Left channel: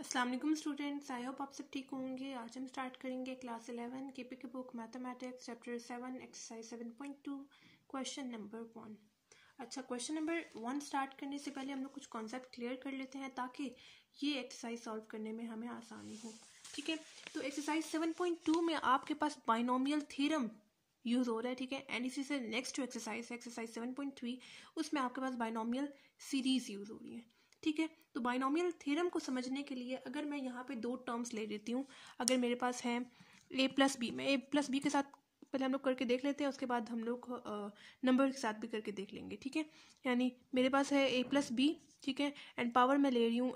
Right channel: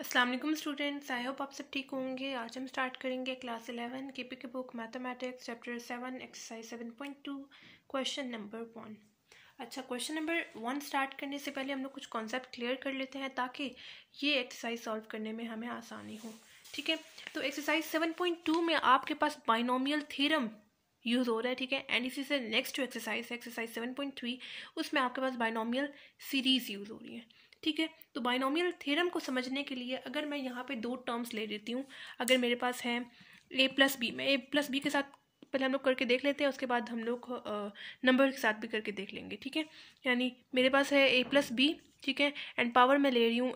अस्सलाम वालेकुम students, I hope आप सब ठीक होंगे। आज हम स्टार्ट करेंगे क्लास 11 केपी के book mathematics chapter 7 exercise 7.2 question number 1। अच्छा, क्वेश्चन नंबर 1 स्टार्ट करने से पहले हम लोग कुछ कॉन्सेप्ट क्लियर कर लेते हैं ताकि ये एक्सरसाइज सॉल्व करने में हमें आसानी हो। ठीक है, तो एक्सरसाइज 7.2 में आपके पास बाइनोमियल थ्योरम यूज़ हो रहा है। ठीक है, एंड इसी से नेक्स्ट जो एक्सरसाइज है एक्सरसाइज 7.3 उसमें आपके पास बाइनोमियल सीरीज यूज़ हो रही है। ठीक है, तो बाइनोमियल थ्योरम को समझने के लिए अगर मैं यहाँ पे दो टर्म्स ले लेती हूँ, अगर मेरे पास है a प्लस बी, मैं a प्लस बी के साथ पहले हम लोग करके देख लेते हैं, उसके बाद हम लोग नंबर के साथ भी करके देख लेंगे। ठीक है, यानी मेरे पास है a प्लस बी, ठीक है, एंड पावर मैं ले रही हूँ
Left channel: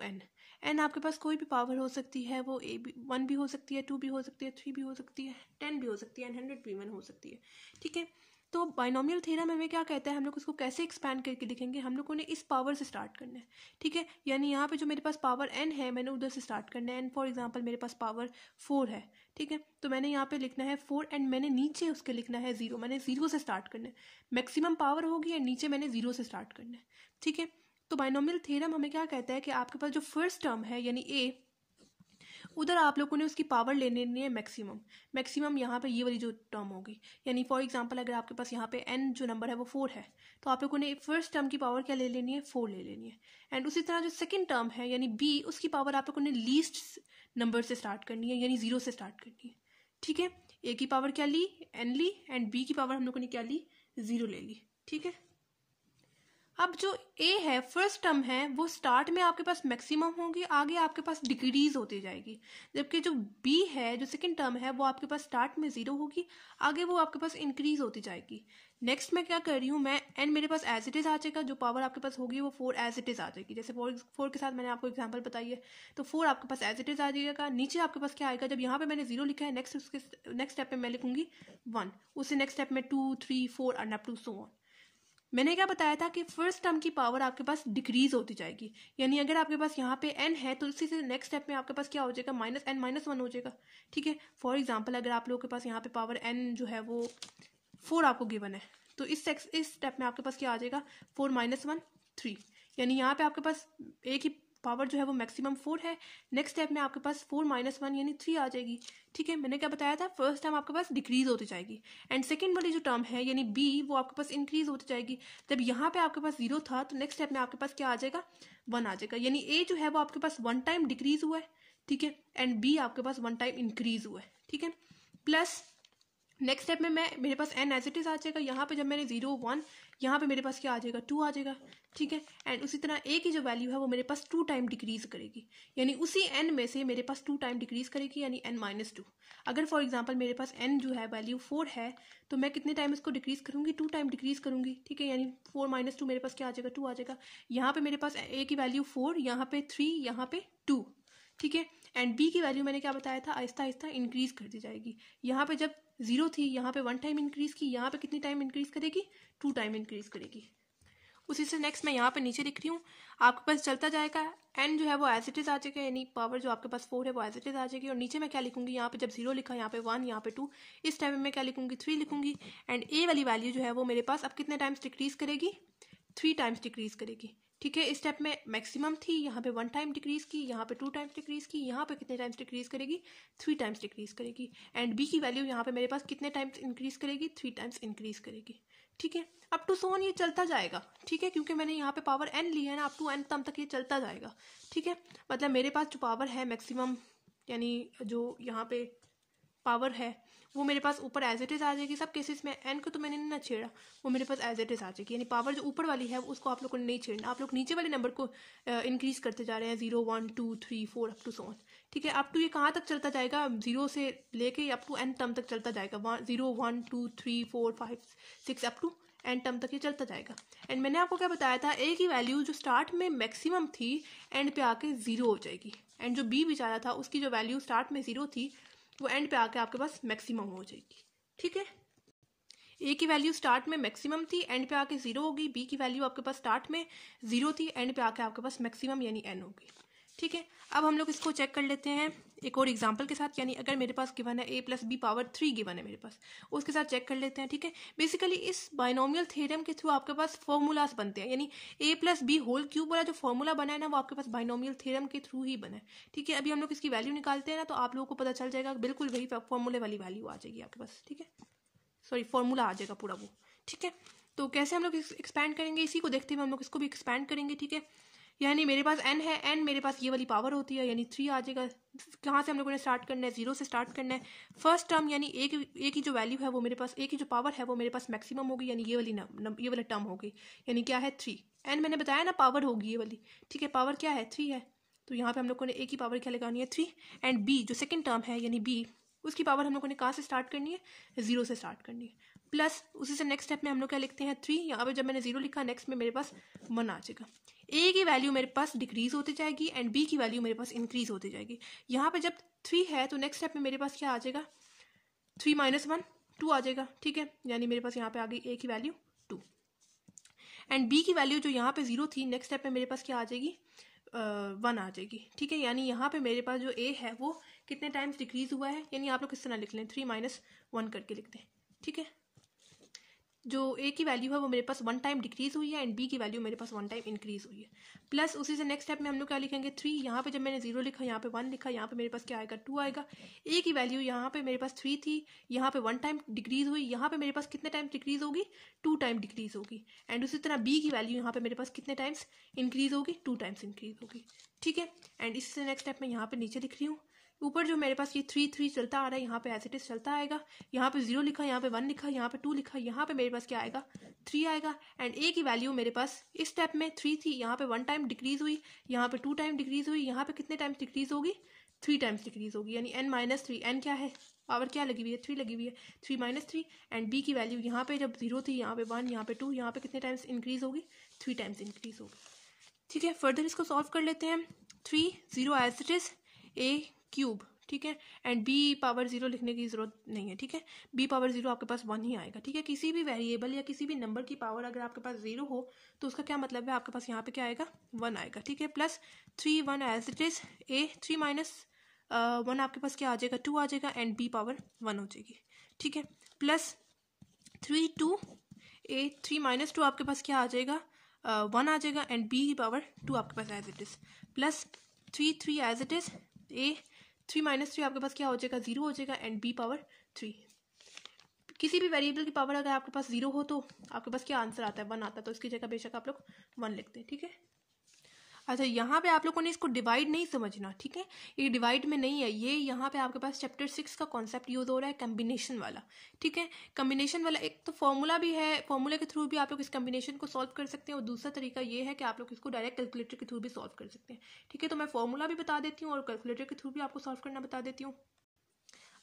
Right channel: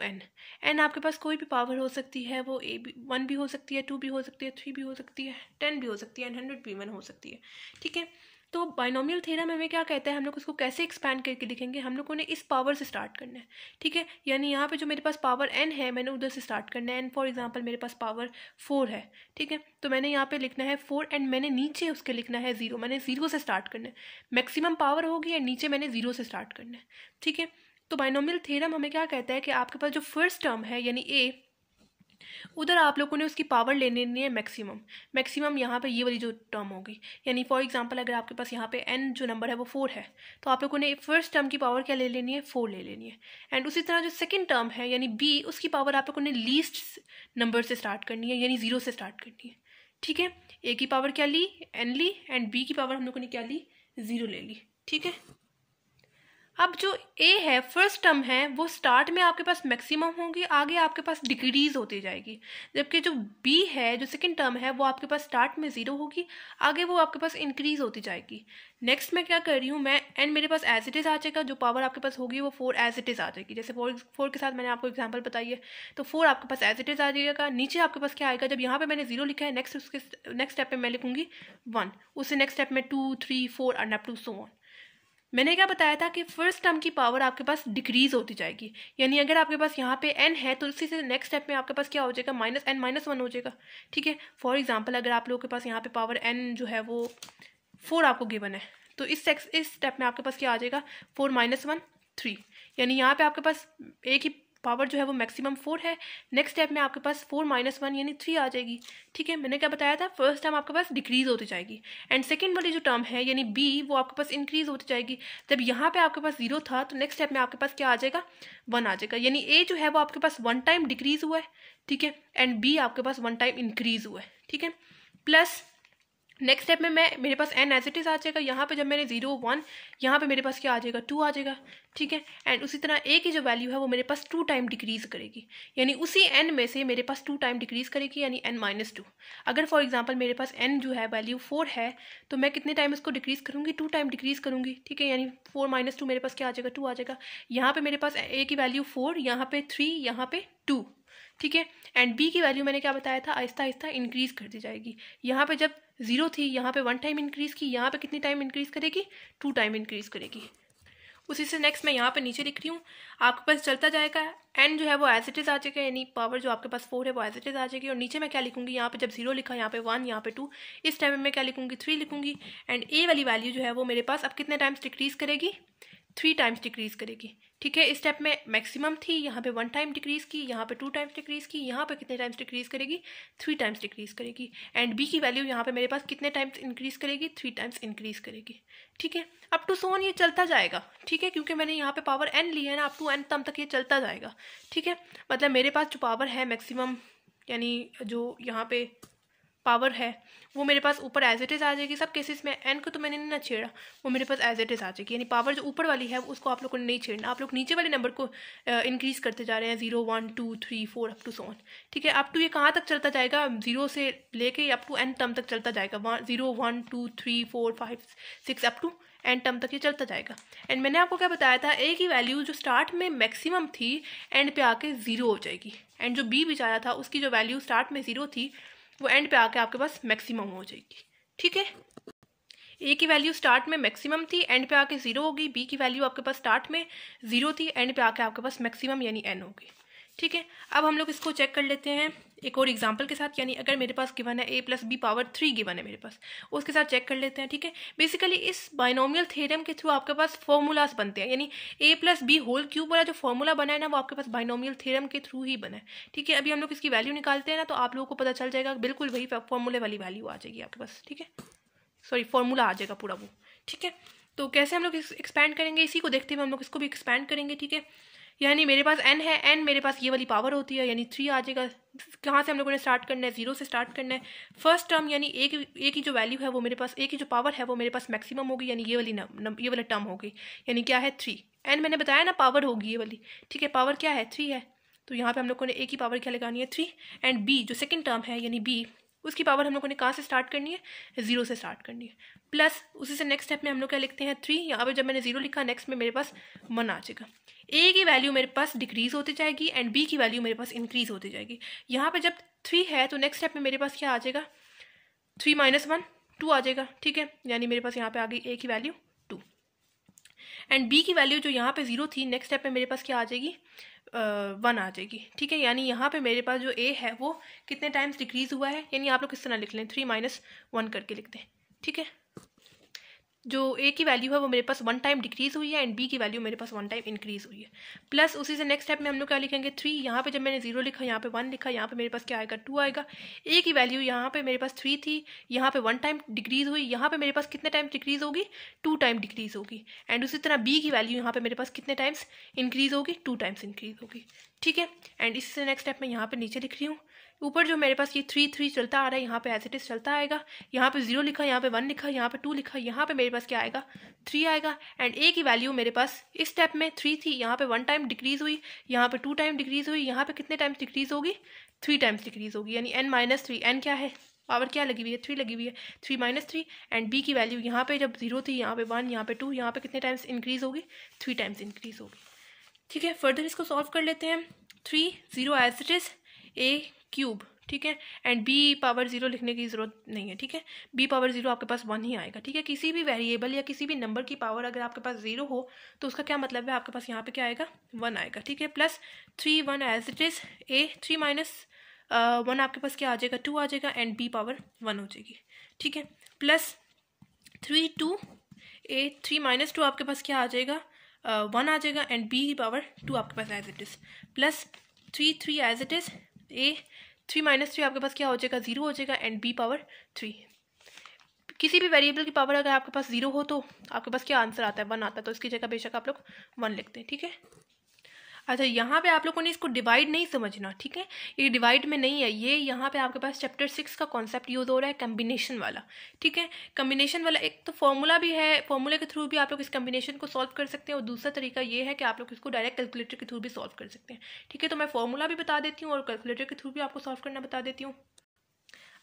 n आपके पास कोई भी पावर हो सकती है, वो a भी 1 भी हो सकती है, 2 भी हो सकती है, 3 भी हो सकती है, 10 भी हो सकती है, एंड 100 भी 1 हो सकती है। ठीक है, तो बाइनोमियल थ्योरम हमें क्या कहता है, हम लोग उसको कैसे एक्सपैंड करके लिखेंगे, हम लोगों ने इस पावर से स्टार्ट करना है। ठीक है, यानी यहाँ पे जो मेरे पास पावर n है मैंने उधर से स्टार्ट करना है। एंड फॉर एग्जांपल मेरे पास पावर 4 है। ठीक है, तो मैंने यहाँ पे लिखना है 4 एंड मैंने नीचे उसके लिखना है 0। मैंने 0 से स्टार्ट करना है, मैक्सिमम पावर होगी एंड नीचे मैंने 0 से स्टार्ट करना है। ठीक है, तो बाइनोमियल थ्योरम हमें क्या कहता है कि आपके पास जो फर्स्ट टर्म है यानी a, उधर आप लोगों ने उसकी पावर ले लेनी है मैक्सिमम यहाँ पे ये वाली जो टर्म होगी। यानी फॉर एग्जांपल अगर आपके पास यहाँ पे n जो नंबर है वो 4 है, तो आप लोगों ने फर्स्ट टर्म की पावर क्या ले लेनी है, 4 ले लेनी है। एंड उसी तरह जो सेकंड टर्म है यानी b, उसकी पावर आप लोगों ने लीस्ट नंबर से स्टार्ट करनी है, यानी 0 से स्टार्ट करनी है। ठीक है, a की पावर क्या ली, n ली, एंड b की पावर हम लोगों ने क्या ली, 0 ले ली। ठीक है, अब जो a है फर्स्ट टर्म है वो स्टार्ट में आपके पास मैक्सिमम होगी, आगे आपके पास डिक्रीज होती जाएगी, जबकि जो b है जो सेकंड टर्म है वो आपके पास स्टार्ट में 0 होगी, आगे वो आपके पास इंक्रीज होती जाएगी। नेक्स्ट मैं क्या कर रही हूँ, मैं n मेरे पास एज इट इज आ जाएगा, जो पावर आपके पास होगी वो 4 एज इट इज आ जाएगी। जैसे 4 के साथ मैंने आपको एग्जाम्पल बताई है, तो 4 आपके पास एज इट इज आ जाएगा। नीचे आपके पास क्या आएगा, जब यहाँ पे मैंने 0 लिखा है नेक्स्ट स्टेप में मैं लिखूंगी 1, उससे नेक्स्ट स्टेप में 2, 3, 4 and up to so on. मैंने क्या बताया था कि फर्स्ट टर्म की पावर आपके पास डिक्रीज होती जाएगी, यानी अगर आपके पास यहाँ पे n है तो उसी से नेक्स्ट स्टेप में आपके पास क्या हो जाएगा, -n-1 हो जाएगा। ठीक है, फॉर एग्जांपल अगर आप लोगों के पास यहाँ पे पावर n जो है वो 4 आपको गिवन है, तो इस स्टेप में आपके पास क्या आ जाएगा, 4 - 1 3, यानी यहाँ पे आपके पास a की पावर जो है वो मैक्सिमम 4 है, नेक्स्ट स्टेप में आपके पास 4 - 1 यानी 3 आ जाएगी। ठीक है, मैंने क्या बताया था, फर्स्ट टर्म आपके पास डिक्रीज होती जाएगी एंड सेकंड वाली जो टर्म है यानी b वो आपके पास इंक्रीज होती जाएगी। जब यहाँ पे आपके पास 0 था तो नेक्स्ट स्टेप में आपके पास क्या आ जाएगा, 1 आ जाएगा, यानी a जो है वो आपके पास 1 टाइम डिक्रीज हुआ है। ठीक है, एंड b आपके पास 1 टाइम इंक्रीज हुआ है। ठीक है, प्लस नेक्स्ट स्टेप में मेरे पास n एज इट इज आ जाएगा, यहाँ पे जब मैंने 0 1 यहाँ पे मेरे पास क्या आ जाएगा, 2 आ जाएगा। ठीक है, एंड उसी तरह a की जो वैल्यू है वो मेरे पास 2 टाइम डिक्रीज करेगी, यानी उसी n में से मेरे पास 2 टाइम डिक्रीज करेगी, यानी n-2। अगर फॉर एग्जांपल मेरे पास n जो है वैल्यू 4 है तो मैं कितने टाइम इसको डिक्रीज करूंगी, 2 टाइम डिक्रीज करूंगी। ठीक है, यानी 4 - 2 मेरे पास क्या आ जाएगा, 2 आ जाएगा। यहाँ पे मेरे पास a की वैल्यू 4, यहाँ पे 3, यहाँ पे 2। ठीक है, एंड b की वैल्यू मैंने क्या बताया था, आहिस्ता आहिस्ता इंक्रीज करती जाएगी। यहाँ पे जब 0 थी यहाँ पे 1 टाइम इंक्रीज की, यहाँ पे कितनी टाइम इंक्रीज करेगी, 2 टाइम इंक्रीज करेगी। उसी से नेक्स्ट मैं यहाँ पे नीचे लिख रही हूँ, आपके पास चलता जाएगा, n जो है वो एज इट इज आ जाएगा, यानी पावर जो आपके पास 4 है वो एज इट इज आ जाएगी। और नीचे मैं क्या लिखूंगी, यहाँ पे जब 0 लिखा यहाँ पे 1, यहाँ पे 2, इस टाइम में मैं क्या लिखूंगी, 3 लिखूंगी। एंड a वाली वैल्यू जो है वो मेरे पास अब कितने टाइम्स डिक्रीज करेगी, 3 टाइम्स डिक्रीज करेगी। ठीक है, इस स्टेप में मैक्सिमम थी, यहाँ पे 1 टाइम डिक्रीज की, यहाँ पे 2 टाइम्स डिक्रीज की, यहाँ पे कितने टाइम्स डिक्रीज करेगी, 3 टाइम्स डिक्रीज करेगी। एंड b की वैल्यू यहाँ पे मेरे पास कितने टाइम्स इंक्रीज करेगी, 3 टाइम्स इंक्रीज करेगी। ठीक है, अप टू सो ऑन ये चलता जाएगा। ठीक है, क्योंकि मैंने यहाँ पे पावर n ली है ना, अप टू n तब तक ये चलता जाएगा। ठीक है, मतलब मेरे पास जो पावर है मैक्सिमम, यानी जो यहाँ पे पावर है वो मेरे पास ऊपर एज इट इज आ जाएगी। सब केसेस में n को तो मैंने नहीं ना छेड़ा, वो मेरे पास एज इट इज आ जाएगी, यानी पावर जो ऊपर वाली है उसको आप लोगों ने नहीं छेड़ना, आप लोग नीचे वाले नंबर को इंक्रीज करते जा रहे हैं, 0 1 2 3 4 अप टू सो ऑन। ठीक है, अप टू ये कहाँ तक चलता जाएगा, 0 से लेके अप टू n टर्म तक चलता जाएगा, 0 1 2 3 4 5 6 अप टू n टर्म तक ये चलता जाएगा। एंड मैंने आपको क्या बताया था, a की वैल्यू जो स्टार्ट में मैक्सिमम थी एंड पे आके 0 हो जाएगी, एंड जो b बेचारा था उसकी जो वैल्यू स्टार्ट में 0 थी वो एंड पे आके आपके पास मैक्सिमम हो जाएगी। ठीक है, a की वैल्यू स्टार्ट में मैक्सिमम थी, एंड पे आके 0 होगी। b की वैल्यू आपके पास स्टार्ट में 0 थी, एंड पे आके आपके पास मैक्सिमम यानी n होगी। ठीक है, अब हम लोग इसको चेक कर लेते हैं एक और एग्जांपल के साथ, यानी अगर मेरे पास गिवन है a+b⁻3 गिवन है मेरे पास, उसके साथ चेक कर लेते हैं। ठीक है, बेसिकली इस बाइनोमियल थ्योरम के थ्रू आपके पास फॉर्मूलाज बनते हैं, यानी a+b² वाला जो फॉर्मूला बना है ना वो आपके पास बाइनोमियल थ्योरम के थ्रू ही बना है। ठीक है, अभी हम लोग इसकी वैल्यू निकालते हैं ना तो आप लोगों को पता चल जाएगा, बिल्कुल वही फॉर्मूले वाली वैल्यू आ जाएगी आपके पास। ठीक है, सॉरी फॉर्मूला आ जाएगा पूरा वो। ठीक है, तो कैसे हम लोग एक्सपैंड करेंगे, इसी को देखते हुए हम लोग इसको भी एक्सपैंड करेंगे। ठीक है, यानी मेरे पास n है, n मेरे पास ये वाली पावर होती है, यानी 3 आ जाएगा। कहाँ से हम लोगों ने स्टार्ट करना है, 0 से स्टार्ट करना है। फर्स्ट टर्म यानी a की जो वैल्यू है वो मेरे पास, a की जो पावर है वो मेरे पास मैक्सिमम होगी, यानी ये वाला टर्म होगी, यानी क्या है 3। n मैंने बताया ना पावर होगी ये वाली। ठीक है, पावर क्या है 3 है, तो यहाँ पे हम लोगों ने a की पावर क्या लगानी है 3, एंड b जो सेकेंड टर्म है यानी b, उसकी पावर हम लोगों ने कहाँ से स्टार्ट करनी है, 0 से स्टार्ट करनी है। प्लस उसी से नेक्स्ट स्टेप में हम लोग क्या लिखते हैं 3, यहाँ पे जब मैंने 0 लिखा नेक्स्ट में मेरे पास 1 आ जाएगा। a की वैल्यू मेरे पास डिक्रीज होती जाएगी एंड b की वैल्यू मेरे पास इंक्रीज होती जाएगी। यहाँ पे जब 3 है तो नेक्स्ट स्टेप में मेरे पास क्या आ जाएगा, 3 - 1 2 आ जाएगा। ठीक है, यानी मेरे पास यहाँ पे आ गई a की वैल्यू 2, एंड b की वैल्यू जो यहाँ पे 0 थी नेक्स्ट स्टेप में मेरे पास क्या आ जाएगी, 1 आ जाएगी। ठीक है, यानी यहाँ पे मेरे पास जो a है वो कितने टाइम्स डिक्रीज हुआ है, यानी आप लोग किस तरह लिख लें 3 - 1 करके लिखते हैं। ठीक है, जो a की वैल्यू है वो मेरे पास 1 टाइम डिक्रीज हुई है एंड b की वैल्यू मेरे पास 1 टाइम इंक्रीज हुई है। प्लस उसी से नेक्स्ट स्टेप में हम लोग क्या लिखेंगे 3, यहाँ पे जब मैंने 0 लिखा यहाँ पे 1 लिखा, यहाँ पे मेरे पास क्या आएगा 2 आएगा। a की वैल्यू यहाँ पे मेरे पास 3 थी, यहाँ पे 1 टाइम डिक्रीज हुई, यहाँ पे मेरे पास कितने टाइम डिक्रीज होगी 2 टाइम डिक्रीज होगी। एंड उसी तरह b की वैल्यू यहाँ पे मेरे पास कितने टाइम्स इंक्रीज होगी, 2 टाइम्स इंक्रीज होगी। ठीक है, एंड इससे नेक्स्ट स्टेप में यहाँ पे नीचे लिख रही हूँ, ऊपर जो मेरे पास ये 3 चलता आ रहा है यहाँ पे एज इट इज चलता आएगा, यहाँ पे 0 लिखा, यहाँ पे 1 लिखा, यहाँ पे 2 लिखा, यहाँ पे मेरे पास क्या आएगा 3 आएगा। एंड a की वैल्यू मेरे पास इस स्टेप में 3 थी, यहाँ पे 1 टाइम डिक्रीज हुई, यहाँ पे 2 टाइम डिक्रीज हुई, यहाँ पे कितने टाइम्स डिक्रीज होगी 3 टाइम्स डिक्रीज होगी, यानी n - 3, n क्या है पावर क्या लगी हुई है 3 लगी हुई है, 3 - 3। एंड b की वैल्यू यहाँ पे जब 0 थी, यहाँ पे 1, यहाँ पे 2, यहाँ पे कितने टाइम्स इंक्रीज होगी 3 टाइम्स इंक्रीज होगी। ठीक है, फर्दर इसको सॉल्व कर लेते हैं। 3 0 एज इट इज a³। ठीक है, एंड b पावर 0 लिखने की जरूरत नहीं है। ठीक है, b पावर 0 आपके पास 1 ही आएगा। ठीक है, किसी भी वेरिएबल या किसी भी नंबर की पावर अगर आपके पास 0 हो तो उसका क्या मतलब है, आपके पास यहाँ पे क्या आएगा 1 आएगा। ठीक है, plus 3 1 as it is a3 - 1 आपके पास क्या आ जाएगा 2 आ जाएगा, एंड b पावर 1 हो जाएगी। ठीक है, प्लस 3 2 a3 - 2 आपके पास क्या आ जाएगा 1 आ जाएगा, एंड b की पावर 2 आपके पास as it is, plus 3 3 as it is a3 - 3 आपके पास क्या हो जाएगा 0 हो जाएगा, एंड b पावर 3। किसी भी वेरिएबल की पावर अगर आपके पास 0 हो तो आपके पास क्या आंसर आता है 1 आता है, तो इसकी जगह बेशक आप लोग 1 लिखते हैं। ठीक है, अच्छा यहाँ पे आप लोगों ने इसको डिवाइड नहीं समझना। ठीक है, ये डिवाइड में नहीं है, ये यहाँ पे आपके पास चैप्टर 6 का कॉन्सेप्ट यूज हो रहा है कम्बिनेशन वाला। ठीक है, कम्बिनेशन वाला एक तो फॉर्मूला भी है, फॉर्मूले के थ्रू भी आप लोग इस कम्बिनेशन को सॉल्व कर सकते हैं, और दूसरा तरीका ये है कि आप लोग इसको डायरेक्ट कैलकुलेटर के थ्रू भी सॉल्व कर सकते हैं। ठीक है, तो मैं फॉर्मूला भी बता देती हूँ और कैलकुलेटर के थ्रू भी आपको सॉल्व करना बता देती हूँ।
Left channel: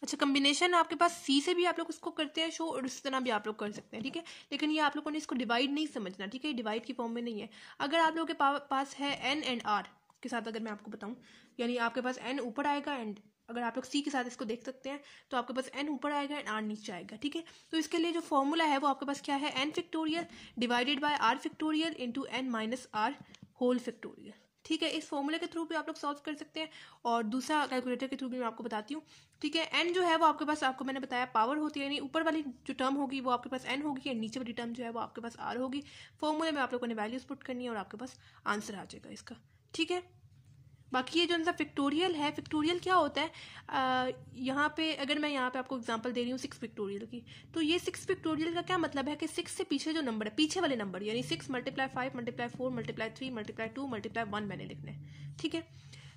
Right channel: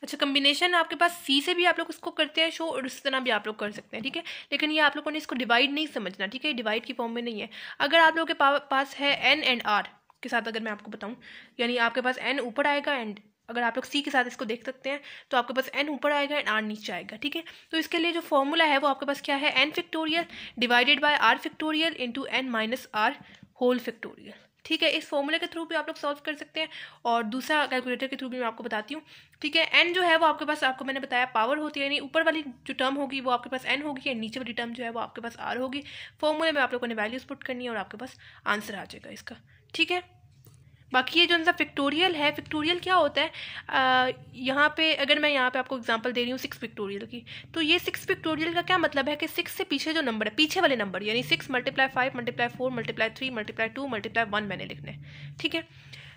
अच्छा, कम्बिनेशन आपके पास सी से भी आप लोग इसको करते हैं शो, और इस तरह भी आप लोग कर सकते हैं। ठीक है, लेकिन ये आप लोगों ने इसको डिवाइड नहीं समझना। ठीक है, डिवाइड की फॉर्म में नहीं है। अगर आप लोगों के पास है एन एंड आर के साथ, अगर मैं आपको बताऊं, यानी आपके पास एन ऊपर आएगा, एंड अगर आप लोग सी के साथ इसको देख सकते हैं तो आपके पास एन ऊपर आएगा एंड आर नीचे आएगा। ठीक है, तो इसके लिए जो फॉर्मूला है वो आपके पास क्या है, n factorial divided by r factorial into n minus r whole factorial. ठीक है, इस फॉर्मूले के थ्रू भी आप लोग सॉल्व कर सकते हैं, और दूसरा कैलकुलेटर के थ्रू भी मैं आपको बताती हूँ। ठीक है, एन जो है वो आपके पास, आपको मैंने बताया पावर होती है, यानी ऊपर वाली जो टर्म होगी वो आपके पास एन होगी, और नीचे वाली टर्म जो है वो आपके पास आर होगी। फॉर्मूले में आप लोगों ने वैल्यूज पुट करनी है और आपके पास आंसर आ जाएगा इसका। ठीक है, बाकी ये जो उनका फैक्टोरियल है, फैक्टोरियल क्या होता है, यहाँ पे अगर मैं यहाँ पे आपको एग्जांपल दे रही हूँ 6 फैक्टोरियल की, तो ये 6 फैक्टोरियल का क्या मतलब है कि 6 से पीछे जो नंबर है, पीछे वाले नंबर, यानी 6 × 5 × 4 × 3 × 2 × 1 मैंने लिखना है। ठीक है,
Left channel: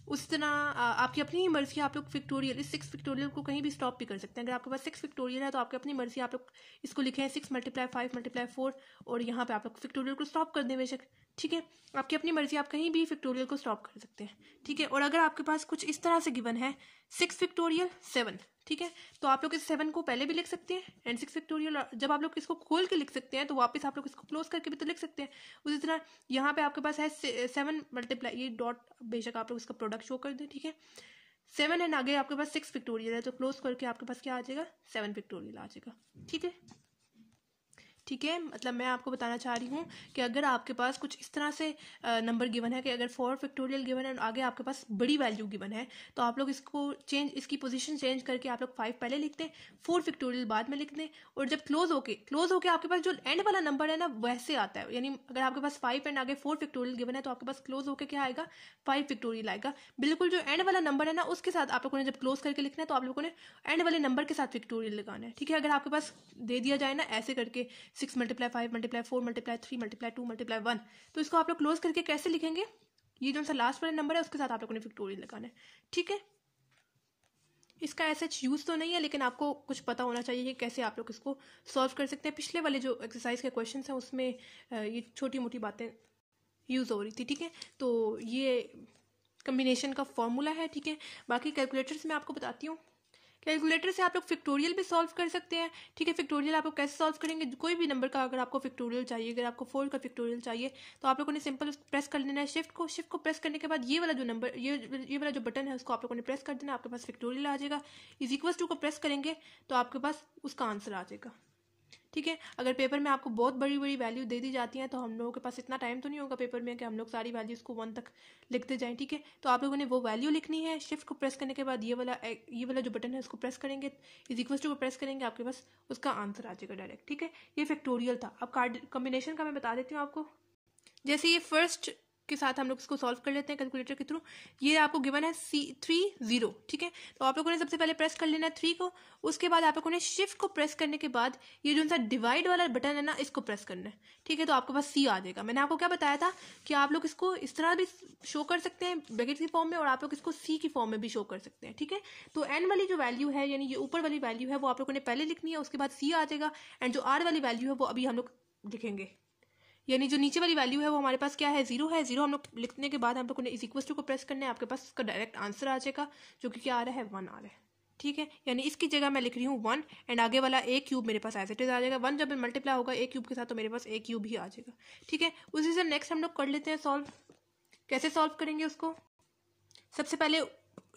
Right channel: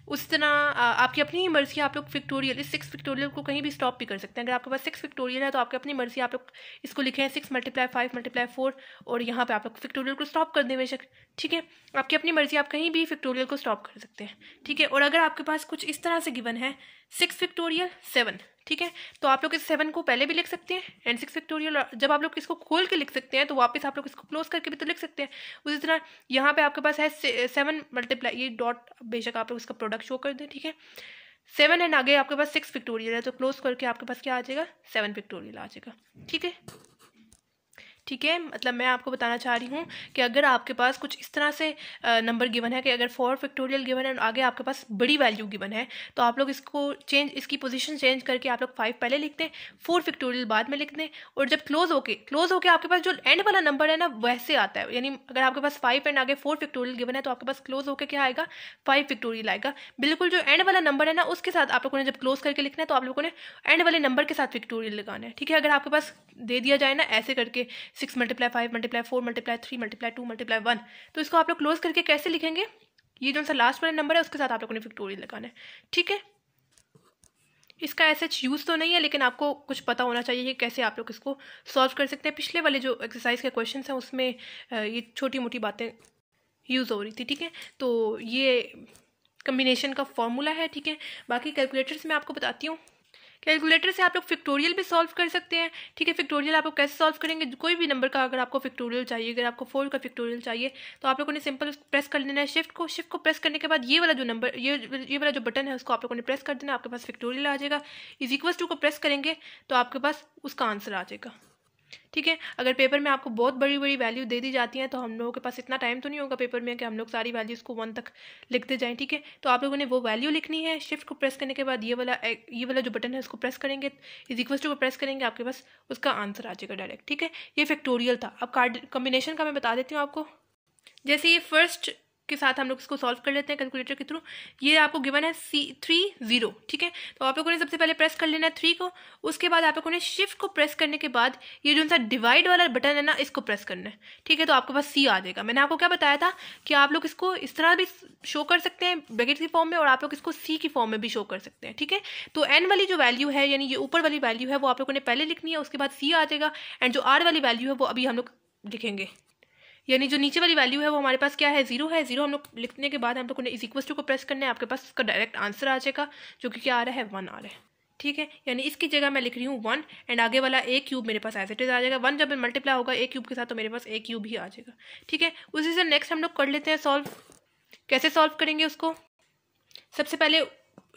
उस तरह आपकी अपनी ही मर्जी, आप लोग फैक्टोरियल इस 6 फैक्टोरियल को कहीं भी स्टॉप भी कर सकते हैं। अगर आपके पास 6 फैक्टोरियल है तो आपकी अपनी मर्जी, आप लोग इसको लिखें 6 × 5 × 4, और यहाँ पे आप लोग फैक्टोरियल को स्टॉप कर दें बेशक। ठीक है, आपकी अपनी मर्जी, आप कहीं भी फैक्टोरियल को स्टॉप कर सकते हैं। ठीक है, और अगर आपके पास कुछ इस तरह से गिवन है 6 फैक्टोरियल 7, ठीक है, तो आप लोग इस 7 को पहले भी लिख सकते हैं, एंड 6 फैक्टोरियल जब आप लोग इसको खोल के लिख सकते हैं तो वापस आप लोग इसको क्लोज करके भी तो लिख सकते हैं। उसी तरह यहाँ पे आपके पास है 7 मल्टीप्लाई, ये डॉट बेशक आप लोग इसका प्रोडक्ट शो कर दें। ठीक है, 7 एंड आगे आपके पास 6 फैक्टोरियल है, तो क्लोज करके आपके पास क्या आ जाएगा 7 फैक्टोरियल आ जाएगा। ठीक है, ठीक है, मतलब मैं आपको बताना चाह रही हूँ कि अगर आपके पास कुछ इस तरह से नंबर गिवन है कि अगर 4 फैक्टोरियल गिवन है और आगे आपके पास बड़ी वैल्यू गिवन है, तो आप लोग इसकी पोजीशन चेंज करके आप लोग 5 पहले लिखते हैं, 4 फैक्टोरियल बाद में लिखते हैं, और जब क्लोज होके आपके पास जो एंड वाला नंबर है ना वैसे आता है, यानी अगर आपके पास 5 एंड आगे 4 फैक्टोरियल गिवन है तो आपके पास क्लोज होके क्या आएगा, 5 फैक्टोरियल आएगा। बिल्कुल जो एंड वाला नंबर है ना उसके साथ आप लोगों ने जब क्लोज करके लिखना है तो आप लोगों ने एंड वाले नंबर के साथ फैक्टोरियल लगाना है। ठीक है, अगर आपके पास दे दिया जाए ना ऐसे करके 6 × 5 × 4 × 3 × 2 × 1, तो इसको आप लोग क्लोज करके कैसे लिखेंगे, ये जो सा लास्ट वाला नंबर है उसके साथ आप लोगों ने फैक्टोरियल लगाना है। ठीक है, इसका ऐसा यूज़ तो नहीं है, लेकिन आपको कुछ पता होना चाहिए कि कैसे आप लोग इसको सॉल्व कर सकते हैं। पिछले वाले जो एक्सरसाइज के क्वेश्चन हैं उसमें ये छोटी मोटी बातें यूज़ हो रही थी। ठीक है, तो ये कम्बिनेशन का फॉर्मूला है। ठीक है, बाकी कैलकुलेटर से मैं आपको बताती हूँ। कैलकुलेटर से आप लोग फैक्टोरियल भी सॉल्व कर सकते हैं। ठीक है, फैक्टोरियल आप लोग कैसे सॉल्व करेंगे, कोई भी नंबर का अगर आपको फैक्टोरियल चाहिए, अगर आपको 4 का फैक्टोरियल चाहिए तो आप लोगों ने सिंपल प्रेस कर लेना है शिफ्ट को प्रेस करने के बाद ये वाला जो नंबर ये वाला जो बटन है उसको आप लोगों ने प्रेस कर देना, आपके पास फैक्टोरियल आ जाएगा। =2 को प्रेस करेंगे तो आपके पास उसका आंसर आ जाएगा। ठीक है, अगर पेपर में आपको बहुत बड़ी बड़ी वैल्यू दे दी जाती हैं तो हम लोगों के पास इतना टाइम तो नहीं होगा पेपर में कि हम लोग सारी वैल्यूज़ को 1 तक लिखते जाएं। ठीक है, तो आप लोगों ने वो वैल्यू लिखनी है, शिफ्ट को प्रेस करने के बाद ये वाला जो बटन है उसको प्रेस करेंगे, =2 को प्रेस करेंगे, आपके पास उसका आंसर आ जाएगा डायरेक्ट। ठीक है, ये फैक्टोरियल था। अब कॉम्बिनेशन का मैं बता देती हूँ आपको। जैसे ये फर्स्ट के साथ हम लोग इसको सॉल्व कर लेते हैं कैलकुलेटर के थ्रू। ये आपको गिवन है 3 0। ठीक है, तो आप लोगों ने सबसे पहले प्रेस कर लेना है 3 को, उसके बाद आप लोगों ने शिफ्ट को प्रेस करने के बाद ये जो सा डिवाइड वाला बटन है ना इसको प्रेस करना है। ठीक है, तो आपके पास C आ जाएगा। मैंने आपको क्या बताया था कि आप लोग इसको इस तरह भी शो कर सकते हैं ब्रैकेट की फॉर्म में, और आप लोग इसको C की फॉर्म में भी शो कर सकते हैं। ठीक है, तो N वाली जो वैल्यू है यानी ये ऊपर वाली वैल्यू है वो आप लोगों ने पहले लिखनी है, उसके बाद C आ जाएगा, एंड जो R वाली वैल्यू है वो अभी हम लोग लिखेंगे, यानी जो नीचे वाली वैल्यू है वो हमारे पास क्या है, 0 है। 0 हम लोग लिखने के बाद हम लोग ने =2 को प्रेस करना है, आपके पास उसका डायरेक्ट आंसर आ जाएगा जो कि क्या आ रहा है, 1 आ रहा है। ठीक है, यानी इसकी जगह मैं लिख रही हूँ 1, एंड आगे वाला A³ मेरे पास एज इट इज आ जाएगा। 1 जब मल्टीप्लाई होगा A³ के साथ तो मेरे पास A³ ही आ जाएगा। ठीक है, उसी से नेक्स्ट हम लोग कर लेते हैं सॉल्व। कैसे सॉल्व करेंगे उसको, सबसे पहले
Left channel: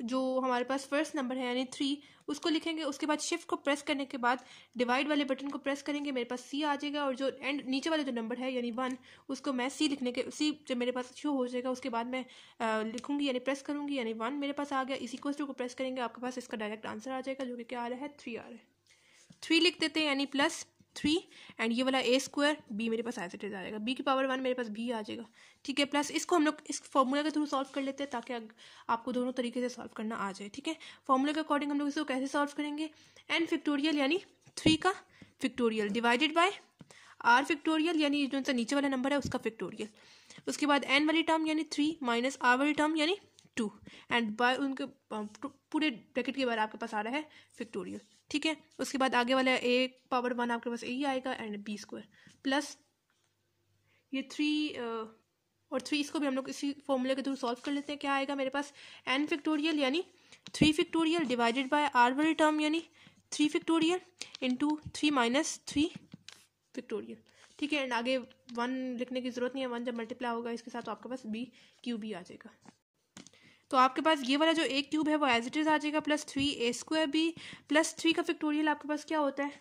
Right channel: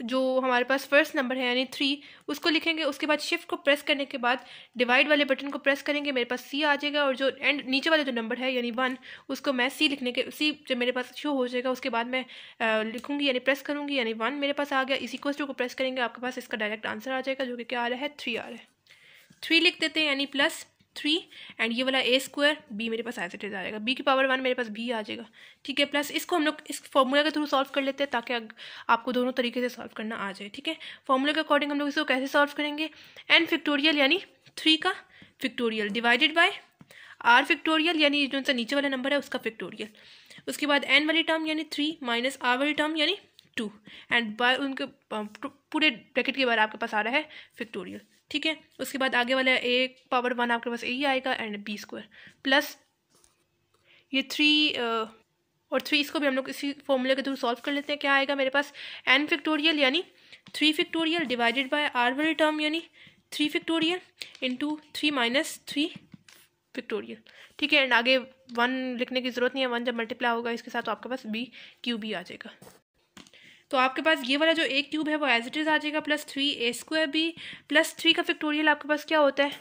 जो हमारे पास फर्स्ट नंबर है यानी 3 उसको लिखेंगे, उसके बाद शिफ्ट को प्रेस करने के बाद डिवाइड वाले बटन को प्रेस करेंगे, मेरे पास C आ जाएगा, और जो एंड नीचे वाला जो नंबर है यानी 1 उसको मैं C जब मेरे पास शो हो जाएगा उसके बाद मैं लिखूंगी यानी प्रेस करूंगी, यानी 1 मेरे पास आ गया। =2 को प्रेस करेंगे, आपके पास इसका डायरेक्ट आंसर आ जाएगा जो कि क्या आ रहा है, 3 आ रहा है। 3 लिख देते हैं यानी +3, एंड ये वाला A² B मेरे पास एज इट इज आ जाएगा, B⁻1 मेरे पास B आ जाएगा। ठीक है, प्लस इसको हम लोग इस फॉर्मूला के थ्रू सॉल्व कर लेते हैं ताकि आपको दोनों तरीके से सॉल्व करना आ जाए। ठीक है, फॉर्मूला के अकॉर्डिंग हम लोग इसको कैसे सॉल्व करेंगे, n फैक्टोरियल यानी 3 का factorial divided bye R factorial यानी जो सा नीचे वाला नंबर है उसका फैक्टोरियल, उसके बाद n वाली टर्म यानी 3 माइनस R वाली टर्म यानी 2, एंड बाय उनके पूरे ब्रैकेट के बाद आपके पास आ रहा है फैक्टोरियल। ठीक है, उसके बाद आगे वाला A⁻1 आपके पास A आएगा, एंड B² प्लस ये 3 और 3 इसको भी हम लोग इसी फॉर्मूले के थ्रू सॉल्व कर लेते हैं। क्या आएगा मेरे पास, n फैक्टोरियल यानी 3 फैक्टोरियल डिवाइडेड बाय R वाली टर्म यानी 3 फैक्टोरियल इंटू 3 माइनस 3 फैक्टोरियल। ठीक है, एंड आगे 1 लिखने की जरूरत नहीं है, 1 जब मल्टीप्लाई होगा इसके साथ तो आपके पास B³ आ जाएगा। तो आपके पास ये वाला जो A³ है वो एज इट इज आ जाएगा, +3A² प्लस 3 का फैक्टोरियल आपके पास क्या होता है,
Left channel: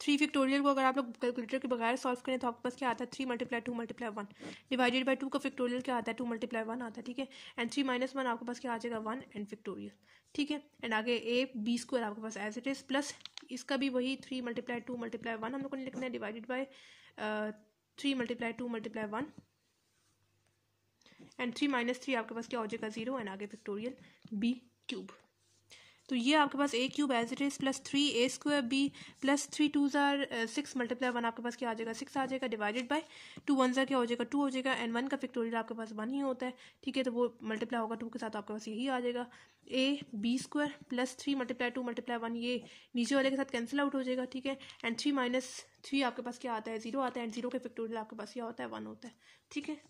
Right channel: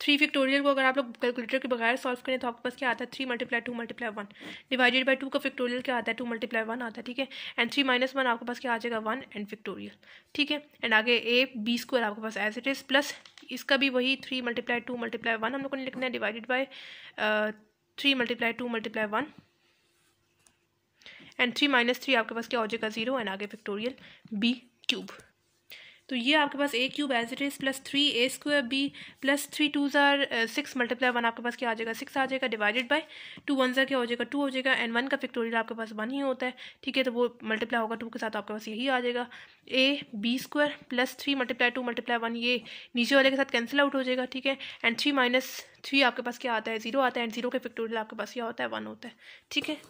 3 फैक्टोरियल को अगर आप लोग कैलकुलेटर के बगैर सॉल्व करें तो आपके पास क्या आता है, 3 × 2 × 1 डिवाइडेड बाय 2 का फैक्टोरियल क्या आता है, 2 × 1 आता है। ठीक है, एंड 3 - 1 आपके पास क्या आ जाएगा, 1 एंड फैक्टोरियल। ठीक है, एंड आगे AB² आपके पास एज इट इज, प्लस इसका भी वही 3 × 2 × 1 हम लोग को लिखना है डिवाइडेड बाय 3 × 2 × 1, एंड 3 - 3 आपके पास क्या हो जाएगा, 0, एंड आगे फैक्टोरियल B³। तो ये आपके पास A³ as it is +3A² B plus 3 2s are 6 × 1 आपके पास क्या आ जाएगा, 6 आ जाएगा, डिवाइडेड बाय 2 1s क्या हो जाएगा, 2 हो जाएगा, एंड 1 का फैक्टोरियल आपके पास 1 ही होता है। ठीक है, तो वो मल्टीप्लाई होगा 2 के साथ, आपके पास यही आ जाएगा AB² प्लस 3 × 2 × 1 ये नीचे वाले के साथ कैंसिल आउट हो जाएगा। ठीक है, एंड 3 - 3 आपके पास क्या आता है, 0 आता है, एंड 0 के फैक्टोरियल आपके पास क्या होता है, 1 होता है। ठीक है,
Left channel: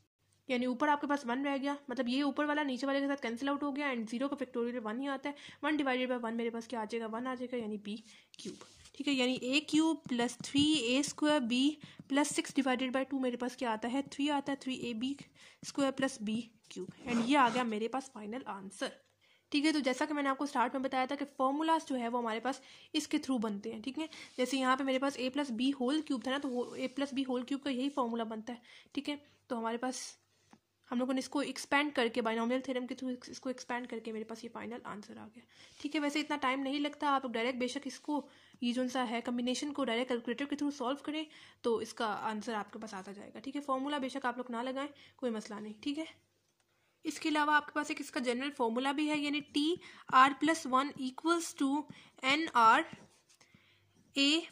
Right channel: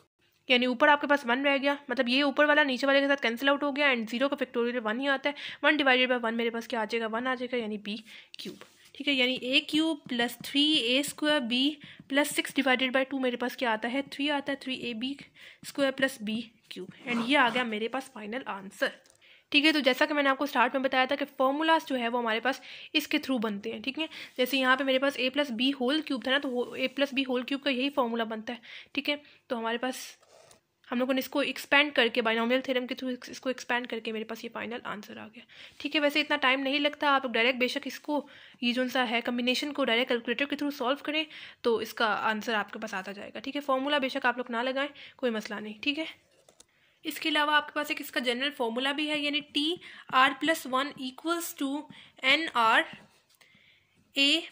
यानी ऊपर आपके पास 1 रह गया, मतलब ये ऊपर वाला नीचे वाले के साथ कैंसिल आउट हो गया, एंड 0 का फैक्टोरियल 1 ही आता है। 1 डिवाइडेड बाय 1 मेरे पास क्या आ जाएगा, 1 आ जाएगा, यानी B³। ठीक है, यानी A³ plus 3A² B plus 6 divided by 2 मेरे पास क्या आता है, 3 आता है, 3AB² प्लस B³ एंड ये आ गया मेरे पास फाइनल आंसर। ठीक है। तो जैसा कि मैंने आपको स्टार्ट में बताया था कि फॉर्मूलाज जो है वो हमारे पास इसके थ्रू बनते हैं, ठीक है। जैसे यहाँ पे मेरे पास a plus B whole cube था ना, तो a plus B whole cube का यही फॉर्मूला बनता है, ठीक है। तो हमारे पास हम लोगों ने इसको एक्सपेंड करके बाइनोमियल थ्योरम के थ्रू इसको एक्सपेंड करके मेरे पास ये फाइनल आंसर आ गया, ठीक है। वैसे इतना टाइम नहीं लगता, आप डायरेक्ट बेशक इसको ये जो सा है कम्बिनेशन को डायरेक्ट कैलकुलेटर के थ्रू सॉल्व करें तो इसका आंसर आपके पास आता जाएगा, ठीक है। फॉर्मूला बेशक आप लोग ना लगाएं, कोई मसला नहीं, ठीक है। इसके अलावा आपके पास एक इसका जनरल फॉर्मूला भी है, यानी T R plus 1 equals to N R A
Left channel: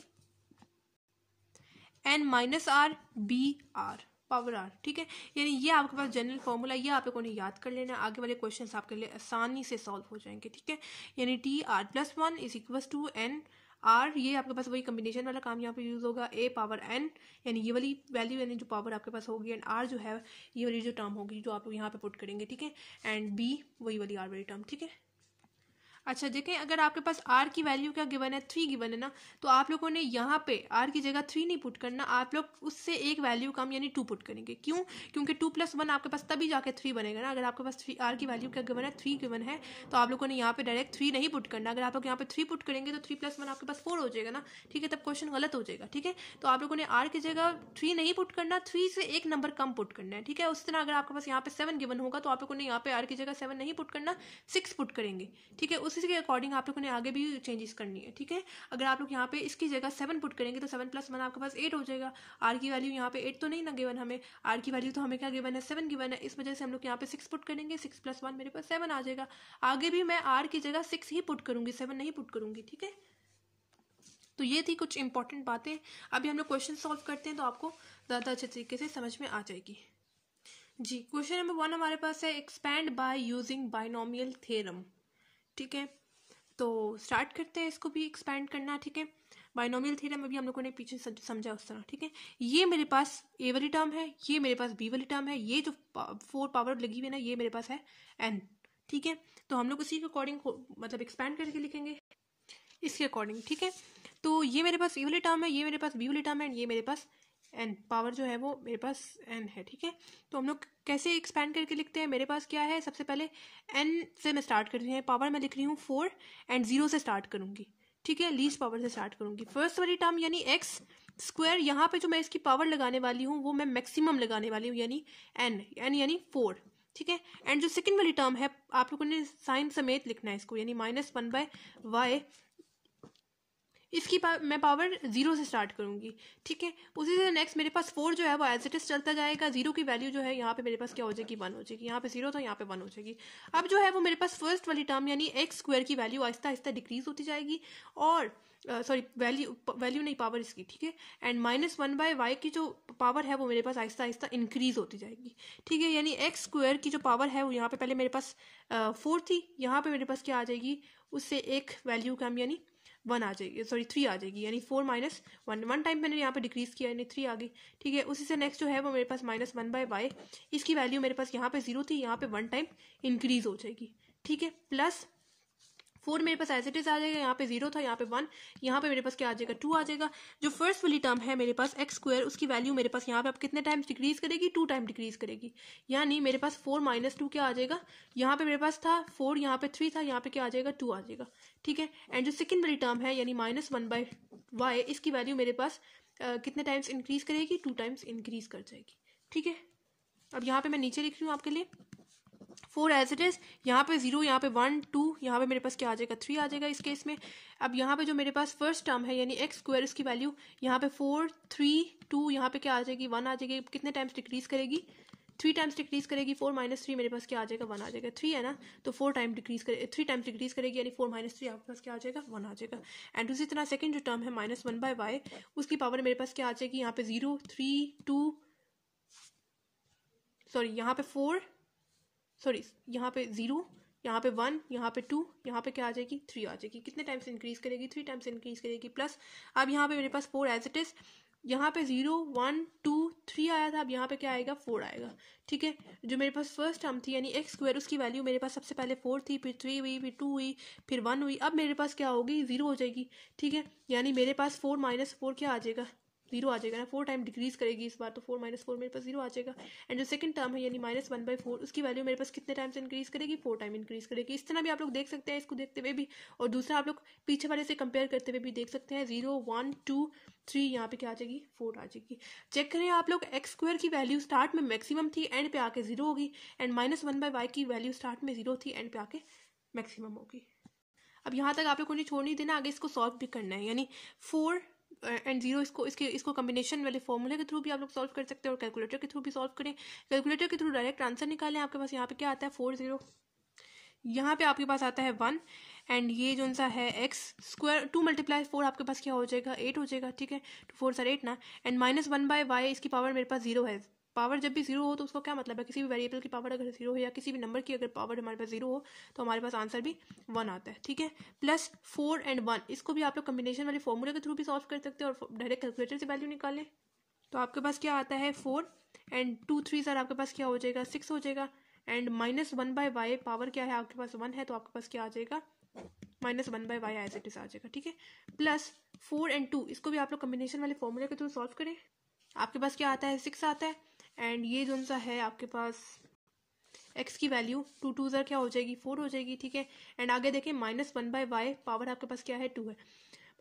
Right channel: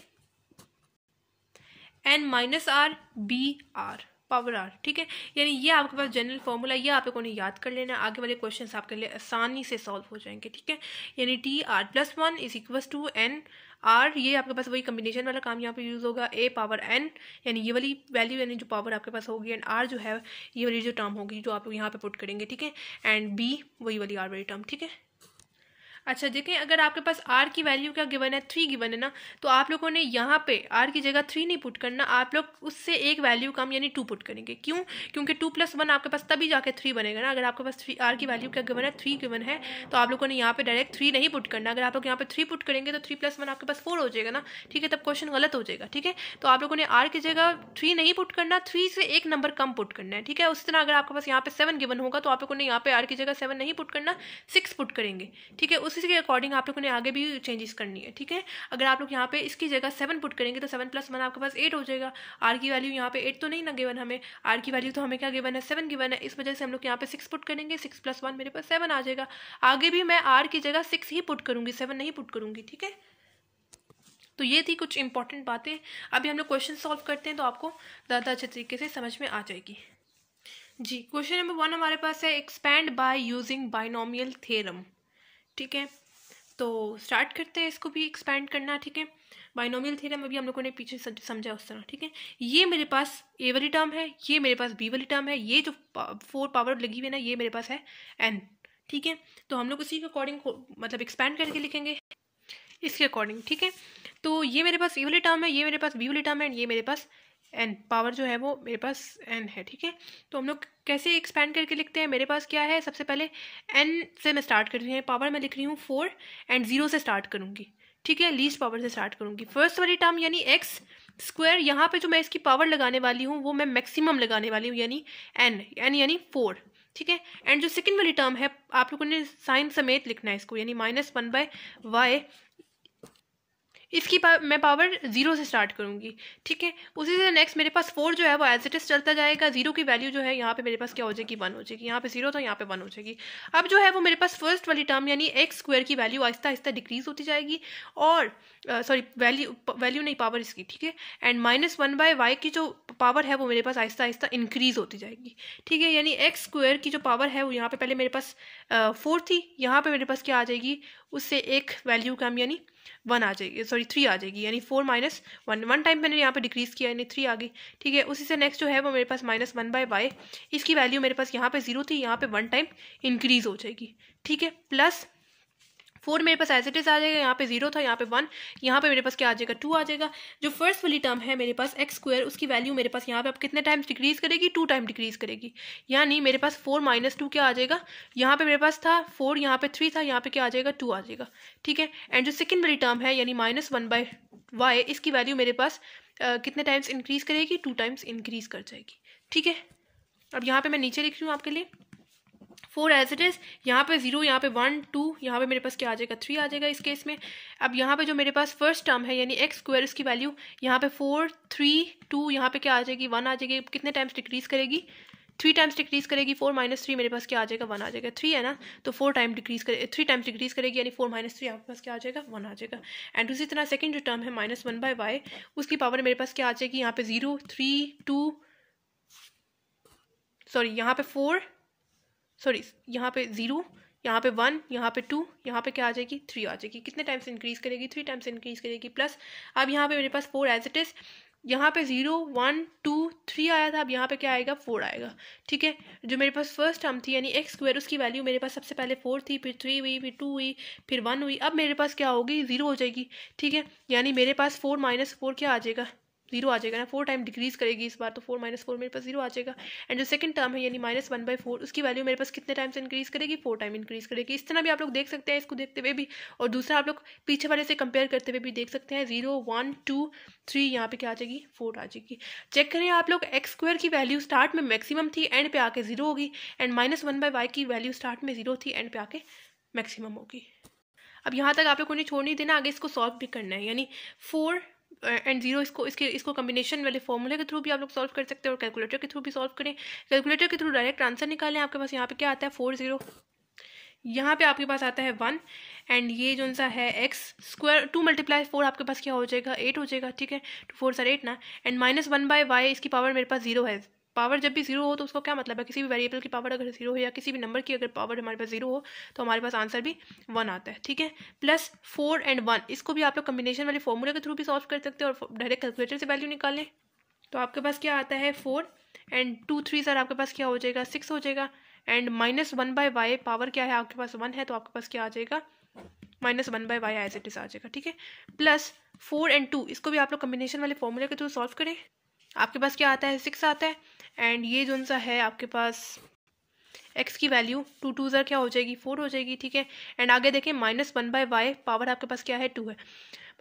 N minus are B R power R, ठीक है। यानी ये आपके पास जनरल फॉर्मूला, ये आप लोगों ने याद कर लेना, आगे वाले क्वेश्चंस आपके लिए आसानी से सॉल्व हो जाएंगे, ठीक है। यानी T R plus 1 is equals to N R, ये आपके पास वही कम्बिनेशन वाला काम यहाँ पे यूज होगा, ए पावर एन यानी ये वाली वैल्यू यानी जो पावर आपके पास होगी, एंड आर जो है ये वाली जो टर्म होगी जो आप लोग यहाँ पे पुट करेंगे, ठीक है। एंड बी वही वाली आर वाली टर्म, ठीक है। अच्छा देखें, अगर आपके पास r की वैल्यू क्या गिवन है, 3 गिवन है ना, तो आप लोगों ने यहाँ पे r की जगह 3 नहीं पुट करना, आप लोग उससे एक वैल्यू कम यानी 2 पुट करेंगे। क्यों? क्योंकि 2 प्लस 1 आपके पास तभी जाके 3 बनेगा ना। अगर आपके पास r की वैल्यू क्या गिवन है, 3 गिवन है, तो आप लोगों ने यहाँ पे डायरेक्ट 3 नहीं पुट करना। अगर आप लोग यहाँ पे 3 पुट करेंगे तो 3 प्लस 1 आपके पास 4 हो जाएगा ना, ठीक है, तब क्वेश्चन गलत हो जाएगा, ठीक है। तो आप लोगों ने r की जगह 3 नहीं पुट करना, 3 से एक नंबर कम पुट करना है, ठीक है। उस तरह अगर आपके पास यहाँ पे 7 गिवन होगा तो आप लोगों ने यहाँ पे r की जगह 7 नहीं पुट करना, 6 पुट करेंगे, ठीक है। उसी के अकॉर्डिंग आप लोगों ने आगे भी चेंजेस करनी है, ठीक है। अगर आप लोग यहाँ पे इसकी जगह 7 पुट करेंगे तो 7 प्लस 1 आपके पास 8 हो जाएगा। r की वैल्यू यहाँ पे 8 तो नहीं ना गिवन, हमें r की वैल्यू तो हमें क्या गिवन है, 7 गिवन है। इस वजह से हम लोग यहाँ पे 6 पुट करेंगे, 6 प्लस 1 मेरे पास 7 आ जाएगा। आगे भी मैं r की जगह 6 ही पुट करूंगी, 7 नहीं पुट करूंगी, ठीक है। तो ये थी कुछ इंपॉर्टेंट बातें। अभी हम लोग क्वेश्चन सॉल्व करते हैं तो आपको ज़्यादा अच्छे तरीके से समझ में आ जाएगी। जी, क्वेश्चन नंबर 1 हमारे पास है expand by using binomial theorem, ठीक है। तो स्टार्ट करते हैं इसको भी एक्सपैंड करना, ठीक है। बाइनोमियल थ्योरम अभी हम लोगों ने पीछे समझा उस तरह, ठीक है। ये मेरे पास ए वाली टर्म है, ये मेरे पास बी वाली टर्म है, ये जो 4 पावर लगी हुई है ना, ये मेरे पास है एन, ठीक है। तो हम लोग उसी के अकॉर्डिंग मतलब एक्सपैंड करके लिखेंगे इसके अकॉर्डिंग, ठीक है। तो ये मेरे पास ए वाली टर्म है, ये मेरे पास बी वाली टर्म है, ये मेरे पास एन पावर जो है वो मेरे पास एन है, ठीक है। तो हम लोग कैसे एक्सपैंड करके लिखते हैं, मेरे पास क्या है, सबसे पहले एन से मैं स्टार्ट कर रही हूँ, पावर मैं लिख रही हूँ 4 एंड 0 से स्टार्ट करूँगी, ठीक है। लीस्ट पावर से स्टार्ट करूँगी। फर्स्ट वाली टर्म यानी एक्स स्क्वायर, यहाँ पे जो मैं इसकी पावर लगाने वाली हूँ वो मैं मैक्सिमम लगाने वाली हूँ, यानी एन यानी 4, ठीक है। एंड जो सेकेंड वाली टर्म है आप लोगों ने साइन समेत लिखना है इसको, यानी -1/y, इसकी मैं पावर 0 से स्टार्ट करूंगी, ठीक है। उसी से नेक्स्ट मेरे पास 4 जो है वो एज इट इज चलता जाएगा, 0 की वैल्यू जो है यहाँ पे मेरे पास क्या हो जाएगी, 1 हो जाएगी। यहाँ पे 0 था, यहाँ पे 1 हो जाएगी। अब जो है वो मेरे पास फर्स्ट वाली टर्म यानी एक्स स्क्वायर की वैल्यू आहिस्ता आहिस्ता डिक्रीज होती जाएगी, और सॉरी वैल्यू नहीं, पावर इसकी, ठीक है। एंड -1/y की जो पावर है वो मेरे पास आहिस्ता आहिस्ता इंक्रीज होती जाएगी, ठीक है। यानी एक्स स्क्वायर की जो पावर है वो यहाँ पे पहले मेरे पास 4 थी, यहाँ पे मेरे पास क्या आ जाएगी, उससे एक वैल्यू कम यानी 1 आ जाएगी, सॉरी 3 आ जाएगी, यानी 4 - 1 1 टाइम मैंने यहाँ पे डिक्रीज किया यानी 3 आ गई, ठीक है। उसी से नेक्स्ट जो है वो मेरे पास -1/y, इसकी वैल्यू मेरे पास यहाँ पे 0 थी, यहाँ पे 1 टाइम इंक्रीज हो जाएगी, ठीक है। प्लस 4 मेरे पास एज इट इज आ जाएगा, यहाँ पे 0 था, यहाँ पे 1, यहाँ पे मेरे पास क्या आ जाएगा, 2 आ जाएगा। जो फर्स्ट वाली टर्म है मेरे पास एक्स स्क्वायर, उसकी वैल्यू मेरे पास यहाँ पे अब कितने टाइम्स डिक्रीज करेगी, 2 टाइम डिक्रीज करेगी, यानी मेरे पास 4 - 2 क्या आ जाएगा, यहाँ पे मेरे पास था 4, यहाँ पे 3 था, यहाँ पे क्या आ जाएगा, 2 आ जाएगा, ठीक है। एंड जो सेकेंड वाली टर्म है यानी -1/y, इसकी वैल्यू मेरे पास कितने टाइम्स इंक्रीज करेगी, 2 टाइम्स इंक्रीज कर जाएगी, ठीक है। अब यहाँ पे मैं नीचे लिख रही हूँ आपके लिए 4 एज इट इज, यहाँ पे 0, यहाँ पे 1 2, यहाँ पे मेरे पास क्या आ जाएगा, 3 आ जाएगा इस केस में। अब यहाँ पे जो मेरे पास फर्स्ट टर्म है यानी एक्स स्क्वायर, उसकी वैल्यू यहाँ पे 4 3 2, यहाँ पे क्या आ जाएगी, 1 आ जाएगी। कितने टाइम्स डिक्रीज करेगी, 3 टाइम्स डिक्रीज करेगी। 4 - 3 मेरे पास क्या आ जाएगा, 1 आ जाएगा, 3 है ना, तो 3 टाइम्स डिक्रीज करेगी, यानी 4 - 3 आपके पास क्या आ जाएगा, 1 आ जाएगा। एंड उसी तरह सेकंड जो टर्म है -1/y, उसकी पावर मेरे पास क्या आ जाएगी, यहाँ पे 0 3 2, सॉरी यहाँ पे 4, सॉरी यहाँ पे 0, यहाँ पे 1, यहाँ पे 2, यहाँ पे क्या आ जाएगी, 3 आ जाएगी। कितने टाइम्स इंक्रीज करेगी, 3 टाइम्स इंक्रीज करेगी। प्लस अब यहाँ पे मेरे पास 4 एज इट इज, यहाँ पे 0 1 2 3 आया था, अब यहाँ पे क्या आएगा, 4 आएगा, ठीक है। जो मेरे पास फर्स्ट टर्म थी यानी एक्स स्क्वायर, उसकी वैल्यू मेरे पास सबसे पहले 4 थी, फिर 3 हुई, फिर 2 हुई, फिर 1 हुई। अब मेरे पास क्या होगी, 0 हो जाएगी, ठीक है। यानी मेरे पास 4 - 4 क्या आ जाएगा, जीरो आ जाएगा ना, 4 टाइम डिक्रीज करेगी इस बार, तो 4 - 4 मेरे पास जीरो आ जाएगा। एंड जो सेकंड टर्म है यानी -1/4, उसकी वैल्यू मेरे पास कितने टाइम से इंक्रीज करेगी, 4 टाइम इंक्रीज करेगी। इस तरह भी आप लोग देख सकते हैं इसको देखते हुए भी, और दूसरा आप लोग पीछे वाले से कंपेयर करते हुए भी देख सकते हैं। 0 1 2 3 यहाँ पे क्या आ जाएगी, 4 आ जाएगी। चेक करें आप लोग, x² की वैल्यू स्टार्ट में मैक्सिमम थी, एंड पे आके 0 होगी, एंड -1/y की वैल्यू स्टार्ट में 0 थी, एंड पे आके मैक्सिमम होगी। अब यहाँ तक आप लोगों ने छोड़ नहीं देना, आगे इसको सॉल्व भी करना है, यानी 4 एंड 0 इसको कॉम्बिनेशन वाले फॉर्मूले के थ्रू भी आप लोग सॉल्व कर सकते हैं, और कैलकुलेटर के थ्रू भी सॉल्व करें। कैलकुलेटर के थ्रू डायरेक्ट आंसर निकालें। आपके पास यहाँ पे क्या आता है, 4 0, यहाँ पे आपके पास आता है 1, एंड ये जो सा है x², 2 × 4 आपके पास क्या हो जाएगा, 8 हो जाएगा, ठीक है, 2 4 8 ना, एंड -1/y इसकी पावर मेरे पास 0 है। पावर जब भी 0 हो तो उसको क्या मतलब है, किसी भी वेरिएबल की पावर अगर 0 हो या किसी भी नंबर की अगर पावर हमारे पास 0 हो तो हमारे पास आंसर भी 1 आता है, ठीक है। प्लस 4 एंड 1, इसको भी आप लोग कम्बिनेशन वाले फॉर्मूले के थ्रू भी सॉल्व कर सकते हैं, और डायरेक्ट कैलकुलेटर से वैल्यू निकालें तो आपके पास क्या आता है, 4 एंड 2 3 सर आपके पास क्या हो जाएगा, 6 हो जाएगा, एंड -1/y पावर क्या है आपके पास 1 है, तो आपके पास क्या आ जाएगा, -1/y एज इट इज आ जाएगा, ठीक है। प्लस 4 एंड 2, इसको भी आप लोग कम्बिनेशन वाले फॉर्मूले के थ्रू सॉल्व करें। आपके पास क्या आता है, 6 आता है, एंड ये जो सा है आपके पास x की वैल्यू 2 2 ज़र क्या हो जाएगी, 4 हो जाएगी, ठीक है। एंड आगे देखें -1/y पावर आपके पास क्या है, 2 है।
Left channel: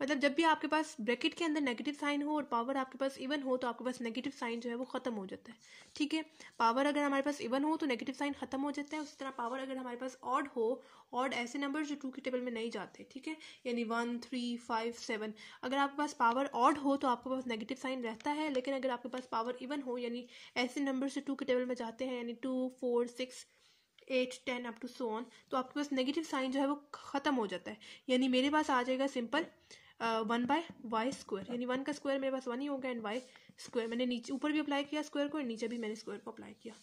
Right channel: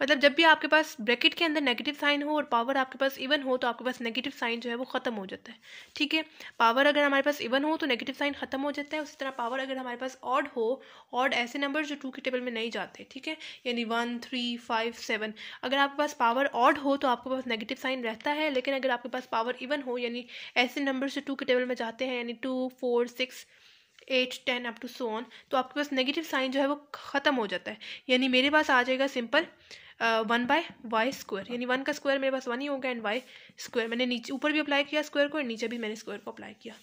मतलब जब भी आपके पास ब्रैकेट के अंदर नेगेटिव साइन हो और पावर आपके पास इवन हो तो आपके पास नेगेटिव साइन जो है वो खत्म हो जाता है, ठीक है। पावर अगर हमारे पास इवन हो तो नेगेटिव साइन खत्म हो जाता है, उसी तरह पावर अगर हमारे पास ऑड हो, ऑड ऐसे नंबर जो 2 के टेबल में नहीं जाते, ठीक है, यानी 1 3 5 7, अगर आपके पास पावर ऑड हो तो आपके पास नेगेटिव साइन रहता है, लेकिन अगर आपके पास पावर इवन हो यानी ऐसे नंबर जो 2 के टेबल में जाते हैं, यानी 2 4 6 8 10 अप टू सो ऑन, तो आपके पास नेगेटिव साइन जो है वो ख़त्म हो जाता है। यानी मेरे पास आ जाएगा सिंपल 1/y², यानी 1 का स्क्वायर मेरे पास 1 ही होगा, एंड y², मैंने नीचे ऊपर भी अप्लाई किया स्क्वायर को, और नीचे भी मैंने स्क्वायर को अप्लाई किया।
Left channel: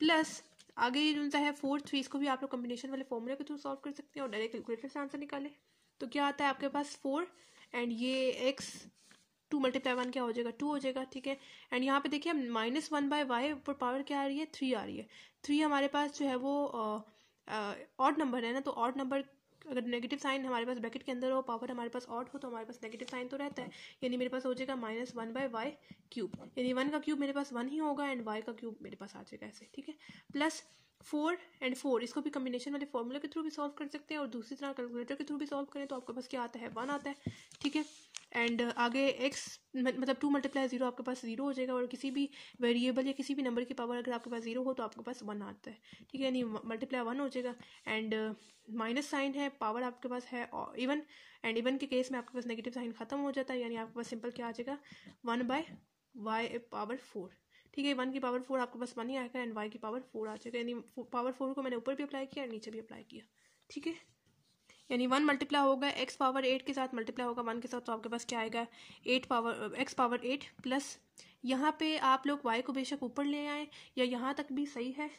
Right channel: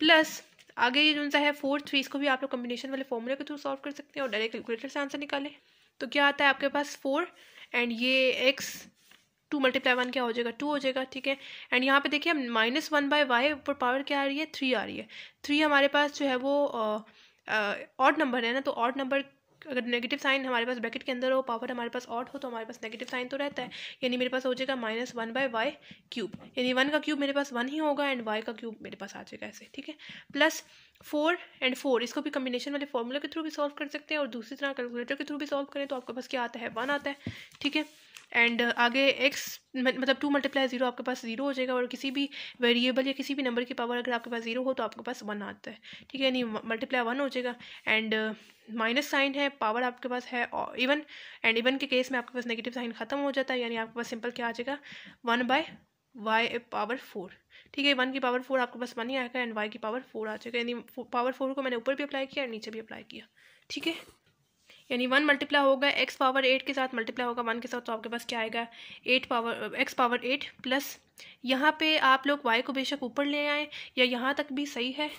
प्लस आगे ये जो सा है 4 3, इसको भी आप लोग कम्बिनेशन वाले फॉर्मूले के थ्रू सॉल्व कर सकते हैं, और डायरेक्ट कैलकुलेटर से आंसर निकालें तो क्या आता है आपके पास 4, एंड ये x 2 × 1 क्या हो जाएगा, 2 हो जाएगा, ठीक है। एंड यहाँ पे देखिए -1/y ऊपर पावर क्या आ रही है, 3 आ रही है। 3 हमारे पास जो है वो ऑड नंबर है ना, तो ऑड नंबर अगर नेगेटिव साइन हमारे पास ब्रैकेट के अंदर हो, पावर हमारे पास ऑड हो, तो हमारे पास नेगेटिव साइन तो रहता है, यानी मेरे पास हो जाएगा -1/y³, यानी 1 का क्यूब मेरे पास 1 ही होगा, एंड y का क्यूब मेरे पास आ जाएगा ऐसे, ठीक है। प्लस 4 एंड 4, इसको भी कम्बिनेशन वाले फॉर्मूले के थ्रू भी सॉल्व कर सकते हैं, और दूसरी तरह कैलकुलेटर के थ्रू भी सॉल्व करें तो आपके पास क्या आता है, 1 आता है, ठीक है। एंड आगे x मतलब 2 × 0 आपके पास 0 हो जाएगा, और किसी भी वेरिएबल या किसी भी नंबर की पावर अगर आपके पास 0 हो तो आपके पास 1 आता है, ठीक है, यानी ×1 हो जाएगा। एंड माइनस साइन है, पावर आपके पास है इवन, एंड इवन के केस में आपके पास नेगेटिव साइन खत्म हो जाता है, यानी आपके पास सिंपल क्या आ जाएगा, 1/y⁴, ठीक है। 1 की पावर 4 आपके पास 1 ही आएगा, एंड y की पावर 4 आ जाएगा, यानी पावर 4 को मैंने ऊपर भी अप्लाई किया और नीचे भी अप्लाई किया, ठीक है। यानी 1 मल्टीप्लाई होगा x पावर 8 के साथ, मल्टीप्लाई होगा 1 के साथ, तो आपके पास क्या आएगा, x पावर 8 प्लस यहाँ पे आप लोग y को बेशक ऊपर ले आए या यहाँ तक भी सही है,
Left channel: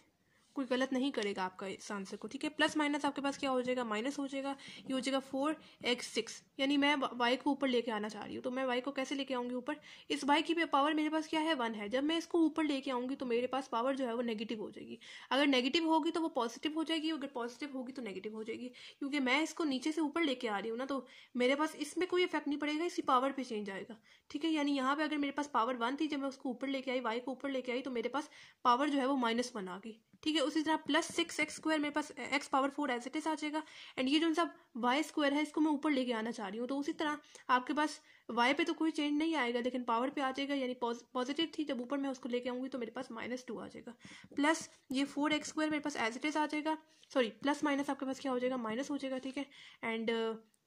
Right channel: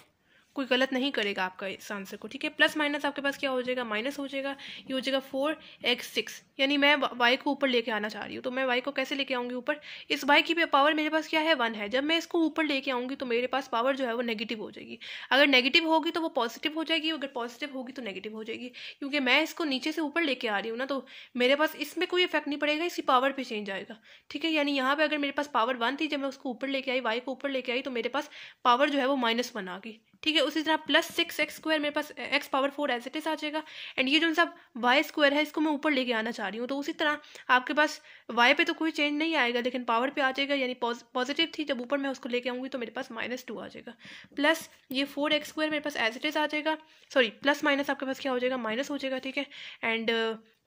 कोई गलत नहीं करेगा आपका इस आंसर को, ठीक है। प्लस माइनस आपके पास क्या हो जाएगा, माइनस हो जाएगा, ये हो जाएगा 4x6, यानी मैं y को ऊपर लेके आना चाह रही हूँ, तो मैं y को कैसे लेके आऊँगी ऊपर, इस y की पावर मेरे पास क्या है, 1 है। जब मैं इसको ऊपर लेके आऊँगी तो मेरे पास पावर जो है वो नेगेटिव हो जाएगी, अगर नेगेटिव होगी तो वो पॉजिटिव हो जाएगी, अगर पॉजिटिव होगी तो नेगेटिव हो जाएगी, क्योंकि मैं इसको नीचे से ऊपर लेके आ रही हूँ ना, तो मेरे पास इसमें कोई इफेक्ट नहीं पड़ेगा, इसकी पावर पे चेंज आएगा, ठीक है। यानी यहाँ पे अगर मेरे पास पावर 1 थी, जब मैं उसको ऊपर लेके आई, y को ऊपर लेके आई, तो मेरे पास पावर जो है वो -1 आ गई, ठीक है। उसी तरह प्लस 6x² मेरे पास x power 4 as it is आ जाएगा, एंड ये जो सब y² है इसको मैं ऊपर लेके आना चाह रही हूँ, तो उसी तरह आपके पास y पे तो कोई चेंज नहीं आएगा, लेकिन पावर पे आ जाएगा, यानी पॉजिटिव थी, जब ऊपर मैं उसको लेके आऊँगी तो मेरे पास -2 आ जाएगा। प्लस ये 4x² मेरे पास एज इट इज आ जाएगा, सॉरी प्लस माइनस आपके पास क्या हो जाएगा, माइनस हो जाएगा, ठीक है। एंड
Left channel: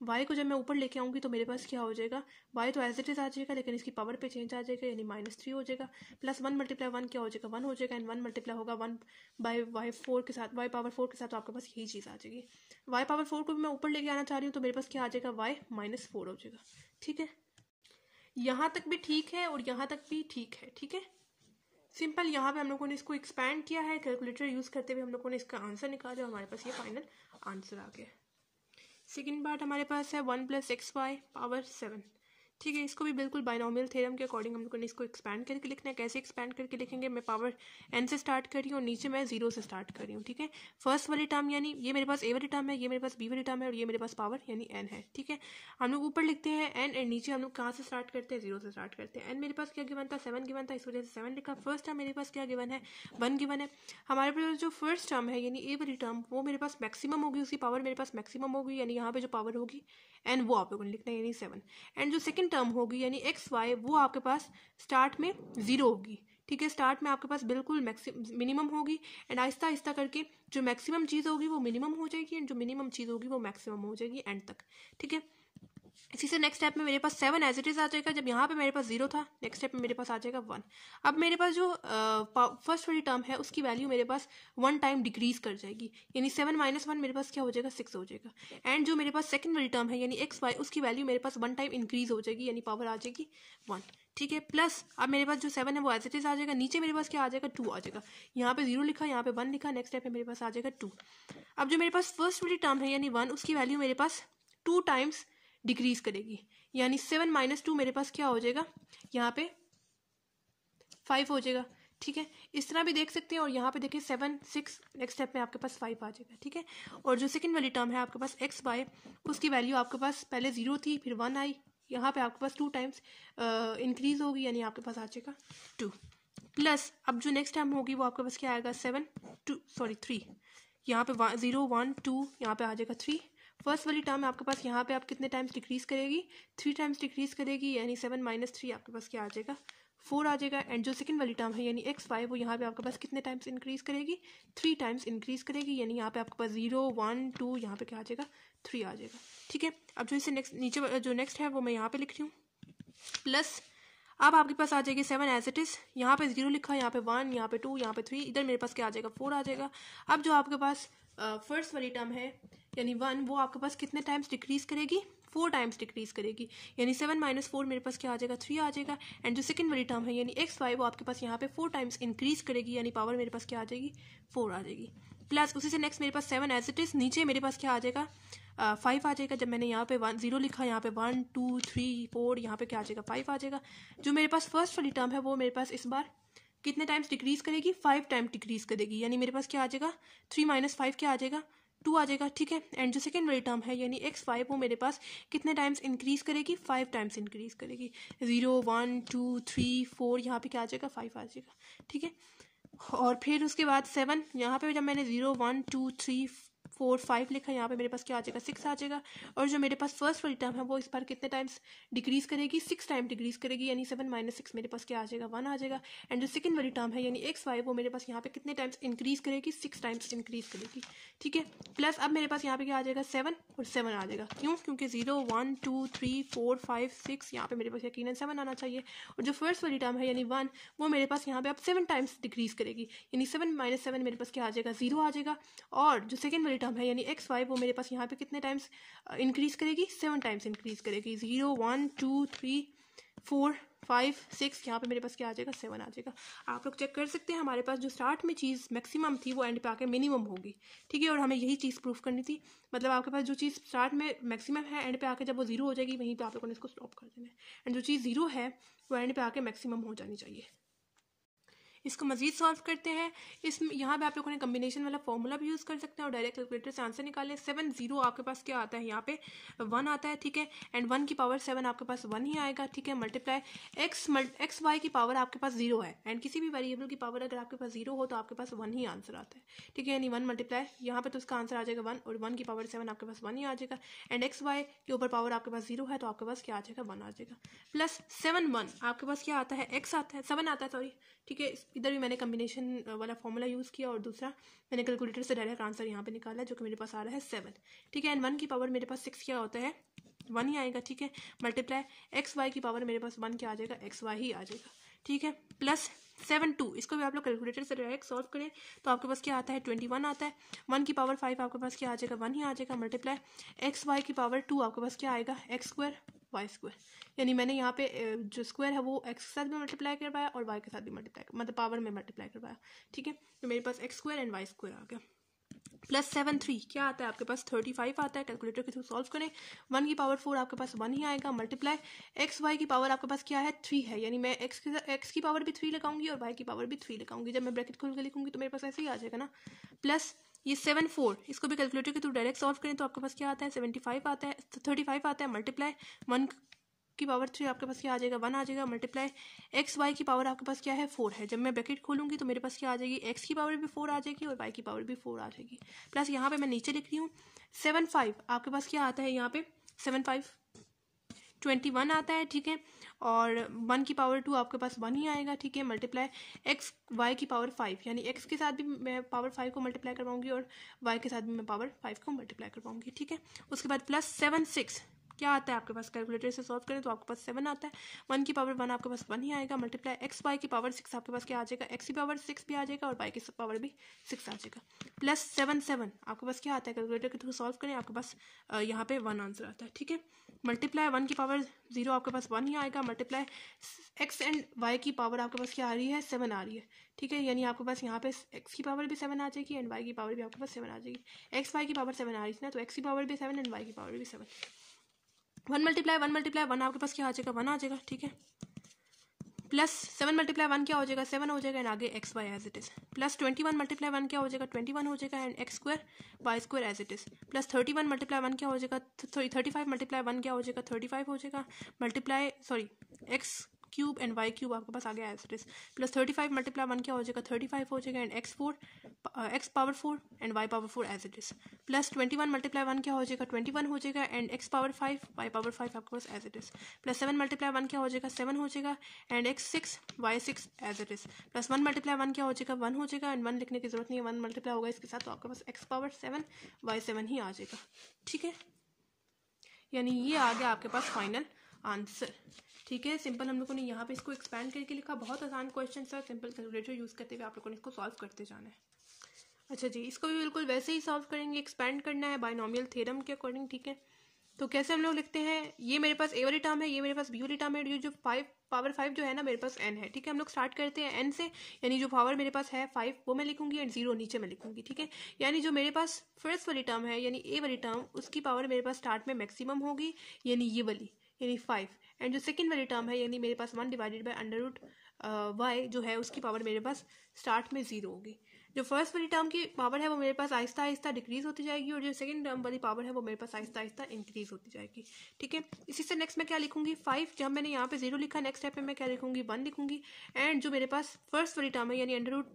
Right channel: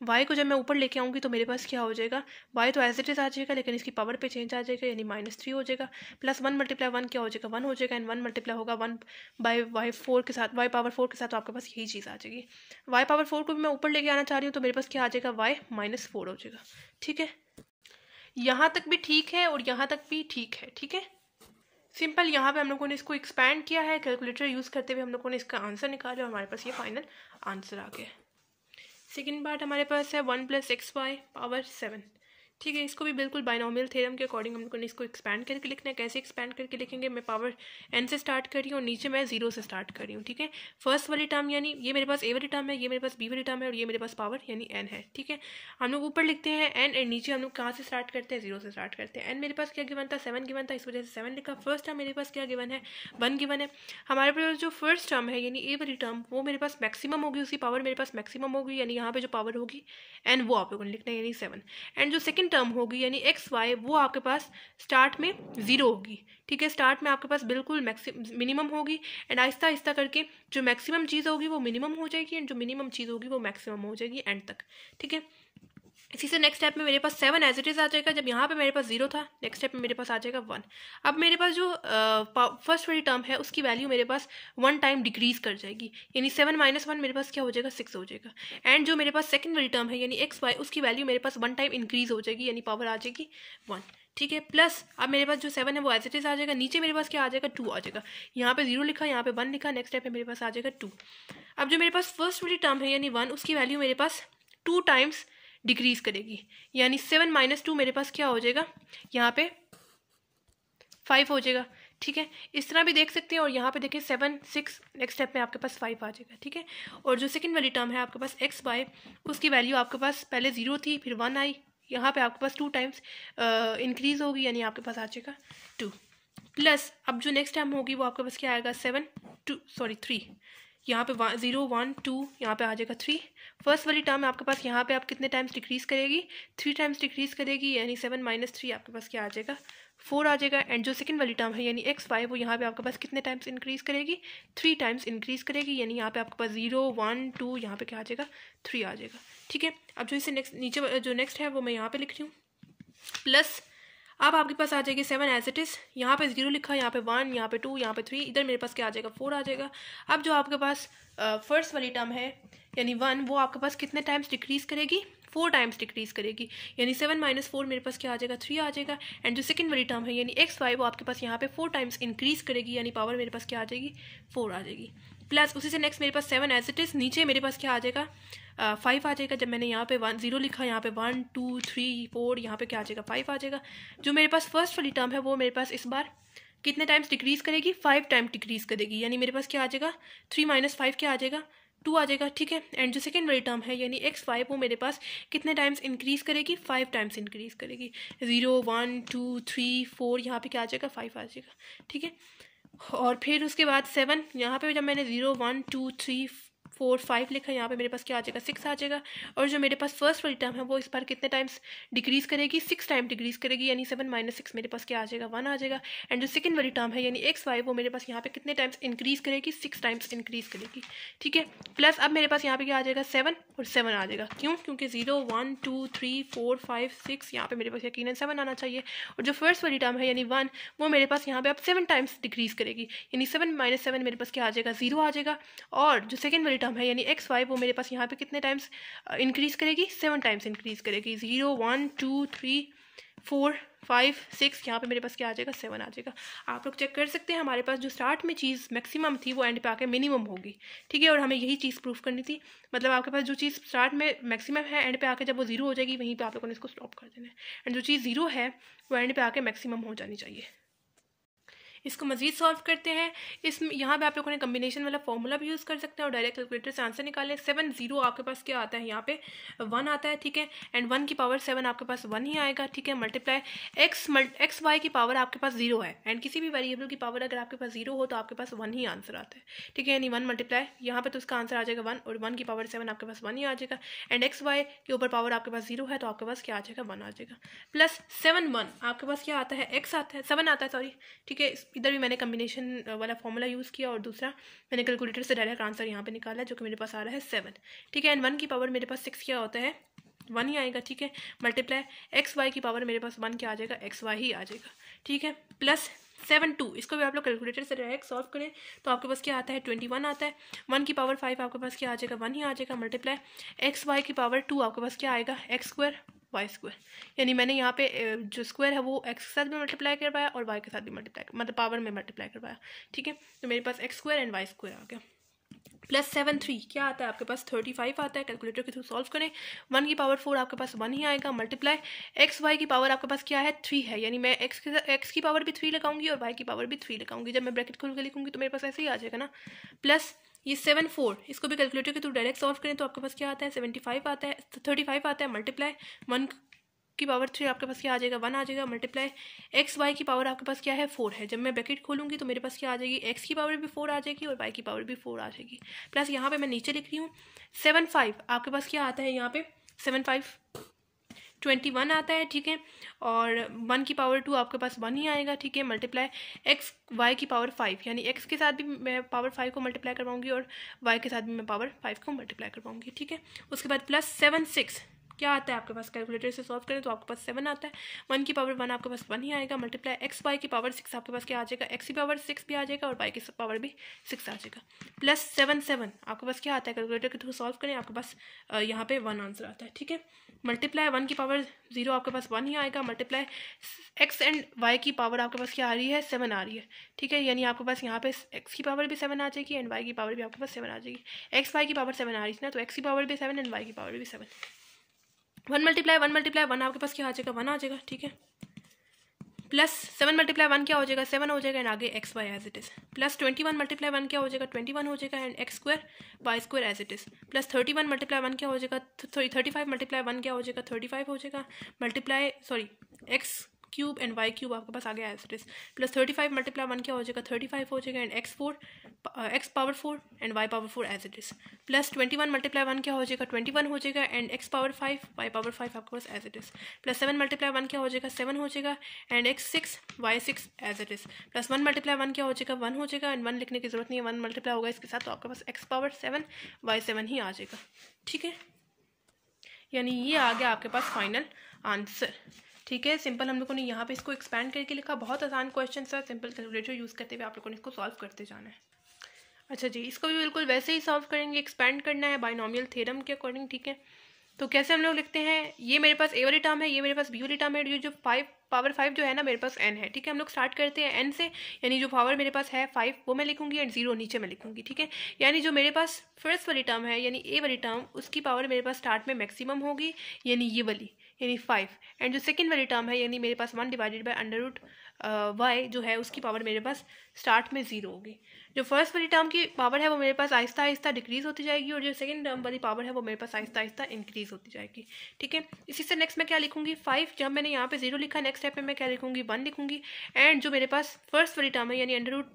y को जब मैं ऊपर लेके आऊँगी तो मेरे पास क्या हो जाएगा, y तो एज इट इज आ जाएगा, लेकिन इसकी पावर पे चेंज आ जाएगा, यानी -3 हो जाएगा। प्लस 1 × 1 क्या हो जाएगा, 1 हो जाएगा, एंड 1 मल्टीप्लाई होगा 1/y4 के साथ, y पावर 4 के साथ, तो आपके पास यही चीज़ आ जाएगी। y पावर 4 को भी मैं ऊपर लेके आना चाह रही हूँ, तो मेरे पास क्या आ जाएगा, y -4 हो जाएगा, ठीक है। यहाँ तक भी ठीक है और यहाँ तक भी ठीक है, ठीक है। सिंपल यहाँ पे हम लोगों ने इसको एक्सपैंड किया है, कैलकुलेटर यूज़ करते हुए हम लोगों ने इसका आंसर निकाला और हमारे पास ये फाइनल आंसर आ गया। सेकेंड पार्ट हमारे पास है 1 + xy पावर 7, ठीक है, इसको भी बिल्कुल बाइनोमियल थ्योरम के अकॉर्डिंग हम लोगों ने इसको एक्सपैंड करके लिखना है। कैसे एक्सपैंड करके लिखेंगे, मैं पावर n से स्टार्ट कर रही हूँ और नीचे मैं 0 से स्टार्ट कर रही हूँ। ठीक है, फर्स्ट वाली टर्म यानी ये मेरे पास a वाली टर्म है, ये मेरे पास b वाली टर्म है और ये मेरे पास पावर यानी n है। ठीक है, हम लोग ऊपर लिखते हैं n और नीचे हम लोग कहाँ से स्टार्ट करते हैं, 0 से स्टार्ट करते हैं। n मेरे पास क्या गिवन था, 7 गिवन था, इस वजह से 7 लिखा। फर्स्ट टर्म मेरे पास क्या गिवन है, 1 गिवन है। हमारे पास जो फर्स्ट टर्म है यानी a वाली टर्म वो मेरे पास मैक्सिमम होगी, उसकी पावर मेरे पास मैक्सिमम होगी, यानी यहाँ पे जो पावर होगी n वो आप लोगों ने लिखना है यानी 7। एंड जो सेकंड टर्म होगी यानी एक्स वाई वो आपके पास स्टार्ट में 0 होगी। ठीक है, स्टार्ट में आपके पास बिल्कुल मिनिमम होगी एंड आहिस्ता आहिस्ता करके जो मैक्सिमम चीज़ होगी वो मिनिमम हो जाएगी एंड जो मिनिमम चीज़ होगी वो मैक्सिमम हो जाएगी एंड तक। ठीक है, इसी से नेक्स्ट स्टेप में मेरे पास 7 एज इट इज आ जाएगा। जब यहाँ पे मेरे पास 0 था, नेक्स्ट स्टेप में मेरे पास आ जाएगा 1। अब मेरे पास जो फर्स्ट वाली टर्म है उसकी वैल्यू मेरे पास 1 टाइम डिक्रीज कर जाएगी, यानी 7 - 1 मेरे पास क्या हो जाएगा, 6 हो जाएगा। एंड जो मेरे पास सेकंड वाली टर्म है यानी एक्स वाई उसकी वैल्यू मेरे पास 1 टाइम इंक्रीज हो जाएगी, यानी पावर आ जाएगी 1। ठीक है, प्लस अब मेरे पास जो 7 है वो एज इट इज आ जाएगा। नीचे मेरे पास क्या आ जाएगा, 2 आ जाएगा। यहाँ पे 0 लिखा, यहाँ पे 1 लिखा, नेक्स्ट स्टेप में मेरे पास आ जाएगा 2। अब जो मेरे पास फर्स्ट वाली टर्म है यानी 1 उसकी वैल्यू मेरे पास 2 टाइम्स डिक्रीज करेगी, यानी 7 - 2 मेरे पास क्या हो जाएगा, यहाँ पे 5 हो जाएगा। ठीक है, इस तरह भी देख सकते हैं। और यहाँ पे देखिए 7 6, नेक्स्ट स्टेप में आपके पास 5 आ जाएगा। ठीक है, और जो सेकंड वाली टर्म है आपके पास एक्स वाई उसकी वैल्यू आपके पास पहले 0 थी फिर 1 आई, यहाँ पे आपके पास 2 टाइम्स इंक्रीज होगी, यानी आपके पास आ जाएगा 2। प्लस अब जो नेक्स्ट टर्म होगी वो आपके पास क्या आएगा, 3। यहाँ पे 0 1 2 यहाँ पे आ जाएगा 3। फर्स्ट वाली टर्म आपके पास यहाँ पे आप कितने टाइम्स डिक्रीज करेगी, 3 टाइम्स डिक्रीज करेगी, यानी 7 - 3 आपके पास क्या आ जाएगा, 4 आ जाएगा। एंड जो सेकंड वाली टर्म है यानी एक्स वाई वो यहाँ पे आपके पास कितने टाइम्स इंक्रीज करेगी, 3 टाइम्स इंक्रीज करेगी, यानी यहाँ पे आपके पास 0 1 2 यहाँ पे क्या आ जाएगा, 3 आ जाएगा। ठीक है, अब जो इसे नीचे जो नेक्स्ट है वो मैं यहाँ पे लिख रही हूँ। प्लस अब आपके पास आ जाएगी 7 एज इट इज, यहाँ पे 0 लिखा, यहाँ पे 1, यहाँ पे 2, यहाँ पे 3, इधर मेरे पास क्या आ जाएगा, 4 आ जाएगा। अब जो आपके पास फर्स्ट वाली टर्म है यानी 1 वो आपके पास कितने टाइम्स डिक्रीज करेगी, 4 टाइम्स डिक्रीज करेगी, यानी 7 - 4 मेरे पास क्या आ जाएगा, 3 आ जाएगा। एंड जो सेकंड वाली टर्म है यानी एक्स वाई वो आपके पास यहाँ पे 4 टाइम्स इंक्रीज करेगी, यानी पावर मेरे पास क्या आ जाएगी, 4 आ जाएगी। प्लस उसी से नेक्स्ट मेरे पास 7 एज इट इज, नीचे मेरे पास क्या आ जाएगा, 5 आ जाएगा। जब मैंने यहाँ पे 0 लिखा, यहाँ पे 1 2 3 4, यहाँ पे क्या आ जाएगा, 5 आ जाएगा। जो मेरे पास फर्स्ट वाली टर्म है वो मेरे पास इस बार कितने टाइम्स डिक्रीज करेगी, 5 टाइम डिक्रीज करेगी, यानी मेरे पास क्या आ जाएगा, 3 - 5 क्या आ जाएगा, 2 आ जाएगा। ठीक है, एंड जो सेकंड वाली टर्म है यानी एक्स वाई वो मेरे पास कितने टाइम्स इंक्रीज करेगी, 5 टाइम्स इंक्रीज करेगी, 0 1 2 3 4 यहाँ पे क्या आ जाएगा, 5 आ जाएगा। ठीक है, और फिर उसके बाद 7 यहाँ पे जब मैंने 0 1 2 3 4 5 लिखा, यहाँ पे मेरे पास क्या आ जाएगा, 6 आ जाएगा। और जो मेरे पास फर्स्ट वाली टर्म है वो इस बार कितने टाइम्स डिक्रीज करेगी, 6 टाइम डिक्रीज करेगी, यानी 7 - 6 मेरे पास क्या आ जाएगा, 1 आ जाएगा। एंड जो सेकंड वाली टर्म है यानी एक्स वाई वो मेरे पास यहाँ पे कितने टाइम्स इंक्रीज करेगी, 6 टाइम्स इंक्रीज करेगी। ठीक है, प्लस अब मेरे पास यहाँ पे क्या आ जाएगा, 7 और 7 आ जाएगा। क्यों, क्योंकि 0 1 2 3 4 5 6 यहाँ पे मेरे पास यकीनन 7 आना चाहिए। और जो फर्स्ट वाली टर्म है यानी 1 वो मेरे पास यहाँ पे अब 7 टाइम्स डिक्रीज करेगी, यानी 7 - 7 मेरे पास क्या आ जाएगा, 0 आ जाएगा। और जो सेकंड वाली टर्म है यानी एक्स वाई वो मेरे पास यहाँ पे कितने टाइम्स इंक्रीज करेगी, 7 टाइम्स इंक्रीज करेगी, 0 1 2 3 4 5 6 यहाँ पे मेरे पास क्या आ जाएगा, 7 आ जाएगा। आप लोग चेक कर सकते हैं हमारे पास जो स्टार्ट में चीज़ मैक्सिमम थी वो एंड पे आके मिनिमम होगी। ठीक है, और हमें यही चीज़ प्रूफ करनी थी, मतलब आपके पास जो चीज़ स्टार्ट में मैक्सिमम है एंड पे आके जब वो 0 हो जाएगी वहीं पे आप लोगों ने इसको स्टॉप कर देना है। एंड जो चीज़ 0 है वो एंड पे आके मैक्सिमम हो जानी चाहिए। इसको मजीद सॉल्व करते हैं। यहाँ पे आप लोगों ने कम्बिनेशन वाला फॉर्मूला भी यूज़ कर सकते हैं और डायरेक्ट कैलकुलेटर से आंसर निकालें। 7 0 आपके पास क्या आता है, यहाँ पे 1 आता है। ठीक है, एंड 1 की पावर 7 आपके पास 1 ही आएगा। ठीक है, मल्टीप्लाई एक्स वाई की पावर आपके पास 0 है एंड किसी भी वेरिएबल की पावर अगर आपके पास 0 हो तो आपके पास 1 ही आंसर आता है। ठीक है, यानी 1 मल्टीप्लाई यहाँ पे तो उसका आंसर आ जाएगा 1 और 1 की पावर 7 आपके पास 1 ही आ जाएगा। एंड एक्स वाई के ऊपर पावर आपके पास 0 है तो आपके पास क्या आ जाएगा, 1 आ जाएगा। प्लस 7 1 आपके पास क्या आता है, एक्स आता है, 7 आता है सॉरी। ठीक है, इधर भी मैंने कम्बिनेशन वाला फॉर्मूला यूज़ किया और दूसरा मैंने कैलकुलेटर से डायरेक्ट आंसर यहाँ पे निकाला जो कि मेरे पास आ रहा है 7। ठीक है, एंड 1 की पावर मेरे पास 6 क्या होता है, 1 ही आएगा। ठीक है, मल्टीप्लाई एक्स वाई की पावर मेरे पास 1 क्या आ जाएगा, एक्स वाई ही आ जाएगा। ठीक है, प्लस 7 2 इसको भी आप लोग कैलकुलेटर से डायरेक्ट सॉल्व करें तो आपके पास क्या आता है, 21 आता है। 1 की पावर 5 आपके पास क्या आ जाएगा, 1 ही आ जाएगा। मल्टीप्लाई एक्स वाई की पावर 2 आपके पास क्या आएगा, एक्स स्क्वायर वाई स्क्वायर, यानी मैंने यहाँ पे जो स्क्वायर है वो एक्स के साथ भी मल्टीप्लाई करवाया और वाई के साथ भी मल्टीप्लाई, मतलब पावर में मल्टीप्लाई करवाया। ठीक है, तो मेरे पास X square and Y square आ गया। प्लस 7 3 क्या आता है आपके पास 35 आता है। कैलकुलेटर के थ्रू सॉल्व करें। 1 की पावर 4 आपके पास 1 ही आएगा। मल्टीप्लाई एक्स वाई की पावर आपके पास क्या है 3 है, यानी मैं एक्स की पावर भी 3 लगाऊंगी और वाई की पावर भी 3 लगाऊंगी। जब मैं ब्रैकेट खोल के लिखूंगी तो मेरे पास ऐसे ही आ जाएगा ना। प्लस ये 7 4 इसको भी कैलकुलेटर के थ्रू डायरेक्ट सॉल्व करें तो आपके पास क्या आता है 75 आता है 35 आता है। मल्टीप्लाई 1 की पावर 3 आपके पास क्या आ जाएगा 1 आ जाएगा। मल्टीप्लाई एक्स वाई की पावर आपके पास क्या है 4 है। जब मैं ब्रैकेट खोलूंगी तो मेरे पास क्या आ जाएगी एक्स की पावर भी 4 आ जाएगी और वाई की पावर भी 4 आ जाएगी। प्लस यहाँ पे मैं नीचे लिख रही हूँ 7 5 आपके पास क्या आता है यहाँ पे 7 5 21 आता है, ठीक है। और 1 की पावर 2 आपके पास 1 ही आएगा, ठीक है। मल्टीप्लाई एक्स वाई की पावर 5 यानी एक्स के साथ भी मैं पावर 5 को मल्टीप्लाई करवाऊंगी और वाई के साथ भी मैं पावर 5 को मल्टीप्लाई करवाऊंगी, ठीक है। उसके बाद प्लस 7 6 क्या आता है आपके पास कैलकुलेटर से सॉल्व करें तो आपके पास 7 आता है। 1 की पावर 1 आपके पास 1 ही आएगा। मल्टीप्लाई एक्स वाई की पावर 6 आपके पास क्या आ जाएगा एक्स की पावर 6 भी आ जाएगा और वाई की पावर भी 6 आ जाएगा। प्लस 7 7 आपके पास क्या आता है कैलकुलेटर के थ्रू सॉल्व करें आपके पास यहाँ पे 1 आंसर आता है, ठीक है। मल्टीप्लाई 1 की पावर 0 आपके पास 1 ही आएगा। मल्टीप्लाई एक्स एंड वाई की पावर आपके पास क्या आ रही है 7 आ रही है, ठीक है। यानी आपके पास यहाँ पे एक्स की पावर भी 7 आ जाएगी एंड वाई की पावर भी आपके पास 7 आ जाएगी। एक्स वाई की पावर 7 आ रही है ना, तो एक्स की पावर भी 7 एंड वाई की पावर भी 7। 1 मल्टीप्लाई 1 आपके पास क्या आ जाएगा 1 आ जाएगा, ठीक है। प्लस 7 मल्टीप्लाई 1 क्या हो जाएगा 7 हो जाएगा एंड आगे X Y as it is. Plus 21 multiply 1 क्या हो जाएगा 21 हो जाएगा and X square Y square as it is. Plus 31 multiply 1 क्या हो जाएगा 35 मल्टीप्लाई 1 क्या हो जाएगा 35 हो जाएगा। Multiply X cube and Y cube आपके पास आ गया as it is. Plus 35 multiply 1 क्या हो जाएगा 35 हो जाएगा and X power 4 and Y power 4 as it is. Plus 21 multiply 1 क्या हो जाएगा 21 हो जाएगा and X power 5 Y power 5 आपके पास as it is. Plus 7 multiply 1 क्या हो जाएगा 7 हो जाएगा and X 6 Y 6 as it is. Plus 1 multiply 1 क्या हो जाएगा 1 हो जाएगा एंड 1 लिखने की जरूरत नहीं है 1 मल्टीप्लाई होगा इसके साथ तो आपके पास एक्स पावर 7 वाई 7 ही आ जाएगा, ठीक है। यानी ये आ गया आपके पास फाइनल आंसर, ठीक है। सिंपल हम लोगों ने यहाँ पे इसको एक्सपैंड करके लिखा, बहुत आसान क्वेश्चन था। सिंपल कैलकुलेटर यूज़ करते हुए आप लोगों ने इसको सॉल्व करते जाना है। अच्छा जी, इसको भी बिल्कुल वैसे ही सॉल्व करेंगे, एक्सपैंड करना है बाइनोमियल थ्योरम के अकॉर्डिंग, ठीक है। तो कैसे हम लोग लिखते हैं, ये मेरे पास ए वाली टर्म है, ये मेरे पास बी वाली टर्म है, ये जो 5 पावर 5 जो है ना मेरे पास n है, ठीक है। हम लोग स्टार्ट करते हैं n से, यानी जो पावर मेरे पास है 5 वो मैं लिखूंगी एंड 0 नीचे मैं लिखूंगी, ठीक है। यानी जो मेरे पास फर्स्ट वाली टर्म है यानी ए वाली टर्म, उसकी पावर मेरे पास स्टार्ट में मैक्सिमम होगी यानी ये वाली यानी 5। एंड जो सेकेंड वाली टर्म है यानी मेरे पास 1 divided by under root Y जो है उसकी पावर मेरे पास स्टार्ट में 0 होगी। जो फर्स्ट वाली टर्म की पावर है वो मेरे पास आहिस्ता आहिस्ता डिक्रीज होती जाएगी और जो सेकंड टर्म वाली पावर है वो मेरे पास आहिस्ता आहिस्ता इंक्रीज होती जाएगी, ठीक है। इसी से नेक्स्ट मैं क्या लिखूंगी 5, जब मैंने यहाँ पे 0 लिखा नेक्स्ट स्टेप में मैं क्या लिखूंगी 1 लिखूंगी। एंड जो मेरे पास फर्स्ट वाली टर्म है यानी अंडर रूट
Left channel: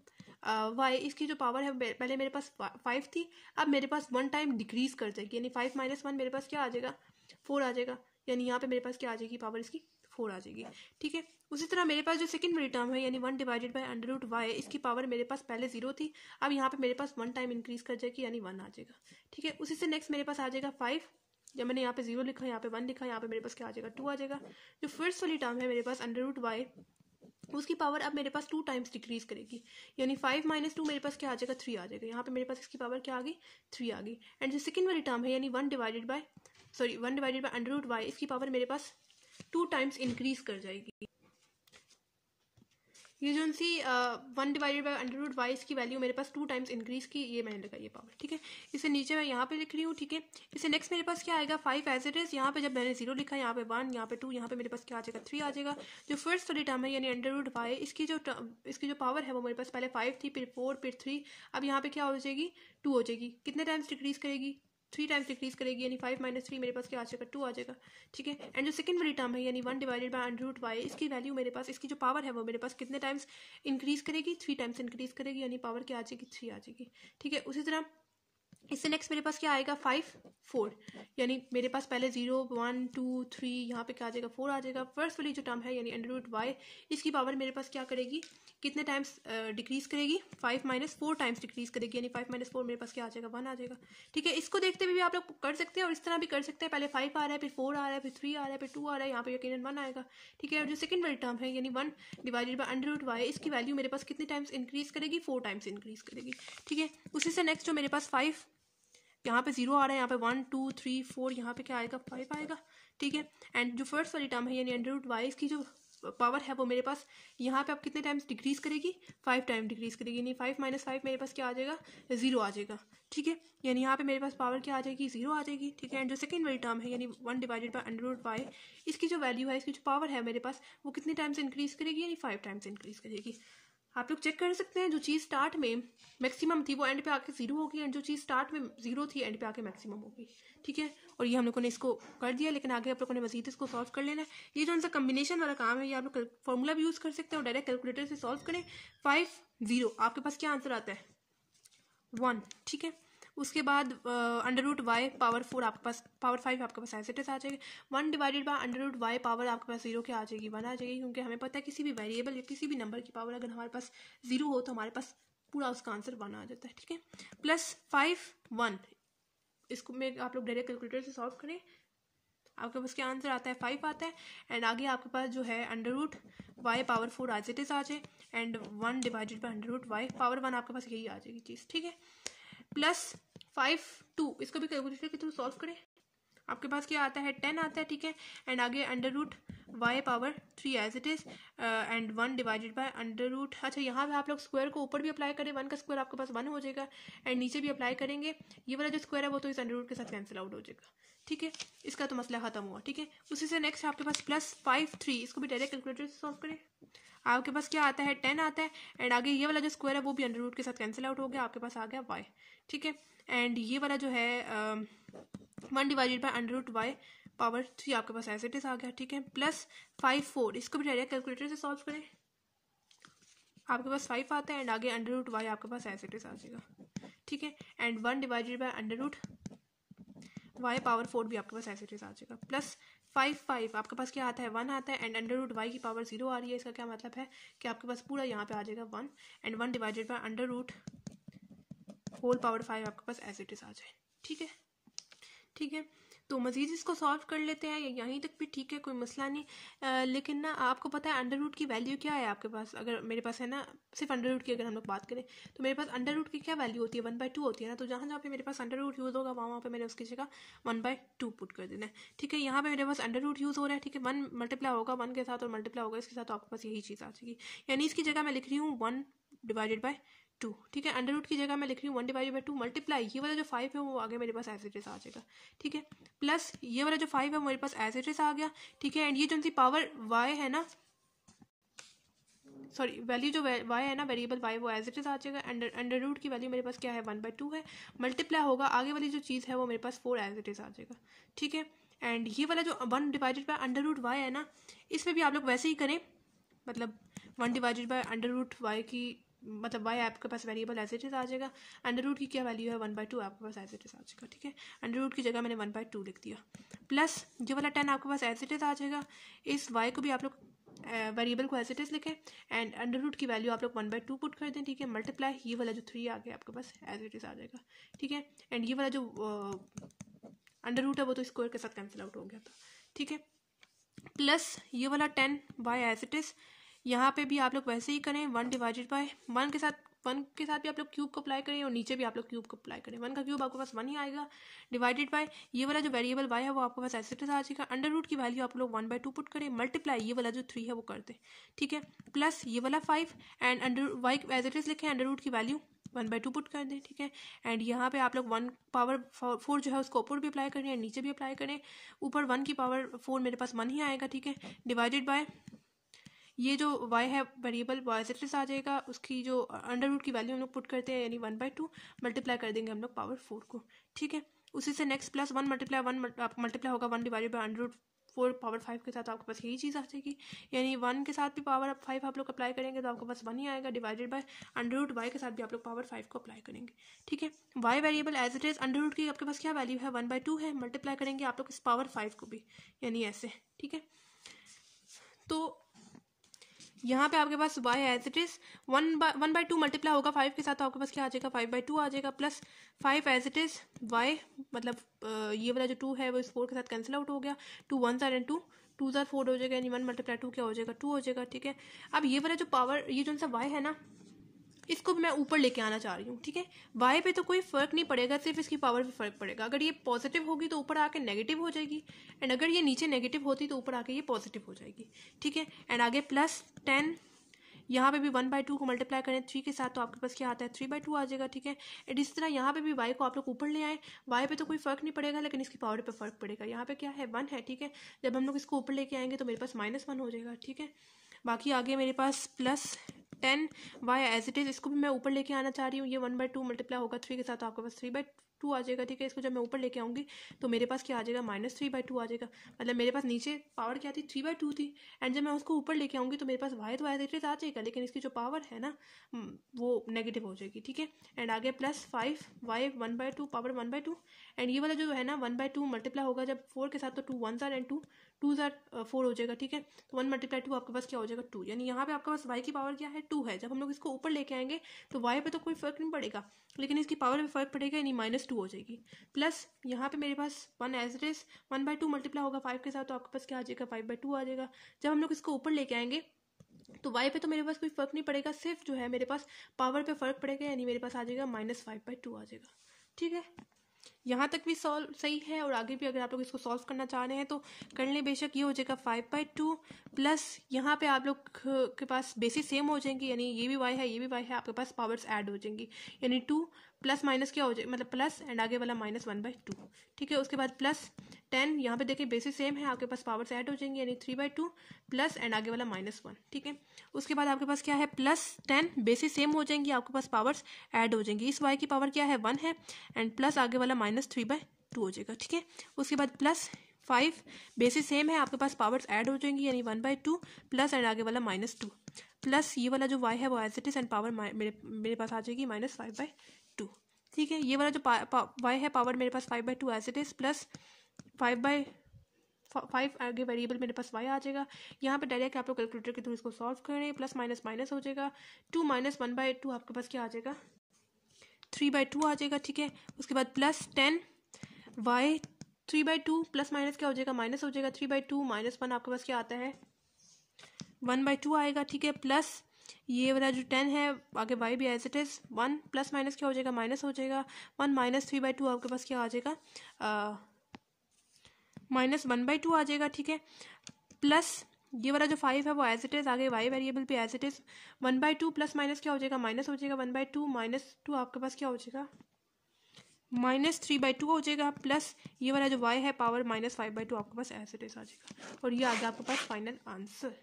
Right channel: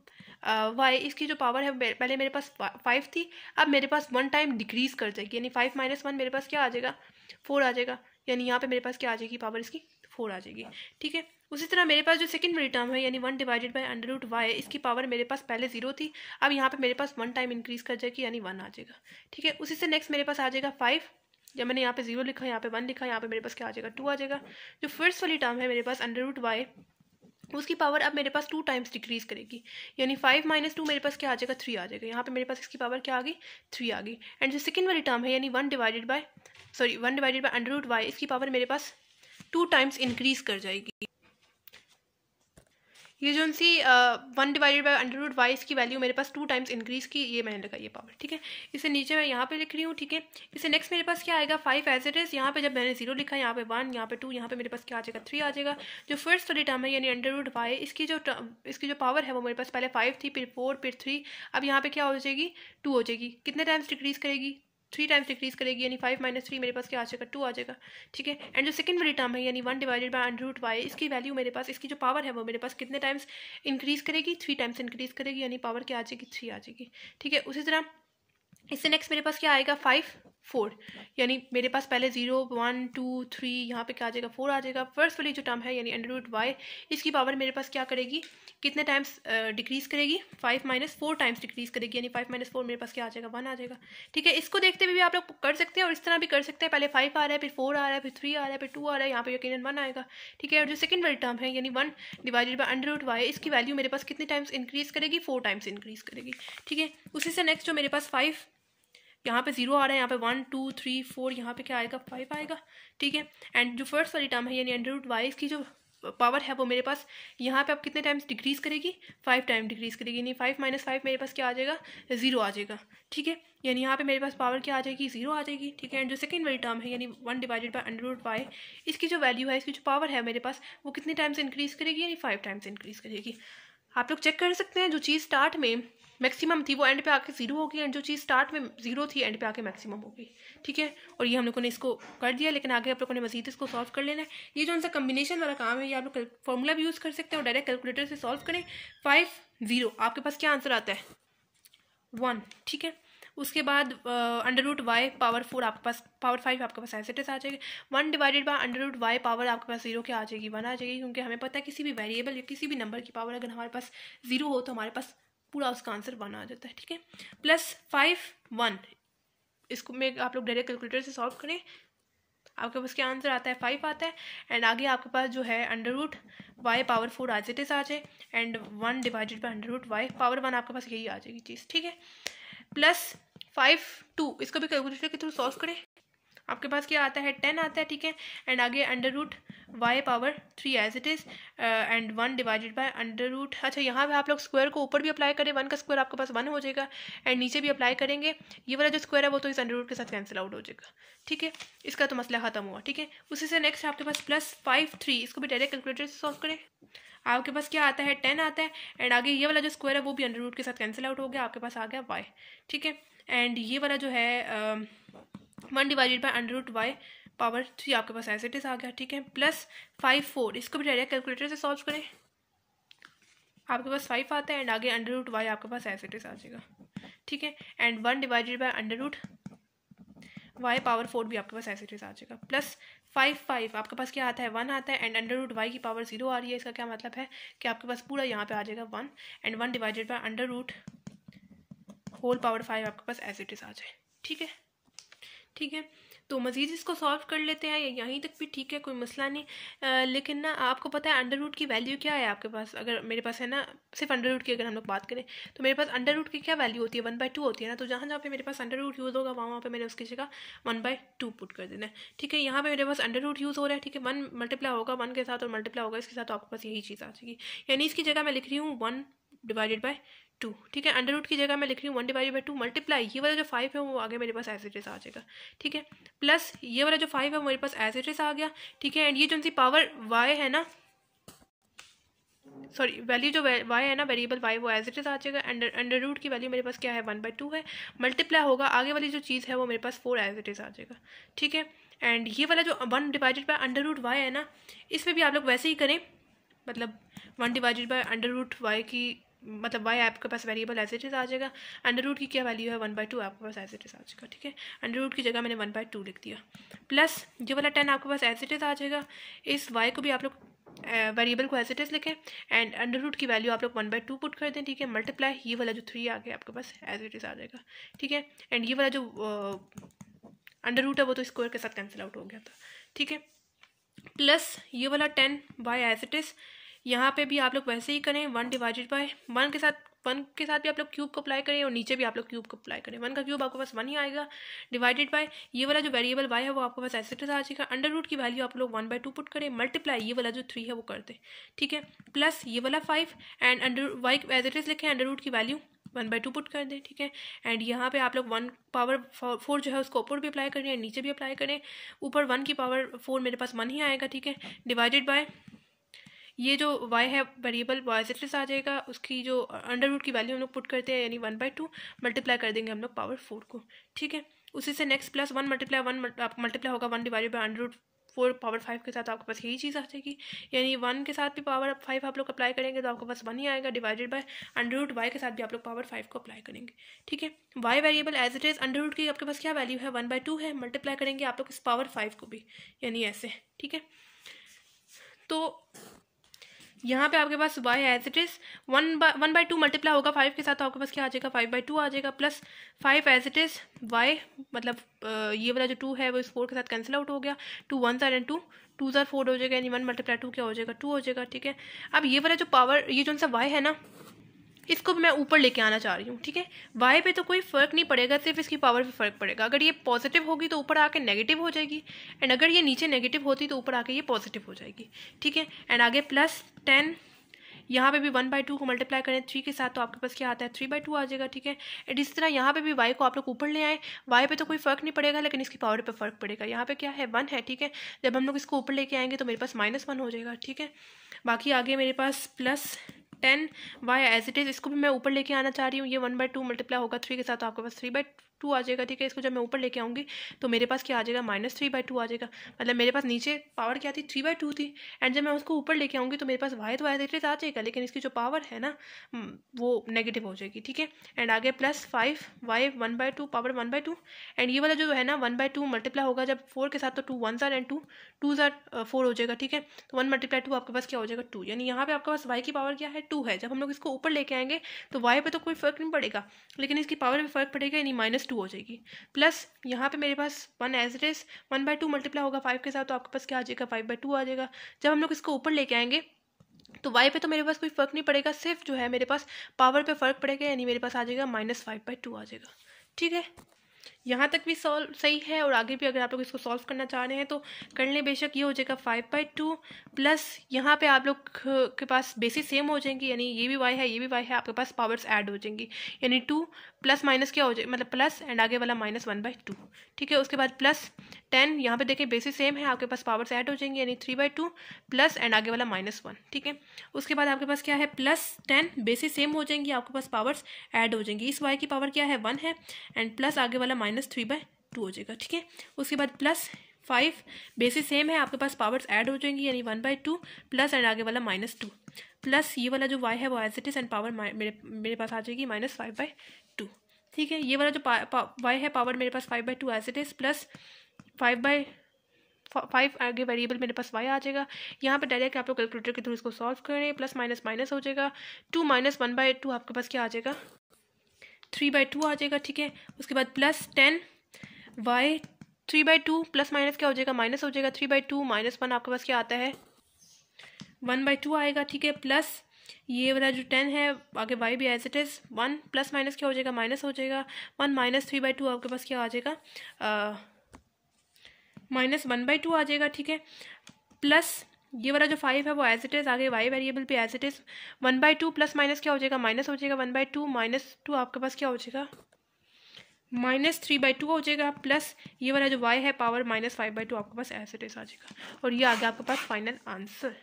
वाई, इसकी जो पावर है पहले मेरे पास 5 थी, अब मेरे पास 1 टाइम डिक्रीज कर जाएगी यानी 5 - 1 मेरे पास क्या आ जाएगा 4 आ जाएगा। यानी यहाँ पे मेरे पास क्या आ जाएगी पावर इसकी 4 आ जाएगी, ठीक है। उसी तरह मेरे पास जो सेकंड वाली टर्म है यानी 1 divided by under root Y, इसकी पावर मेरे पास पहले 0 थी, अब यहाँ पे मेरे पास 1 टाइम इंक्रीज कर जाएगी यानी 1 आ जाएगा, ठीक है। उसी से नेक्स्ट मेरे पास आ जाएगा 5, जब मैंने यहाँ पे 0 लिखा यहाँ पे 1 लिखा, यहाँ पे मेरे पास क्या आ जाएगा 2 आ जाएगा। जो फर्स्ट वाली टर्म है मेरे पास अंडर रूट वाई, उसकी पावर अब मेरे पास 2 टाइम्स डिक्रीज करेगी यानी 5 - 2 मेरे पास क्या आ जाएगा 3 आ जाएगा। यहाँ पे मेरे पास इसकी पावर क्या आ गई 3 आ गई। एंड जो सेकंड वाली टर्म है यानी 1 divided by under root Y, इसकी पावर मेरे पास 2 टाइम्स इंक्रीज कर जाएगी। ये जो C 1 divided by under root Y इसकी वैल्यू मेरे पास 2 टाइम्स इंक्रीज की, ये मैंने लगाई ये पावर, ठीक है। इसे नीचे मैं यहाँ पे लिख रही हूँ, ठीक है। इसे नेक्स्ट मेरे पास क्या आएगा 5 एज इट इज। यहाँ पे जब मैंने 0 लिखा यहाँ पे 1, यहाँ पे 2, यहाँ पे मेरे पास क्या आ जाएगा 3 आ जाएगा। जो फर्स्ट वाली टर्म है यानी अंडर रूट वाई, इसकी जो पावर है वो मेरे पास पहले 5 थी, फिर 4, फिर 3, अब यहाँ पे क्या हो जाएगी 2 हो जाएगी। कितने टाइम्स डिक्रीज करेगी 3 टाइम्स डिक्रीज करेगी यानी 5 - 3 मेरे पास क्या आ जाएगा 2 आ जाएगा, ठीक है। एंड जो सेकंड वाली टर्म है यानी 1 divided by under root Y, इसकी वैल्यू मेरे पास इसकी जो पावर है वो मेरे पास कितने टाइम्स इंक्रीज करेगी 3 टाइम्स इंक्रीज करेगी यानी पावर क्या आ जाएगी 3 आ जाएगी, ठीक है। उसी तरह इससे नेक्स्ट मेरे पास क्या आएगा 5 4 यानी मेरे पास पहले 0 1 2 3 यहाँ पे क्या आ जाएगा 4 आ जाएगा। फर्स्ट वाली जो टर्म है यानी अंडर रूट वाई, इसकी पावर मेरे पास क्या करेगी कितने टाइम्स डिक्रीज करेगी 5 - 4 टाइम्स डिक्रीज करेगी यानी 5 - 4 मेरे पास क्या आ जाएगा 1 आ जाएगा, ठीक है। इसको देखते हुए भी आप लोग कर सकते हैं और इस तरह भी कर सकते हैं, पहले 5 आ रहा है फिर 4 आ रहा है फिर 3 आ रहा है फिर 2 आ रहा है, यहाँ पे यकीनन 1 आएगा, ठीक है। और जो सेकंड वाली टर्म है यानी 1 divided by under root Y, इसकी वैल्यू मेरे पास कितने टाइम्स इंक्रीज करेगी 4 टाइम्स इंक्रीज करेगी, ठीक है। उसी से नेक्स्ट जो मेरे पास 5 यहाँ पे 0 आ रहा है, यहाँ पे 1 2 3 4 यहाँ पे क्या आएगा 5 आएगा, ठीक है। एंड जो फर्स्ट वाली टर्म है यानी अंडर रूट वाई, इसकी जो पावर है वो मेरे पास यहाँ पे अब कितने टाइम्स डिक्रीज करेगी, 5 टाइम डिक्रीज करेगी, यानी 5 - 5 मेरे पास क्या आ जाएगा, 0 आ जाएगा, ठीक है। यानी यहाँ पे मेरे पास पावर क्या आ जाएगी, 0 आ जाएगी, ठीक है। एंड जो सेकंड वाली टर्म है यानी 1 डिवाइडेड बाय √y, इसकी जो वैल्यू है, इसकी जो पावर है मेरे पास, वो कितने टाइम्स इंक्रीज करेगी, यानी 5 टाइम्स इंक्रीज करेगी। आप लोग चेक कर सकते हैं, जो चीज़ स्टार्ट में मैक्सिमम थी वो एंड पे आके 0 होगी, एंड जो चीज़ स्टार्ट में 0 थी एंड पे आके मैक्सिमम होगी, ठीक है। और ये हम लोगों ने इसको कर दिया, लेकिन आगे आप लोगों ने मजीद इसको सॉल्व कर लेना है। ये जो उनका कम्बिनेशन वाला काम है, ये आप लोग फॉर्मूला भी यूज़ कर सकते हैं और डायरेक्ट कैलकुलेटर से सॉल्व करें। 5 0 आपके पास क्या आंसर आता है, 1, ठीक है। उसके बाद √y पावर 4 आपके पास, पावर 5 आपके पास ऐसे आ जाएगी। 1 डिवाइडेड बाय √y पावर आपके पास 0 क्या आ जाएगी, 1 आ जाएगी, क्योंकि हमें पता है किसी भी वेरिएबल या किसी भी नंबर की पावर अगर हमारे पास 0 हो तो हमारे पास पूरा उसका आंसर 1 आ जाता है, ठीक है। प्लस 5 1, इसको में आप लोग डायरेक्ट कैलकुलेटर से सॉल्व करें, आपके पास क्या आंसर आता है, 5 आता है। एंड आगे आपके पास जो है √y power 4 as it is आ जाए, and 1 divided by √y power 1 आपके पास यही आ जाएगी चीज़, ठीक है। प्लस 5 2, इसको भी कैलकुलेटर के थ्रू सॉल्व करें, आपके पास क्या आता है, 10 आता है, ठीक है। एंड आगे √y power 3 as it is, and 1 divided by अच्छा यहाँ पे आप लोग स्क्वायर को ऊपर भी अप्लाई करें, 1 का स्क्वायर आपके पास 1 हो जाएगा, एंड नीचे भी अप्लाई करेंगे, ये वाला जो स्क्वायर है वो तो इस √ के साथ कैंसिल आउट हो जाएगा, ठीक है। इसका तो मसला खत्म हुआ, ठीक है। उसी से नेक्स्ट आपके पास प्लस 5 3, इसको भी डायरेक्ट कैलकुलेटर से सॉल्व करें, आपके पास क्या आता है, 10 आता है, एंड आगे ये वाला जो स्क्वायर है वो भी √ के साथ कैंसिल आउट हो गया, आपके पास आ गया y, ठीक है। एंड ये वाला जो है 1 डिवाइडेड बाय √y पावर 3 आपके पास एज इट इज आ गया, ठीक है। प्लस 5 4, इसको भी डायरेक्ट कैलकुलेटर से सॉल्व करें, आपके पास 5 आता है, एंड आगे √y आपके पास एज इट इज आ जाएगा, ठीक है। And 1 divided by √y power 4 भी आपके पास एज इट इज आ जाएगा। प्लस 5 5, आपके पास क्या आता है, 1 आता है, एंड √y की पावर 0 आ रही है, इसका क्या मतलब है कि आपके पास पूरा यहाँ पे आ जाएगा 1, and 1 divided by whole power 5 आपके पास एज इट इज आ जाए, ठीक है, ठीक है। तो मज़ीद इसको सॉल्व कर लेते हैं, यहीं तक भी ठीक है, कोई मसला नहीं। लेकिन ना आपको पता है √ की वैल्यू क्या है आपके पास, अगर मेरे पास है ना सिर्फ √ की अगर हम लोग बात करें तो मेरे पास √ की क्या वैल्यू होती है, 1/2 होती है ना। तो जहाँ जहाँ पे मेरे पास √ यूज़ होगा वहाँ पे मैंने उसकी जगह 1/2 पुट कर देना है, ठीक है। यहाँ पे मेरे पास √ यूज़ हो रहा है, ठीक है। 1 मल्टीप्लाई होगा 1 के साथ और मल्टीप्लाई होगा इसके साथ, तो आपके पास यही चीज़ आ जाएगी, यानी इसकी जगह मैं लिख रही हूँ 1 डिवाइडेड बाय 2, ठीक है। √ की जगह मैं लिख रही हूँ 1 डिवाइडेड बाय 2 मल्टीप्लाई ये वाला जो 5 है वो आगे मेरे पास एज इट इज आ जाएगा, ठीक है। प्लस ये वाला जो 5 है वो मेरे पास एज इट इज आ गया, ठीक है। एंड ये जो सी पावर y है ना, सॉरी वैल्यू जो y है ना, वेरिएबल y, वो एज इट इज आ जाएगा। एंड √ की वैल्यू मेरे पास क्या है, 1/2 है, मल्टीप्लाई होगा आगे वाली जो चीज़ है वो मेरे पास 4 एज इट इज आ जाएगा, ठीक है। एंड ये वाला जो 1 डिवाइडेड बाय √y है ना, इसमें भी आप लोग वैसे ही करें, मतलब 1 डिवाइडेड बाय √y की मतलब y आपके पास वेरिएबल एज इट इज आ जाएगा, √ की क्या वैल्यू है 1/2 आपके पास एज इट इज आ जाएगा, ठीक है। √ की जगह मैंने 1/2 लिख दिया, प्लस ये वाला 10 आपके पास एज इट इज आ जाएगा। इस y को भी आप लोग वेरिएबल को एज इट इज लिखें, एंड √ की वैल्यू आप लोग 1/2 पुट कर दें, ठीक है। मल्टीप्लाई ये वाला जो 3 आ गया आपके पास एज इट इज आ जाएगा, ठीक है। एंड ये वाला जो √ है वो तो स्क्वायर के साथ कैंसिल आउट हो गया था, ठीक है। प्लस ये वाला 10 y एज इट इज, यहाँ पे भी आप लोग वैसे ही करें, 1 डिवाइडेड बाय 1 के साथ भी आप लोग क्यूब को अप्लाई करें और नीचे भी आप लोग क्यूब को अप्लाई करें, 1 का क्यूब आपके पास 1 ही आएगा, डिवाइडेड बाय ये वाला जो वेरिएबल y है वो आपके पास एज इट इज आ जाएगा। √ की वैल्यू आप लोग 1/2 पुट करें, मल्टीप्लाई ये वाला जो 3 है वो कर दें, ठीक है। प्लस ये वाला 5 and y as it is लिखें, √ की वैल्यू 1/2 पुट कर दें, ठीक है। एंड यहाँ पे आप लोग 1 पावर 4 जो है उसको ऊपर भी अप्लाई करें, नीचे भी अप्लाई करें, ऊपर 1 की पावर 4 मेरे पास 1 ही आएगा, ठीक है। डिवाइडेड बाय ये जो y है variable y as it is आ जाएगा, उसकी जो √ की वैल्यू हम लोग पुट करते हैं यानी 1/2 मल्टीप्लाई कर देंगे हम लोग पावर 4 को, ठीक है। उसी से नेक्स्ट प्लस 1 मल्टीप्लाई होगा 1 डिवाइडेड बाय √4 पावर 5 के साथ, आपके पास यही चीज़ आ जाएगी, यानी 1 के साथ भी पावर 5 आप लोग अप्लाई करेंगे तो आपके पास 1 ही आएगा, डिवाइडेड बाय √y के साथ भी आप लोग पावर 5 को अप्लाई करेंगे, ठीक है। y variable as it is, √ की आपके पास क्या वैल्यू है 1/2 है, मल्टीप्लाई करेंगे आप लोग इस पावर 5 को भी, यानी ऐसे, ठीक है। तो यहाँ पे आपके पास y as it is 1/2 multiply होगा 5 के साथ, तो आपके पास क्या आ जाएगा 5/2 आ जाएगा, plus 5 as it is y मतलब ये वाला जो 2 है वो इस 4 के साथ कैंसिल आउट हो गया, 2 1 एंड 2 2 4 हो जाएगा, यानी 1 × 2 क्या हो जाएगा 2 हो जाएगा, ठीक है। अब ये वाला जो पावर ये जो सा y है ना, इसको भी मैं ऊपर लेके आना चाह रही हूँ, ठीक है। y पे तो कोई फ़र्क नहीं पड़ेगा, सिर्फ इसकी पावर पे फ़र्क पड़ेगा। अगर ये पॉजिटिव होगी तो ऊपर आके नेगेटिव हो जाएगी, एंड अगर ये नीचे नेगेटिव होती तो ऊपर आके ये पॉजिटिव हो जाएगी, ठीक है। एंड आगे प्लस 10, यहाँ पे भी 1/2 को मल्टीप्लाई करें 3 के साथ तो आपके पास क्या आता है 3/2 आ जाएगा, ठीक है। एंड इसी तरह यहाँ पे भी y को आप लोग ऊपर ले आए, y पे तो कोई फ़र्क नहीं पड़ेगा लेकिन इसकी पावर पे फ़र्क पड़ेगा। यहाँ पे क्या है 1 है, ठीक है। जब हम लोग इसको ऊपर लेके आएंगे तो मेरे पास -1 हो जाएगा, ठीक है। बाकी आगे मेरे पास plus 10 y as it is, इसको भी मैं ऊपर लेके आना चाह रही हूँ। ये 1/2 मल्टीप्लाई होगा 3 के साथ तो आपके पास 3/2 आ जाएगा, ठीक है। इसको जब मैं ऊपर लेके आऊँगी तो मेरे पास क्या आ जाएगा -3/2 आ जाएगा। मतलब मेरे पास नीचे पावर क्या थी 3/2 थी, एंड जब मैं उसको ऊपर लेके आऊँगी तो मेरे पास y तो एज इट इज़ आ जाएगा, लेकिन इसकी जो पावर है ना वो नेगेटिव हो जाएगी, ठीक है। एंड आगे प्लस 5 y 1/2 पावर 1/2, एंड ये वाला जो है ना 1/2 मल्टीप्लाई होगा जब 4 के साथ तो 2 1 ज़ार एंड 2 2 ज़ार 4 हो जाएगा, ठीक है। तो 1 × 2 आपके पास क्या हो जाएगा 2, यानी यहाँ पे आपके पास y की पावर क्या है 2 है। जब हम लोग इसको ऊपर लेके आएंगे तो y पे तो कोई फ़र्क नहीं पड़ेगा, लेकिन इसकी पावर पे फ़र्क पड़ेगा, यानी -2 हो जाएगी। प्लस यहाँ पे मेरे पास 1 एज इट इज़ 1/2 मल्टीप्लाई होगा 5 के साथ तो आपके पास क्या आ जाएगा 5/2 आ जाएगा। जब हम लोग इसको ऊपर लेके आएंगे तो y पे तो मेरे पास कोई फ़र्क नहीं पड़ेगा, सिर्फ जो है मेरे पास पावर पे फ़र्क पड़ेगा, यानी मेरे पास आ जाएगा -5/2 आ जाएगा, ठीक है। यहाँ तक भी सॉल्व सही है, और आगे भी अगर आप लोग इसको सॉल्व करना चाह रहे हैं तो कर लें बेशक। ये हो जाएगा 5/2 प्लस यहाँ पे आप लोग के पास बेसिस सेम हो जाएंगी, यानी ये भी y है ये भी y है, आपके पास पावर्स ऐड हो जाएंगी, यानी 2 प्लस माइनस क्या हो जाएगा, मतलब प्लस एंड आगे वाला -1/2, ठीक है। उसके बाद प्लस 10, यहाँ पे देखें बेसिस सेम है, आपके पास पावर्स ऐड हो जाएंगी, यानी 3/2 प्लस एंड आगे वाला -1, ठीक है। उसके बाद आपके पास क्या है प्लस 10, बेसिस सेम हो जाएंगी, आपके पास पावर्स ऐड हो जाएंगी। इस y की पावर क्या है 1 है, एंड प्लस आगे वाला -3/2 हो जाएगा, ठीक है। उसके बाद प्लस 5, बेसिस सेम है, आपके पास पावर्स ऐड हो जाएंगी, यानी 1/2 प्लस एंड आगे वाला -2 प्लस ये वाला जो y है वो as it is and power मेरे पास आ जाएगी -5/2, ठीक है। ये वाला जो y है पावर मेरे पास 5/2 एज इट इज प्लस 5 आगे वेरिएबल मेरे पास y आ जाएगा। यहाँ पे डायरेक्ट आप लोग कैलकुलेटर के थ्रू इसको सॉल्व करें, प्लस माइनस माइनस हो जाएगा, 2 - 1/2 आपके पास क्या आ जाएगा 3/2 आ जाएगा, ठीक है। उसके बाद प्लस 10 y 3/2 प्लस माइनस क्या हो जाएगा माइनस हो जाएगा 3/2 -1 आपके पास क्या आता है 1/2 आएगा, ठीक है। प्लस ये वाला जो 10 है आगे y भी as it is 1 plus minus क्या हो जाएगा माइनस हो जाएगा 1 - 3/2 आपके पास क्या आ जाएगा -1/2 आ जाएगा, ठीक है। प्लस ये वाला जो 5 है वो एज इट इज आगे y वेरिएबल पे as it is 1/2 plus minus क्या हो जाएगा माइनस हो जाएगा 1/2 -2 आपके पास क्या हो जाएगा -3/2 हो जाएगा, प्लस ये वाला जो y है पावर -5/2 आपके पास एज इट इज आ जाएगा, और ये आ गया आपके पास फाइनल आंसर।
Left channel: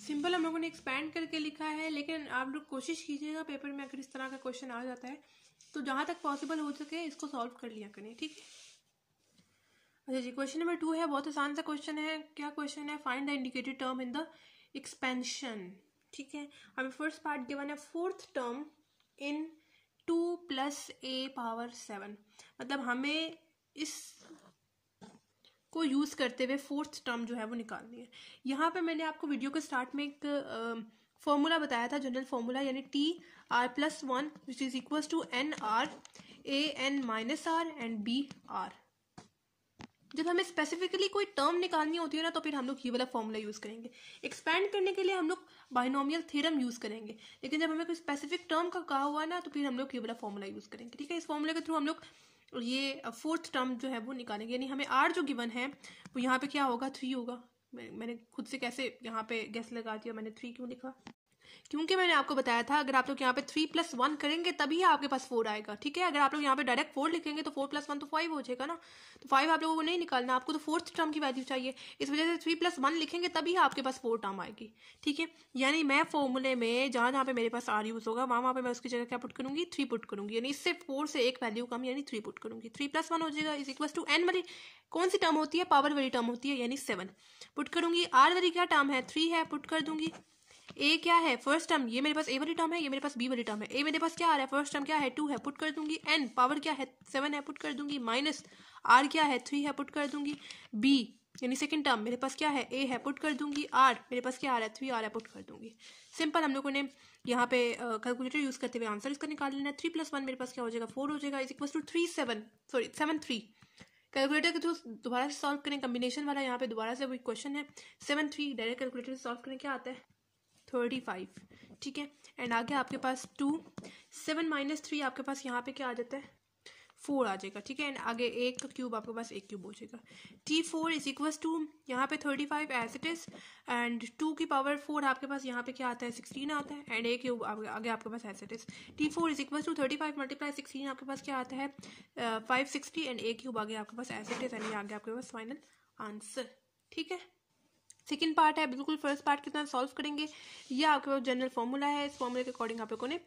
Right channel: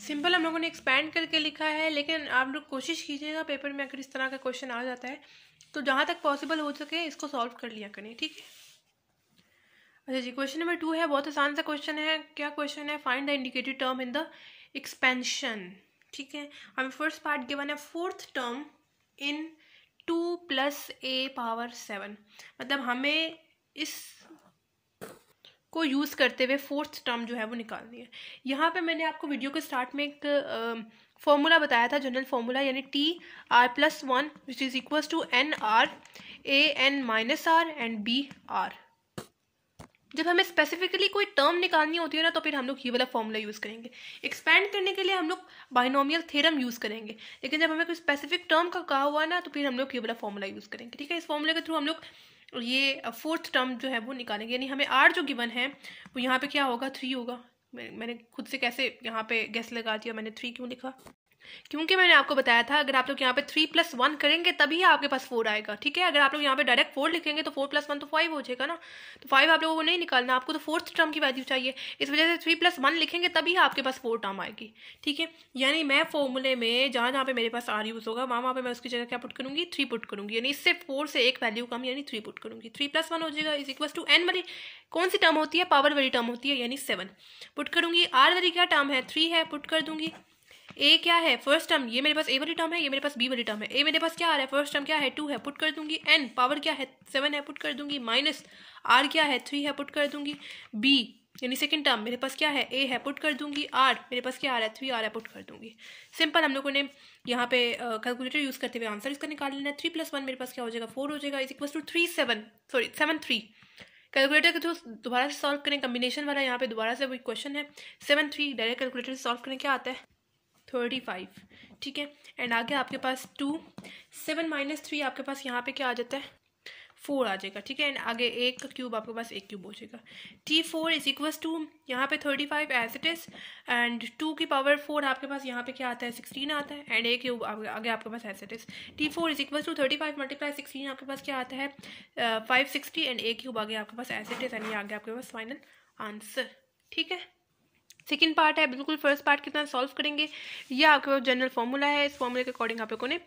सिंपल हम लोगों ने एक्सपैंड करके लिखा है, लेकिन आप लोग कोशिश कीजिएगा पेपर में अगर इस तरह का क्वेश्चन आ जाता है तो जहाँ तक पॉसिबल हो सके इसको सॉल्व कर लिया करें, ठीक है। अच्छा जी, क्वेश्चन नंबर 2 है, बहुत आसान सा क्वेश्चन है। क्या क्वेश्चन है, find the indicated term in the expansion, ठीक है। हमें फर्स्ट पार्ट गिवन है फोर्थ टर्म इन 2 + a⁻7, मतलब हमें इस को यूज़ करते हुए फोर्थ टर्म जो है वो निकालनी है। यहाँ पे मैंने आपको वीडियो के स्टार्ट में एक फॉर्मूला बताया था, जनरल फॉर्मूला, यानी TR+1 which is equal to NR AN-R and BR। जब हमें स्पेसिफिकली कोई टर्म निकालनी होती है ना तो फिर हम लोग ये वाला फॉर्मूला यूज़ करेंगे। एक्सपैंड करने के लिए हम लोग बाइनोमियल थ्योरम यूज़ करेंगे, लेकिन जब हमें कोई स्पेसिफिक टर्म का कहा हुआ ना तो फिर हम लोग ये वाला फॉर्मूला यूज़ करेंगे, ठीक है। इस फॉर्मूले के थ्रू हम लोग ये फोर्थ टर्म जो है वो निकालेंगे, यानी हमें R जो गिवन है वो यहाँ पे क्या होगा 3 होगा। मैंने खुद से कैसे यहाँ पे गेस लगा दिया, मैंने 3 क्यों लिखा, क्योंकि मैंने आपको बताया था अगर आप लोग यहाँ पे 3 + 1 करेंगे तभी आपके पास 4 आएगा, ठीक है। अगर आप लोग यहाँ पे डायरेक्ट 4 लिखेंगे तो 4 + 1 तो 5 हो जाएगा ना, तो 5 आप लोगों को नहीं निकालना, आपको तो फोर्थ टर्म की वैल्यू चाहिए। इस वजह से 3 + 1 लिखेंगे तभी आपके पास 4 टर्म आएगी, ठीक है। यानी मैं फॉर्मूले में जहाँ पे मेरे पास R यूज़ होगा वहाँ पे मैं उसकी जगह क्या पुट करूँगी 3 पुट करूँगी, यानी इससे 4 से एक वैल्यू कम यानी 3 पुट करूँगी। 3 + 1 हो जाएगा इज इक्वल टू n वाली कौन सी टर्म होती है, पावर वाली टर्म होती है, यानी 7 पुट करूँगी। R वाली क्या टर्म है 3 है, पुट कर दूंगी। ए क्या है फर्स्ट टर्म, ये मेरे पास ए वाली टर्म है, ये मेरे पास बी वाली टर्म है। ए मेरे पास क्या आ रहा है फर्स्ट टर्म क्या है 2 है, पुट कर दूंगी। एन पावर क्या है 7 है, पुट कर दूंगी। माइनस आर क्या है 3 है, पुट कर दूंगी। बी यानी सेकंड टर्म मेरे पास क्या है ए है, पुट कर दूंगी। आर मेरे पास क्या आ रहा है 3 आ रहा है, पुट कर दूंगी। सिंपल हम लोगों ने यहाँ पे कैलकुलेटर यूज करते हुए आंसर इसका निकाल लेना है। 3 + 1 मेरे पास क्या हो जाएगा 4 हो जाएगा इज इक्वल टू 7 3। कैलकुलेटर के थ्रू दोबारा से सॉल्व करें, कम्बिनेशन वाला यहाँ पे दोबारा से वही क्वेश्चन है। 7 3 डायरेक्ट कैलकुलेटर से सॉल्व करें क्या आता है 35, ठीक है। एंड आगे आपके पास 2, 7 माइनस 3 आपके पास यहाँ पे क्या आ जाता है 4 आ जाएगा, ठीक है। एंड आगे 1 का क्यूब आपके पास 1 क्यूब हो जाएगा। T4 इज इक्वल्स टू यहाँ पे 35 एज इट इज, एंड 2 की पावर 4 आपके पास यहाँ पे क्या आता है 16 आता है, एंड 1 क्यूब आगे आपके पास as it is. T4 is equals to 35 multiply 16 आपके पास क्या आता है 560, एंड 1 क्यूब आगे आपके पास एज इट इज, एंड ये आगे आपके पास फाइनल आंसर, ठीक है। सेकेंड पार्ट है बिल्कुल फर्स्ट पार्ट की तरह सॉल्व करेंगे। ये आपके पास जनरल फॉर्मूला है, इस फॉर्मूले के अकॉर्डिंग आप लोगों ने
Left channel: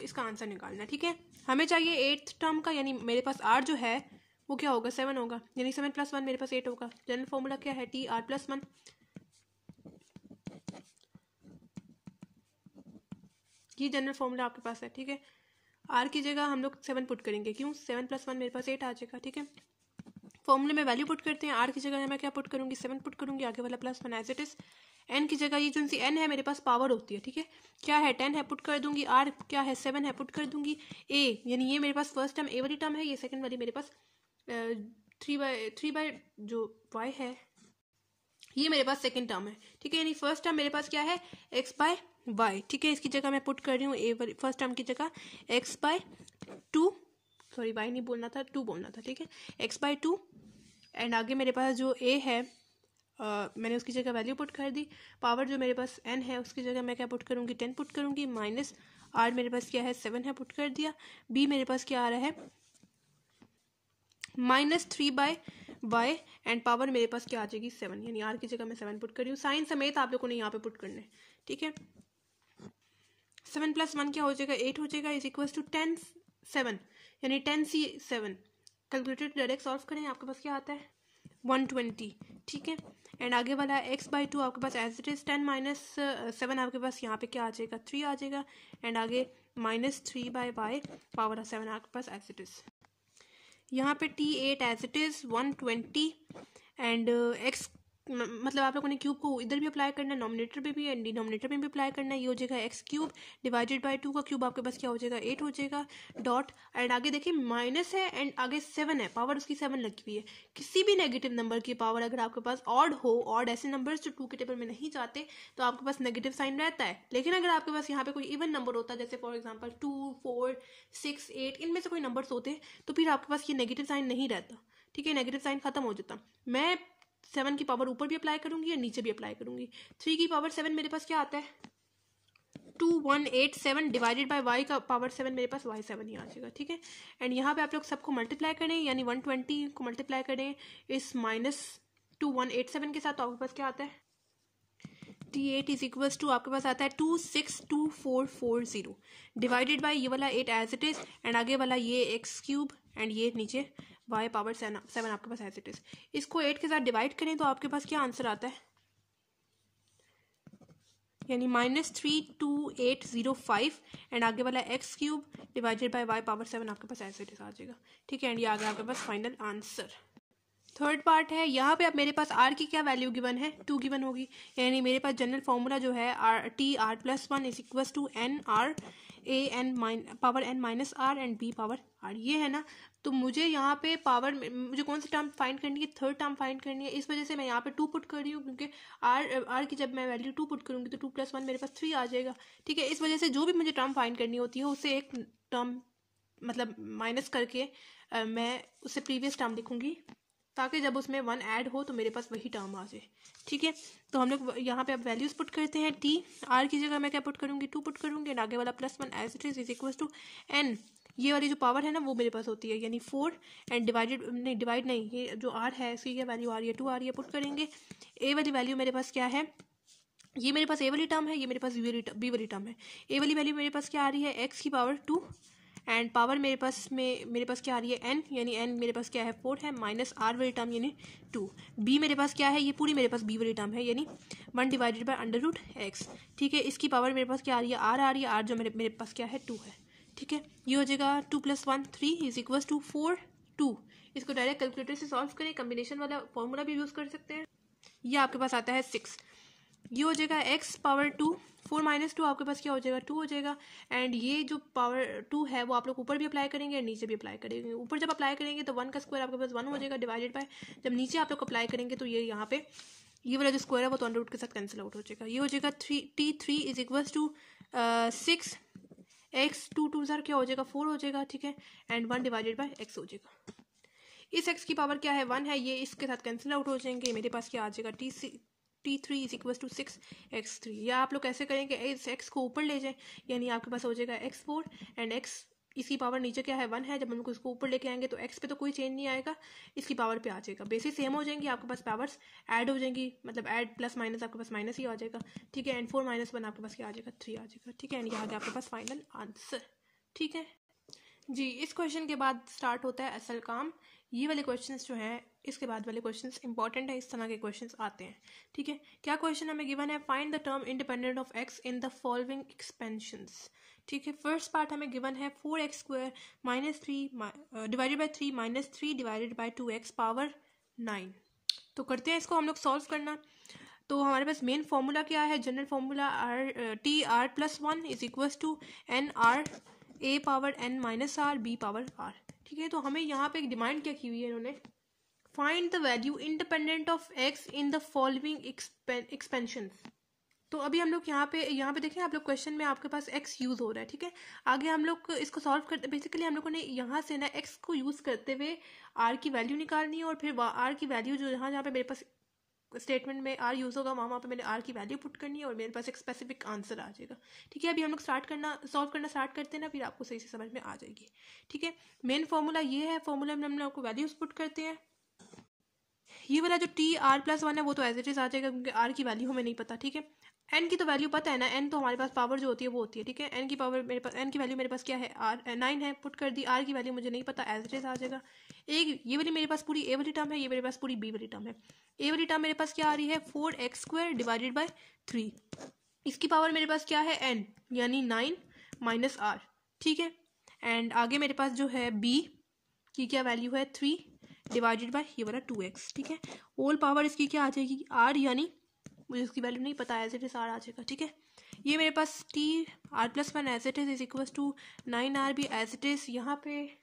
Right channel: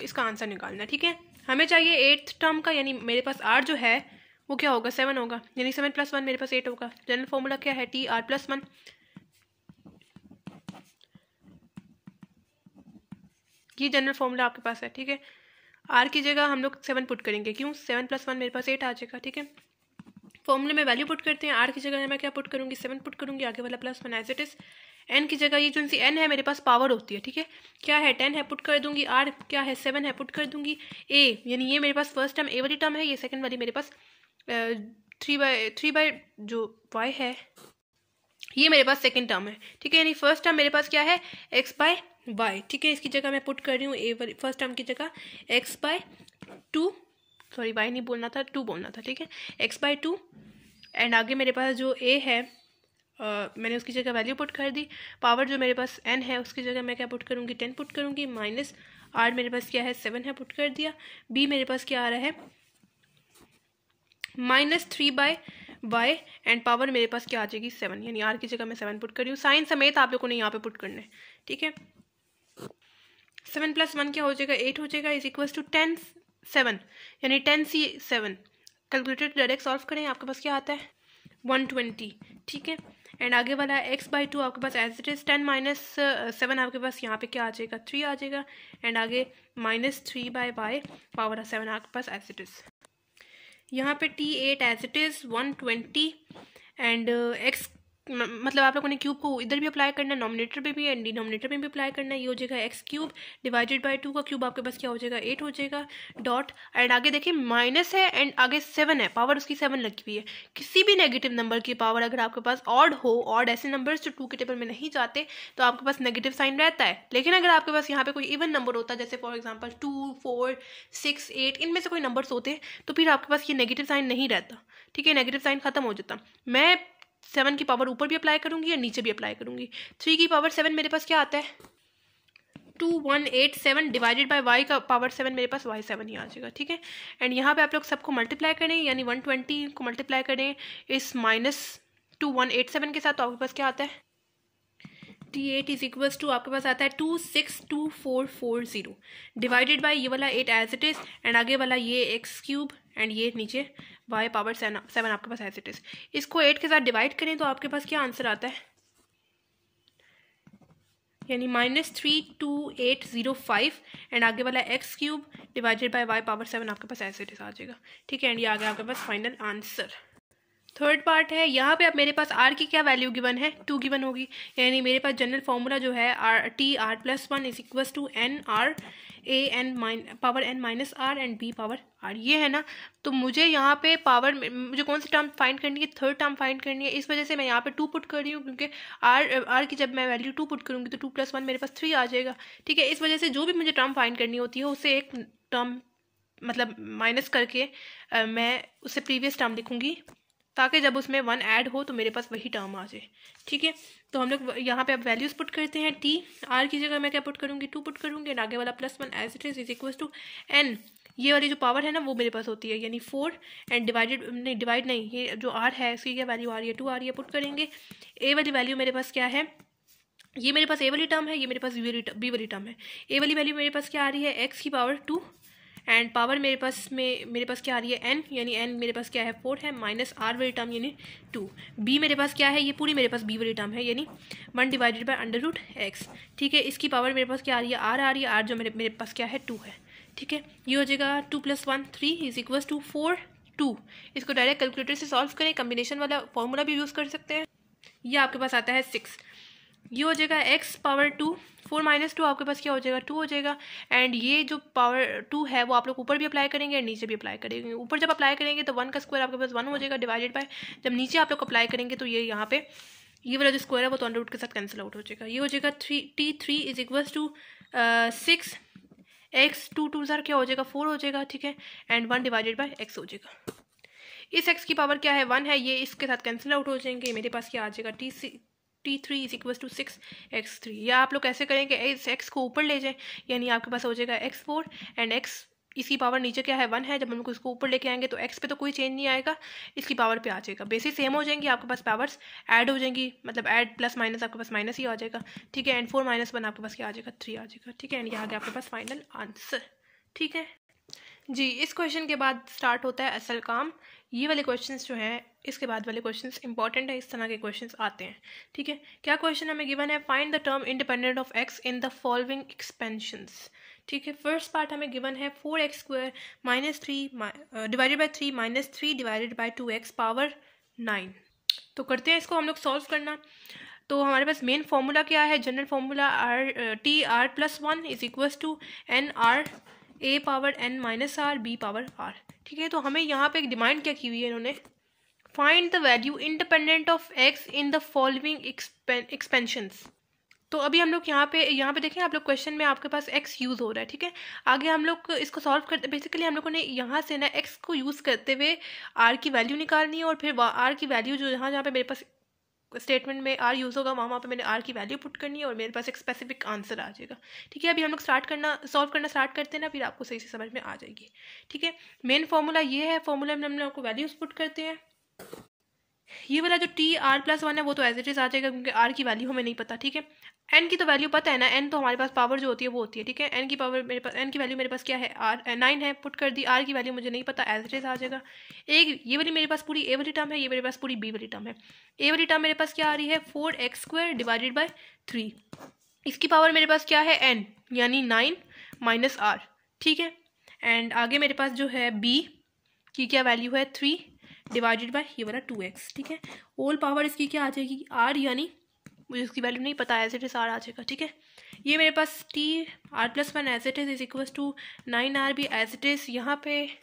इसका आंसर निकालना है, ठीक है। हमें चाहिए 8th टर्म का, यानी मेरे पास r जो है वो क्या होगा 7 होगा, यानी 7 + 1 मेरे पास 8 होगा। जनरल फॉर्मूला क्या है TR + 1, ये जनरल फॉर्मूला आपके पास है, ठीक है। r की जगह हम लोग 7 पुट करेंगे, क्यों 7 + 1 मेरे पास 8 आ जाएगा, ठीक है। फॉर्मूले में वैल्यू पुट करते हैं, r की जगह मैं क्या पुट करूंगी 7 पुट करूंगी, आगे वाला +1 एज इट इज। n की जगह ये जो सी n है मेरे पास पावर होती है, ठीक है, क्या है 10 है पुट कर दूंगी, r क्या है 7 है पुट कर दूंगी, a यानी ये मेरे पास फर्स्ट टर्म a वाली टर्म है, ये सेकंड वाली मेरे पास 3 जो y है ये मेरे पास सेकंड टर्म है, ठीक है। यानी फर्स्ट टर्म मेरे पास क्या है x/y, ठीक है। इसकी जगह मैं पुट कर रही हूँ a वाली फर्स्ट टर्म की जगह x/2, सॉरी y नहीं बोलना था 2 बोलना था, ठीक है, x/2। एंड आगे मेरे पास जो a है मैंने उसकी जगह वैल्यू पुट कर दी, पावर जो मेरे पास n है उसकी जगह मैं क्या पुट करूँगी 10 पुट करूँगी, माइनस r मेरे पास क्या है 7 है पुट कर दिया, b मेरे पास क्या आ रहा है -3/y, एंड पावर मेरे पास क्या आ जाएगी 7, यानी r की जगह मैं 7 पुट कर रही हूँ। साइन समेत आप लोगों ने यहाँ पे पुट करना है, ठीक है। 7 + 1 क्या हो जाएगा 8 हो जाएगा, इज इक्वल टू 10 7, यानी 10c7। कैलकुलेटर डायरेक्ट सॉल्व करें, आपके पास क्या आता है 120, ठीक है। एंड आगे वाला x/2 आपके पास एज इट इज, 10 - 7 आपके पास यहाँ पे क्या आ जाएगा 3 आ जाएगा, एंड आगे -3/y पावर 7 आपके पास एज इट इज। यहाँ पे T8 as it is 120, and x मतलब आप लोगों ने क्यूब को इधर भी अप्लाई करना है, नॉमिनेटर पे भी एंड डिनोमिनेटर पे भी अप्लाई करना है। ये हो जाएगा x³ डिवाइडेड बाय 2 का क्यूब आपके पास क्या हो जाएगा 8 हो जाएगा, डॉट, एंड आगे देखिए माइनस है एंड आगे 7 है, पावर उसकी 7 लगी हुई है। किसी भी नेगेटिव नंबर की पावर अगर आपके पास ऑड हो, ऑड ऐसे नंबर्स जो 2 के टेबल में नहीं जाते, तो आपके पास नेगेटिव साइन रहता है। लेकिन अगर आपके पास यहाँ पे कोई इवन नंबर होता है, जैसे फॉर एग्जाम्पल 2, 4, 6, 8, इनमें से कोई नंबर्स होते तो फिर आपके पास ये नेगेटिव साइन नहीं रहता, ठीक है, नेगेटिव साइन खत्म हो जाता। मैं 7 की पावर ऊपर भी अप्लाई करूंगी और नीचे भी अप्लाई करूंगी। 3 की पावर 7 मेरे पास क्या आता है 2187 डिवाइडेड बाय y का पावर 7 मेरे पास y7 ही आ जाएगा, ठीक है। एंड यहाँ पे आप लोग सबको मल्टीप्लाई करें, यानी 120 को मल्टीप्लाई करें इस -2187 के साथ, तो आपके पास क्या आता है T8 इज इक्वल्स टू आपके पास आता है 262440 डिवाइडेड बाय ये वाला 8 एज इट इज, एंड आगे वाला ये x³ एंड ये नीचे y पावर 7 आपके पास एज इट इज। इसको 8 के साथ डिवाइड करें तो आपके पास क्या आंसर आता है, यानी -32805, एंड आगे वाला x³ divided by y power 7 आपके पास एज इट इज आ जाएगा, ठीक है। एंड ये आगे आपके पास फाइनल आंसर। थर्ड पार्ट है, यहाँ पे अब मेरे पास r की क्या वैल्यू गिवन है 2 गिवन होगी, यानी मेरे पास जनरल फॉर्मूला जो है TR + 1 is equal to NR power n minus r and b power r, ये है ना। तो मुझे यहाँ पे पावर मुझे कौन सी टर्म फाइंड करनी है, थर्ड टर्म फाइंड करनी है, इस वजह से मैं यहाँ पे 2 पुट कर रही हूँ, क्योंकि r की जब मैं वैल्यू 2 पुट करूँगी तो 2 + 1 मेरे पास 3 आ जाएगा, ठीक है। इस वजह से जो भी मुझे टर्म फाइंड करनी होती है उससे एक टर्म मतलब माइनस करके मैं उससे प्रीवियस टर्म लिखूँगी, ताकि जब उसमें 1 ऐड हो तो मेरे पास वही टर्म आ जाए, ठीक है। तो हम लोग यहाँ पे अब वैल्यूज पुट करते हैं। T R की जगह मैं क्या पुट करूँगी 2 पुट करूँगी, एंड आगे वाला +1 as it is equal to n, ये वाली जो पावर है ना वो मेरे पास होती है, यानी 4 एंड डिवाइड नहीं, ये जो r है इसकी क्या वैल्यू आ रही है 2 आ रही है, पुट करेंगे। a वाली वैल्यू मेरे पास क्या है, ये मेरे पास a वाली टर्म है, ये मेरे पास b वाली टर्म है। a वाली वैल्यू मेरे पास क्या आ रही है x की पावर 2, एंड पावर मेरे पास क्या आ रही है n, यानी n मेरे पास क्या है 4 है, माइनस r वाली टर्म यानी 2। b मेरे पास क्या है, ये पूरी मेरे पास b वाली टर्म है, यानी 1 डिवाइडेड बाय √x, ठीक है। इसकी पावर मेरे पास क्या आ रही है r आ रही है, r जो मेरे पास क्या है 2 है, ठीक है। ये हो जाएगा 2 + 1 3 इज इक्वल टू 4 2। इसको डायरेक्ट कैलकुलेटर से सॉल्व करें, कम्बिनेशन वाला फॉर्मूला भी यूज़ कर सकते हैं। ये आपके पास आता है 6, ये हो जाएगा x पावर 2, 4 - 2 आपके पास क्या हो जाएगा 2 हो जाएगा, एंड ये जो पावर 2 है वो आप लोग ऊपर भी अप्लाई करेंगे और नीचे भी अप्लाई करेंगे। ऊपर जब अप्लाई करेंगे तो 1 का स्क्वायर आपके पास 1 हो जाएगा, डिवाइडेड बाय जब नीचे आप लोग अप्लाई करेंगे तो ये यहाँ पे ये वाला जो स्क्वायर है वो तो अंडर रूट के साथ कैंसिल आउट हो जाएगा। ये हो जाएगा T3 is equals to 6 x 2 2 ज़ार क्या हो जाएगा 4 हो जाएगा, ठीक है, एंड 1 डिवाइडेड बाय x हो जाएगा। इस x की पावर क्या है 1 है, ये इसके साथ कैंसिल आउट हो जाएंगे। मेरे पास क्या आ जाएगा T3 is equal to 6x3। या आप लोग कैसे करेंगे, इस x को ऊपर ले जाएं, यानी आपके पास हो जाएगा x4 एंड x इसकी पावर नीचे क्या है 1 है। जब हम लोग इसको ऊपर लेके आएंगे तो x पे तो कोई चेंज नहीं आएगा, इसकी पावर पे आ जाएगा। बेसिस सेम हो जाएंगी, आपके पास पावर्स ऐड हो जाएंगी, मतलब ऐड प्लस माइनस आपके पास माइनस ही आ जाएगा, ठीक है, एंड 4 - 1 आपके पास क्या आ जाएगा 3 आ जाएगा, ठीक है, एंड यहाँ आपके पास फाइनल आंसर, ठीक है जी। इस क्वेश्चन के बाद स्टार्ट होता है असल काम। ये वाले क्वेश्चंस जो हैं इसके बाद वाले क्वेश्चंस इंपॉर्टेंट है, इस तरह के क्वेश्चंस आते हैं, ठीक है। क्या क्वेश्चन हमें गिवन है, find the term independent of x in the following expansions, ठीक है। फर्स्ट पार्ट हमें गिवन है 4x² - 3 divided by 3 - 3 divided by 2x power 9। तो करते हैं इसको हम लोग सॉल्व करना। तो हमारे पास मेन फॉर्मूला क्या है, general formula TR+1 is equals to NR A power n minus r B power r, ठीक है। तो हमें यहाँ पे एक डिमांड क्या की हुई है इन्होंने, find the value independent of x in the following expansions. तो अभी हम लोग यहाँ पे देखें, आप लोग क्वेश्चन में आपके पास x यूज़ हो रहा है, ठीक है। आगे हम लोग इसको सॉल्व करते, बेसिकली हम लोगों ने यहाँ से ना x को यूज़ करते हुए r की वैल्यू निकालनी है, और फिर r की वैल्यू जो जहाँ पे मेरे पास स्टेटमेंट में r यूज़ होगा वहाँ पे मैंने r की वैल्यू पुट करनी है और मेरे पास एक स्पेसिफिक आंसर आ जाएगा, ठीक है। अभी हम लोग सॉल्व करना स्टार्ट करते हैं ना, फिर आपको सही से समझ में आ जाएगी, ठीक है। मेन फॉर्मूला ये है, फॉर्मूला में हम लोग आपको वैल्यूज पुट करते हैं। ये वाला जो TR+1 है वो तो एज इट इज आ जाएगा, क्योंकि r की वैल्यू हमें नहीं पता, ठीक है। n की तो वैल्यू पता है ना, n तो हमारे पास पावर जो होती है वो होती है, ठीक है। n की पावर मेरे पास, n की वैल्यू मेरे पास क्या है 9 है, पुट कर दी। r की वैल्यू मुझे नहीं पता, एज इट इज आ जाएगा। एक ये वाली मेरे पास पूरी a वाली टर्म है, ये मेरे पास पूरी b वाली टर्म है। a वाली टर्म मेरे पास क्या आ रही है 4x² डिवाइडेड बाई 3, इसकी पावर मेरे पास क्या है n यानी 9 माइनस r, ठीक है। एंड आगे मेरे पास जो है b की क्या वैल्यू है 3 डिवाइडेड बाई ये वाला 2x, ठीक है। होल पावर इसकी क्या आ जाएगी r, यानी मुझे इसकी वैल्यू नहीं पता, एज इट इज r आ जाएगा, ठीक है। ये मेरे पास TR+1 as it is equals to 9r भी एज इट इज। यहाँ पे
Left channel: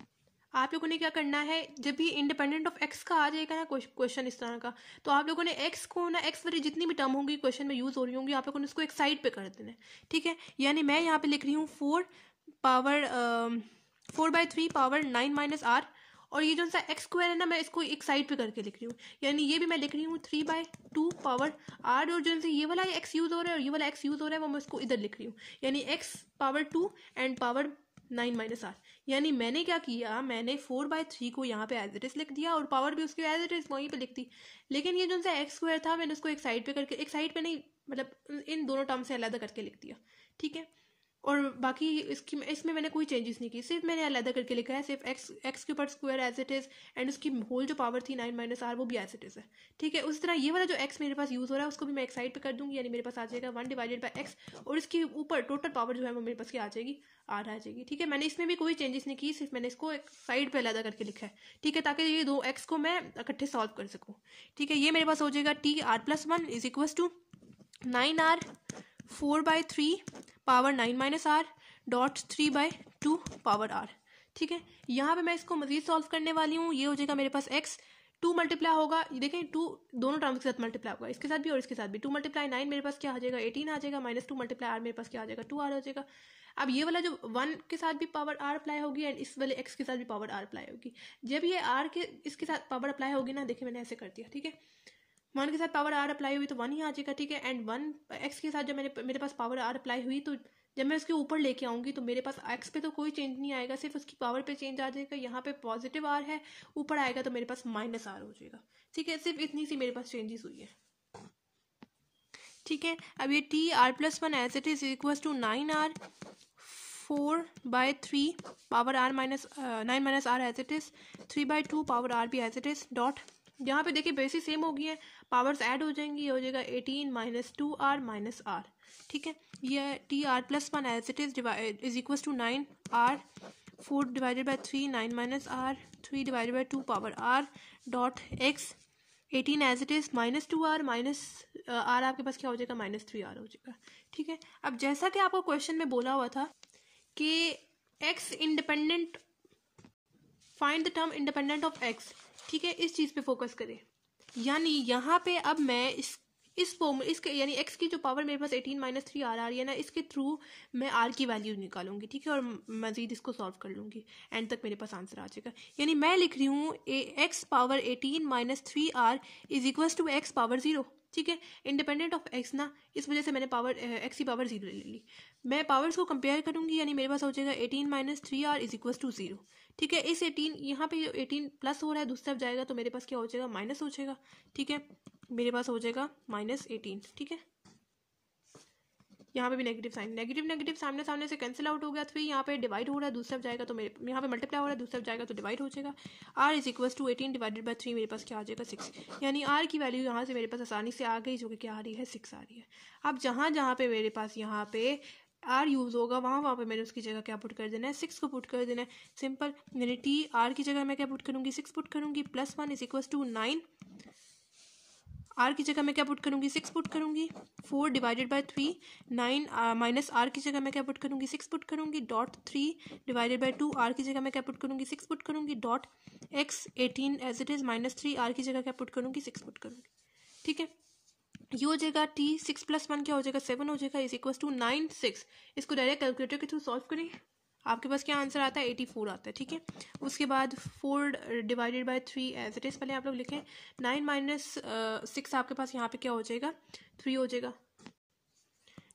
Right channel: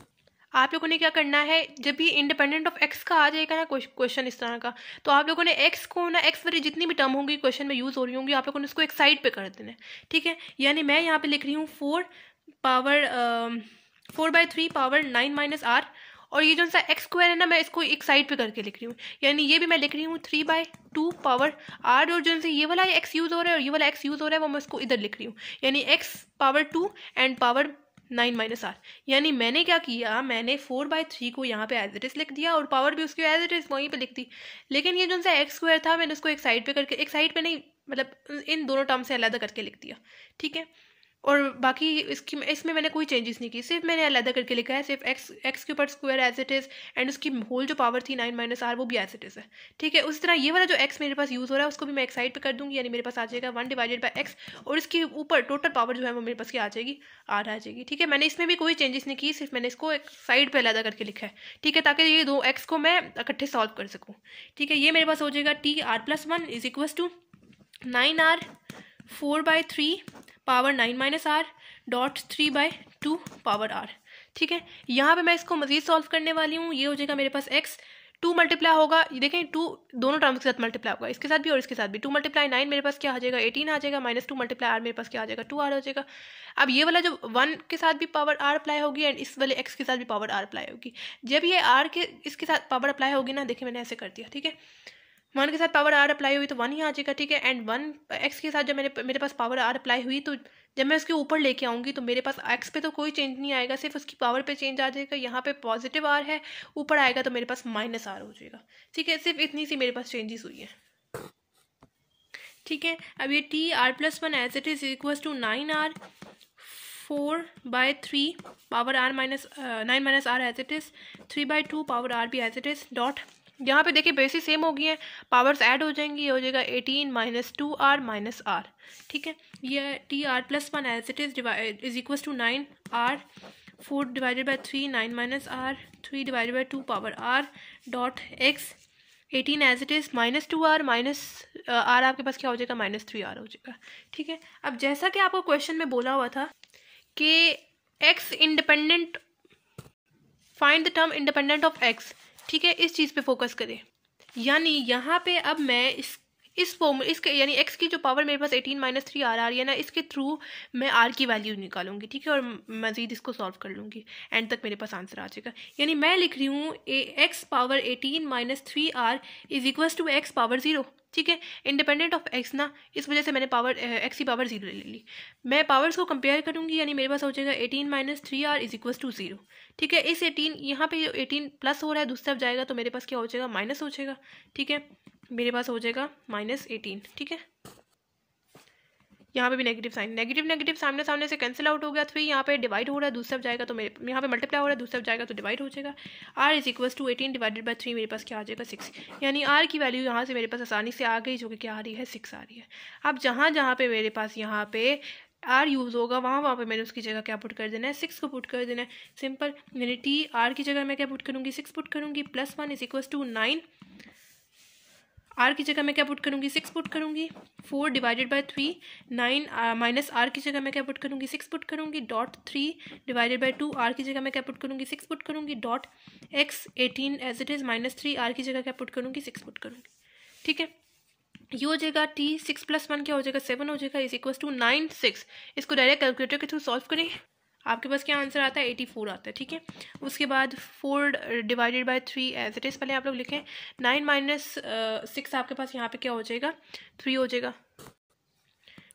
आप लोगों ने क्या करना है, जब भी इंडिपेंडेंट ऑफ x का आ जाएगा ना क्वेश्चन इस तरह का, तो आप लोगों ने x को ना, x वाली जितनी भी टर्म होंगी क्वेश्चन में यूज़ हो रही होंगी, आप लोगों ने उसको एक साइड पे कर देना है, ठीक है। यानी मैं यहाँ पे लिख रही हूँ 4/3 पावर 9 माइनस r, और ये जो सा x² है ना, मैं इसको एक साइड पे करके लिख रही हूँ, यानी ये भी मैं लिख रही हूँ 3/2 पावर r, और जो से ये वाला x यूज़ हो रहा है और ये वाला x यूज़ हो रहा है वो मैं इसको इधर लिख रही हूँ, यानी x power 2 and power 9 minus r। यानी मैंने क्या किया, मैंने 4/3 को यहाँ पे एज इट इज लिख दिया और पावर भी उसकी एज इट इज वहीं पे लिख दी। लेकिन ये जो सा x² था मैंने उसको एक साइड पे करके, एक साइड पे नहीं मतलब इन दोनों टर्म से अलग करके लिख दिया, ठीक है। और बाकी इसमें मैंने कोई चेंजेस नहीं की, सिर्फ मैंने अलग करके लिखा है, सिर्फ x के ऊपर square as it is, and उसकी होल जो पावर थी 9 माइनस r वो भी एज इट इज़ है, ठीक है। उसी तरह ये वाला जो x मेरे पास यूज़ हो रहा है उसको भी मैं एक साइड पे कर दूंगी, यानी मेरे पास आ जाएगा 1 डिवाइडेड बाई x, और इसके ऊपर टोटल पावर जो है वो मेरे पास क्या आ जाएगी r आ जाएगी, ठीक है। मैंने इसमें भी कोई चेंजेस नहीं की, सिर्फ मैंने इसको एक साइड पर अलग करके लिखा है, ठीक है, ताकि ये दो x को मैं इकट्ठे सॉल्व कर सकूँ, ठीक है। ये मेरे पास हो जाएगा TR+1 is equals to 9r 4/3 power 9 minus r dot 3/2 power r, ठीक है। यहाँ पे मैं इसको मजीद सॉल्व करने वाली हूँ। ये हो जाएगा मेरे पास x 2 मल्टीप्लाई होगा, ये देखें 2 दोनों टर्म्स के साथ मल्टीप्लाई होगा, इसके साथ भी और इसके साथ भी। 2 × 9 मेरे पास क्या आ जाएगा 18 आ जाएगा, -2 × r मेरे पास क्या आ जाएगा 2r हो जाएगा। अब ये वाला जो 1 के साथ भी पावर r अप्लाई होगी एंड इस वाले x के साथ भी पावर r अप्लाई होगी। जब ये r के इसके साथ पावर अप्लाई होगी ना, देखिए मैंने ऐसे कर दिया, ठीक है। 1 के साथ पावर r अप्लाई हुई तो 1 ही आ जाएगा, ठीक है। एंड 1 x के साथ जब मेरे पास पावर r अप्लाई हुई तो जब मैं उसके ऊपर लेके आऊँगी तो मेरे पास x पे तो कोई चेंज नहीं आएगा, सिर्फ उसकी पावर पे चेंज आ जाएगा। यहाँ पे पॉजिटिव r है, ऊपर आएगा तो मेरे पास -r हो जाएगा, ठीक है। सिर्फ इतनी सी मेरे पास चेंजेस हुई है, ठीक है। अब ये TR+1 as it is equals to 9r 4/3 power r minus 9 minus r as it is 3/2 power r भी एज इट इज डॉट, यहाँ पे देखिए बेसिस सेम हो गई है, पावर्स ऐड हो जाएंगी, हो जाएगा 18 - 2r माइनस r, ठीक है। ये TR+1 as it is equals to 9r 4 divided by 3 9 minus r 3 divided by 2 power r dot x 18 as it is -2r minus r आपके पास क्या हो जाएगा -3r हो जाएगा, ठीक है। अब जैसा कि आपको क्वेश्चन में बोला हुआ था कि x independent, find the term independent of x, ठीक है, इस चीज़ पे फोकस करें। यानी यहाँ पे अब मैं इस इसके यानी x की जो पावर मेरे पास 18 माइनस 3 आ रही है ना, इसके थ्रू मैं r की वैल्यू निकालूंगी, ठीक है, और मजीद इसको सॉल्व कर लूँगी, एंड तक मेरे पास आंसर आ जाएगा। यानी मैं लिख रही हूँ x power 18 minus 3r is equal to x power 0, ठीक है, इंडिपेंडेंट ऑफ x ना, इस वजह से मैंने पावर x की पावर 0 ले ली। मैं पावर्स को कंपेयर करूँगी, यानी मेरे पास हो जाएगा 18 minus 3r is equal to 0, ठीक है। इस 18 यहाँ पे 18 प्लस हो रहा है, दूसरी तरफ जाएगा तो मेरे पास क्या हो जाएगा, माइनस हो जाएगा, ठीक है, मेरे पास हो जाएगा -18, ठीक है। यहाँ पे भी नेगेटिव साइन, नेगेटिव सामने सामने से कैंसिल आउट हो गया, 3 यहाँ पे डिवाइड हो रहा है, दूसरी तरफ जाएगा तो मेरे यहाँ पे मल्टीप्लाई हो रहा है, दूसरी तरफ जाएगा तो डिवाइड हो जाएगा। r is equal to 18 divided by 3 मेरे पास क्या आ जाएगा 6, यानी r की वैल्यू यहाँ से मेरे पास आसानी से आ गई, जो कि क्या आ रही है 6 आ रही है। अब जहाँ जहाँ पे मेरे पास यहाँ पे r यूज़ होगा वहाँ पे मैंने उसकी जगह क्या पुट कर देना है, 6 को पुट कर देना है, सिंपल। यानी t r की जगह मैं क्या पुट करूँगी, 6 पुट करूँगी, +1 इज इक्वल टू 9, r की जगह मैं क्या पुट करूँगी, 6 पुट करूँगी, 4 डिवाइडेड बाई 3, 9 माइनस r की जगह मैं क्या पुट करूँगी, 6 पुट करूँगी, डॉट 3 डिवाइडेड बाई 2, r की जगह मैं क्या पुट करूँगी, 6 पुट करूँगी, dot x 18 as it is minus 3, r की जगह क्या पुट करूँगी, 6 पुट करूँगी, ठीक है। ये हो जाएगा t 6 + 1 क्या हो जाएगा 7 हो जाएगा, इज इक्वल टू 9 6। इसको डायरेक्ट कैलकुलेटर के थ्रू सॉल्व करें, आपके पास क्या आंसर आता है 84 आता है, ठीक है। उसके बाद 4 divided by 3 as it is, पहले आप लोग लिखें, 9 माइनस 6 आपके पास यहाँ पे क्या हो जाएगा 3 हो जाएगा,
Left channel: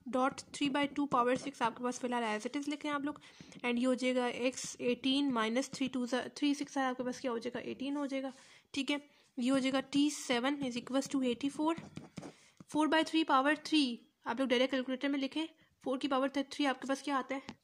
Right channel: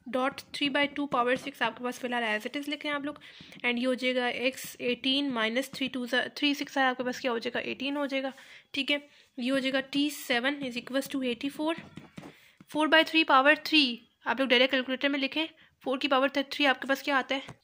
डॉट 3/2 पावर 6 आपके पास फिलहाल एज इट इज़ लिखें आप लोग, एंड ये हो जाएगा x 18 माइनस 3 6 है आपके पास क्या हो जाएगा 18 हो जाएगा, ठीक है। ये हो जाएगा t 7 is equal to 84, 4/3 power 3 आप लोग डायरेक्ट कैलकुलेटर में लिखें, 4 की पावर 3 आपके पास क्या आता है,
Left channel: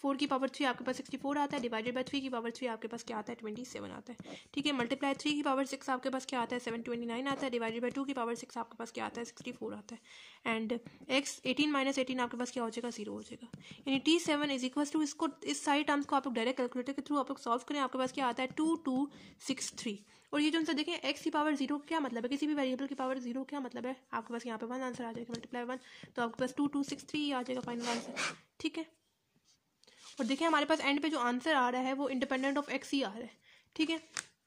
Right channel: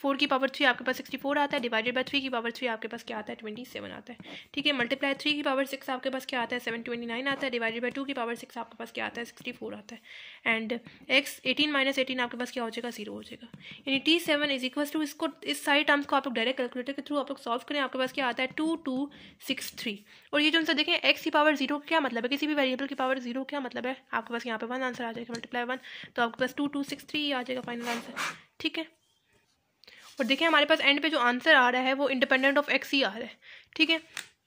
4 की पावर 3 आपके पास 64 आता है, डिवाइडेड बाई 3 की पावर 3 आपके पास क्या आता है 27 आता है, ठीक है। मल्टीप्लाई 3 की पावर 6 आपके पास क्या आता है 729 आता है, डिवाइडेड बाई 2 की पावर 6 आपके पास क्या आता है 64 आता है, एंड x 18 माइनस 18 आपके पास क्या हो जाएगा 0 हो जाएगा। यानी t7 इज इक्वल टू, इसको इस सारी टर्म्स को आप लोग डायरेक्ट कैलकुलेटर के थ्रू आप लोग सॉल्व करें, आपके पास क्या आता है 2263। और ये जो उनसे देखें x की पावर 0 क्या मतलब है, किसी भी वेरिएबल की पावर 0 क्या मतलब है, आपके पास यहाँ पे 1 आंसर आ जाएगा, मल्टीप्लाई 1 तो आपके पास 2263 आ जाएगा फाइनल आंसर, ठीक है। और देखिए हमारे पास एंड पे जो आंसर आ रहा है वो इंडिपेंडेंट ऑफ x ही आ रहा है, ठीक है।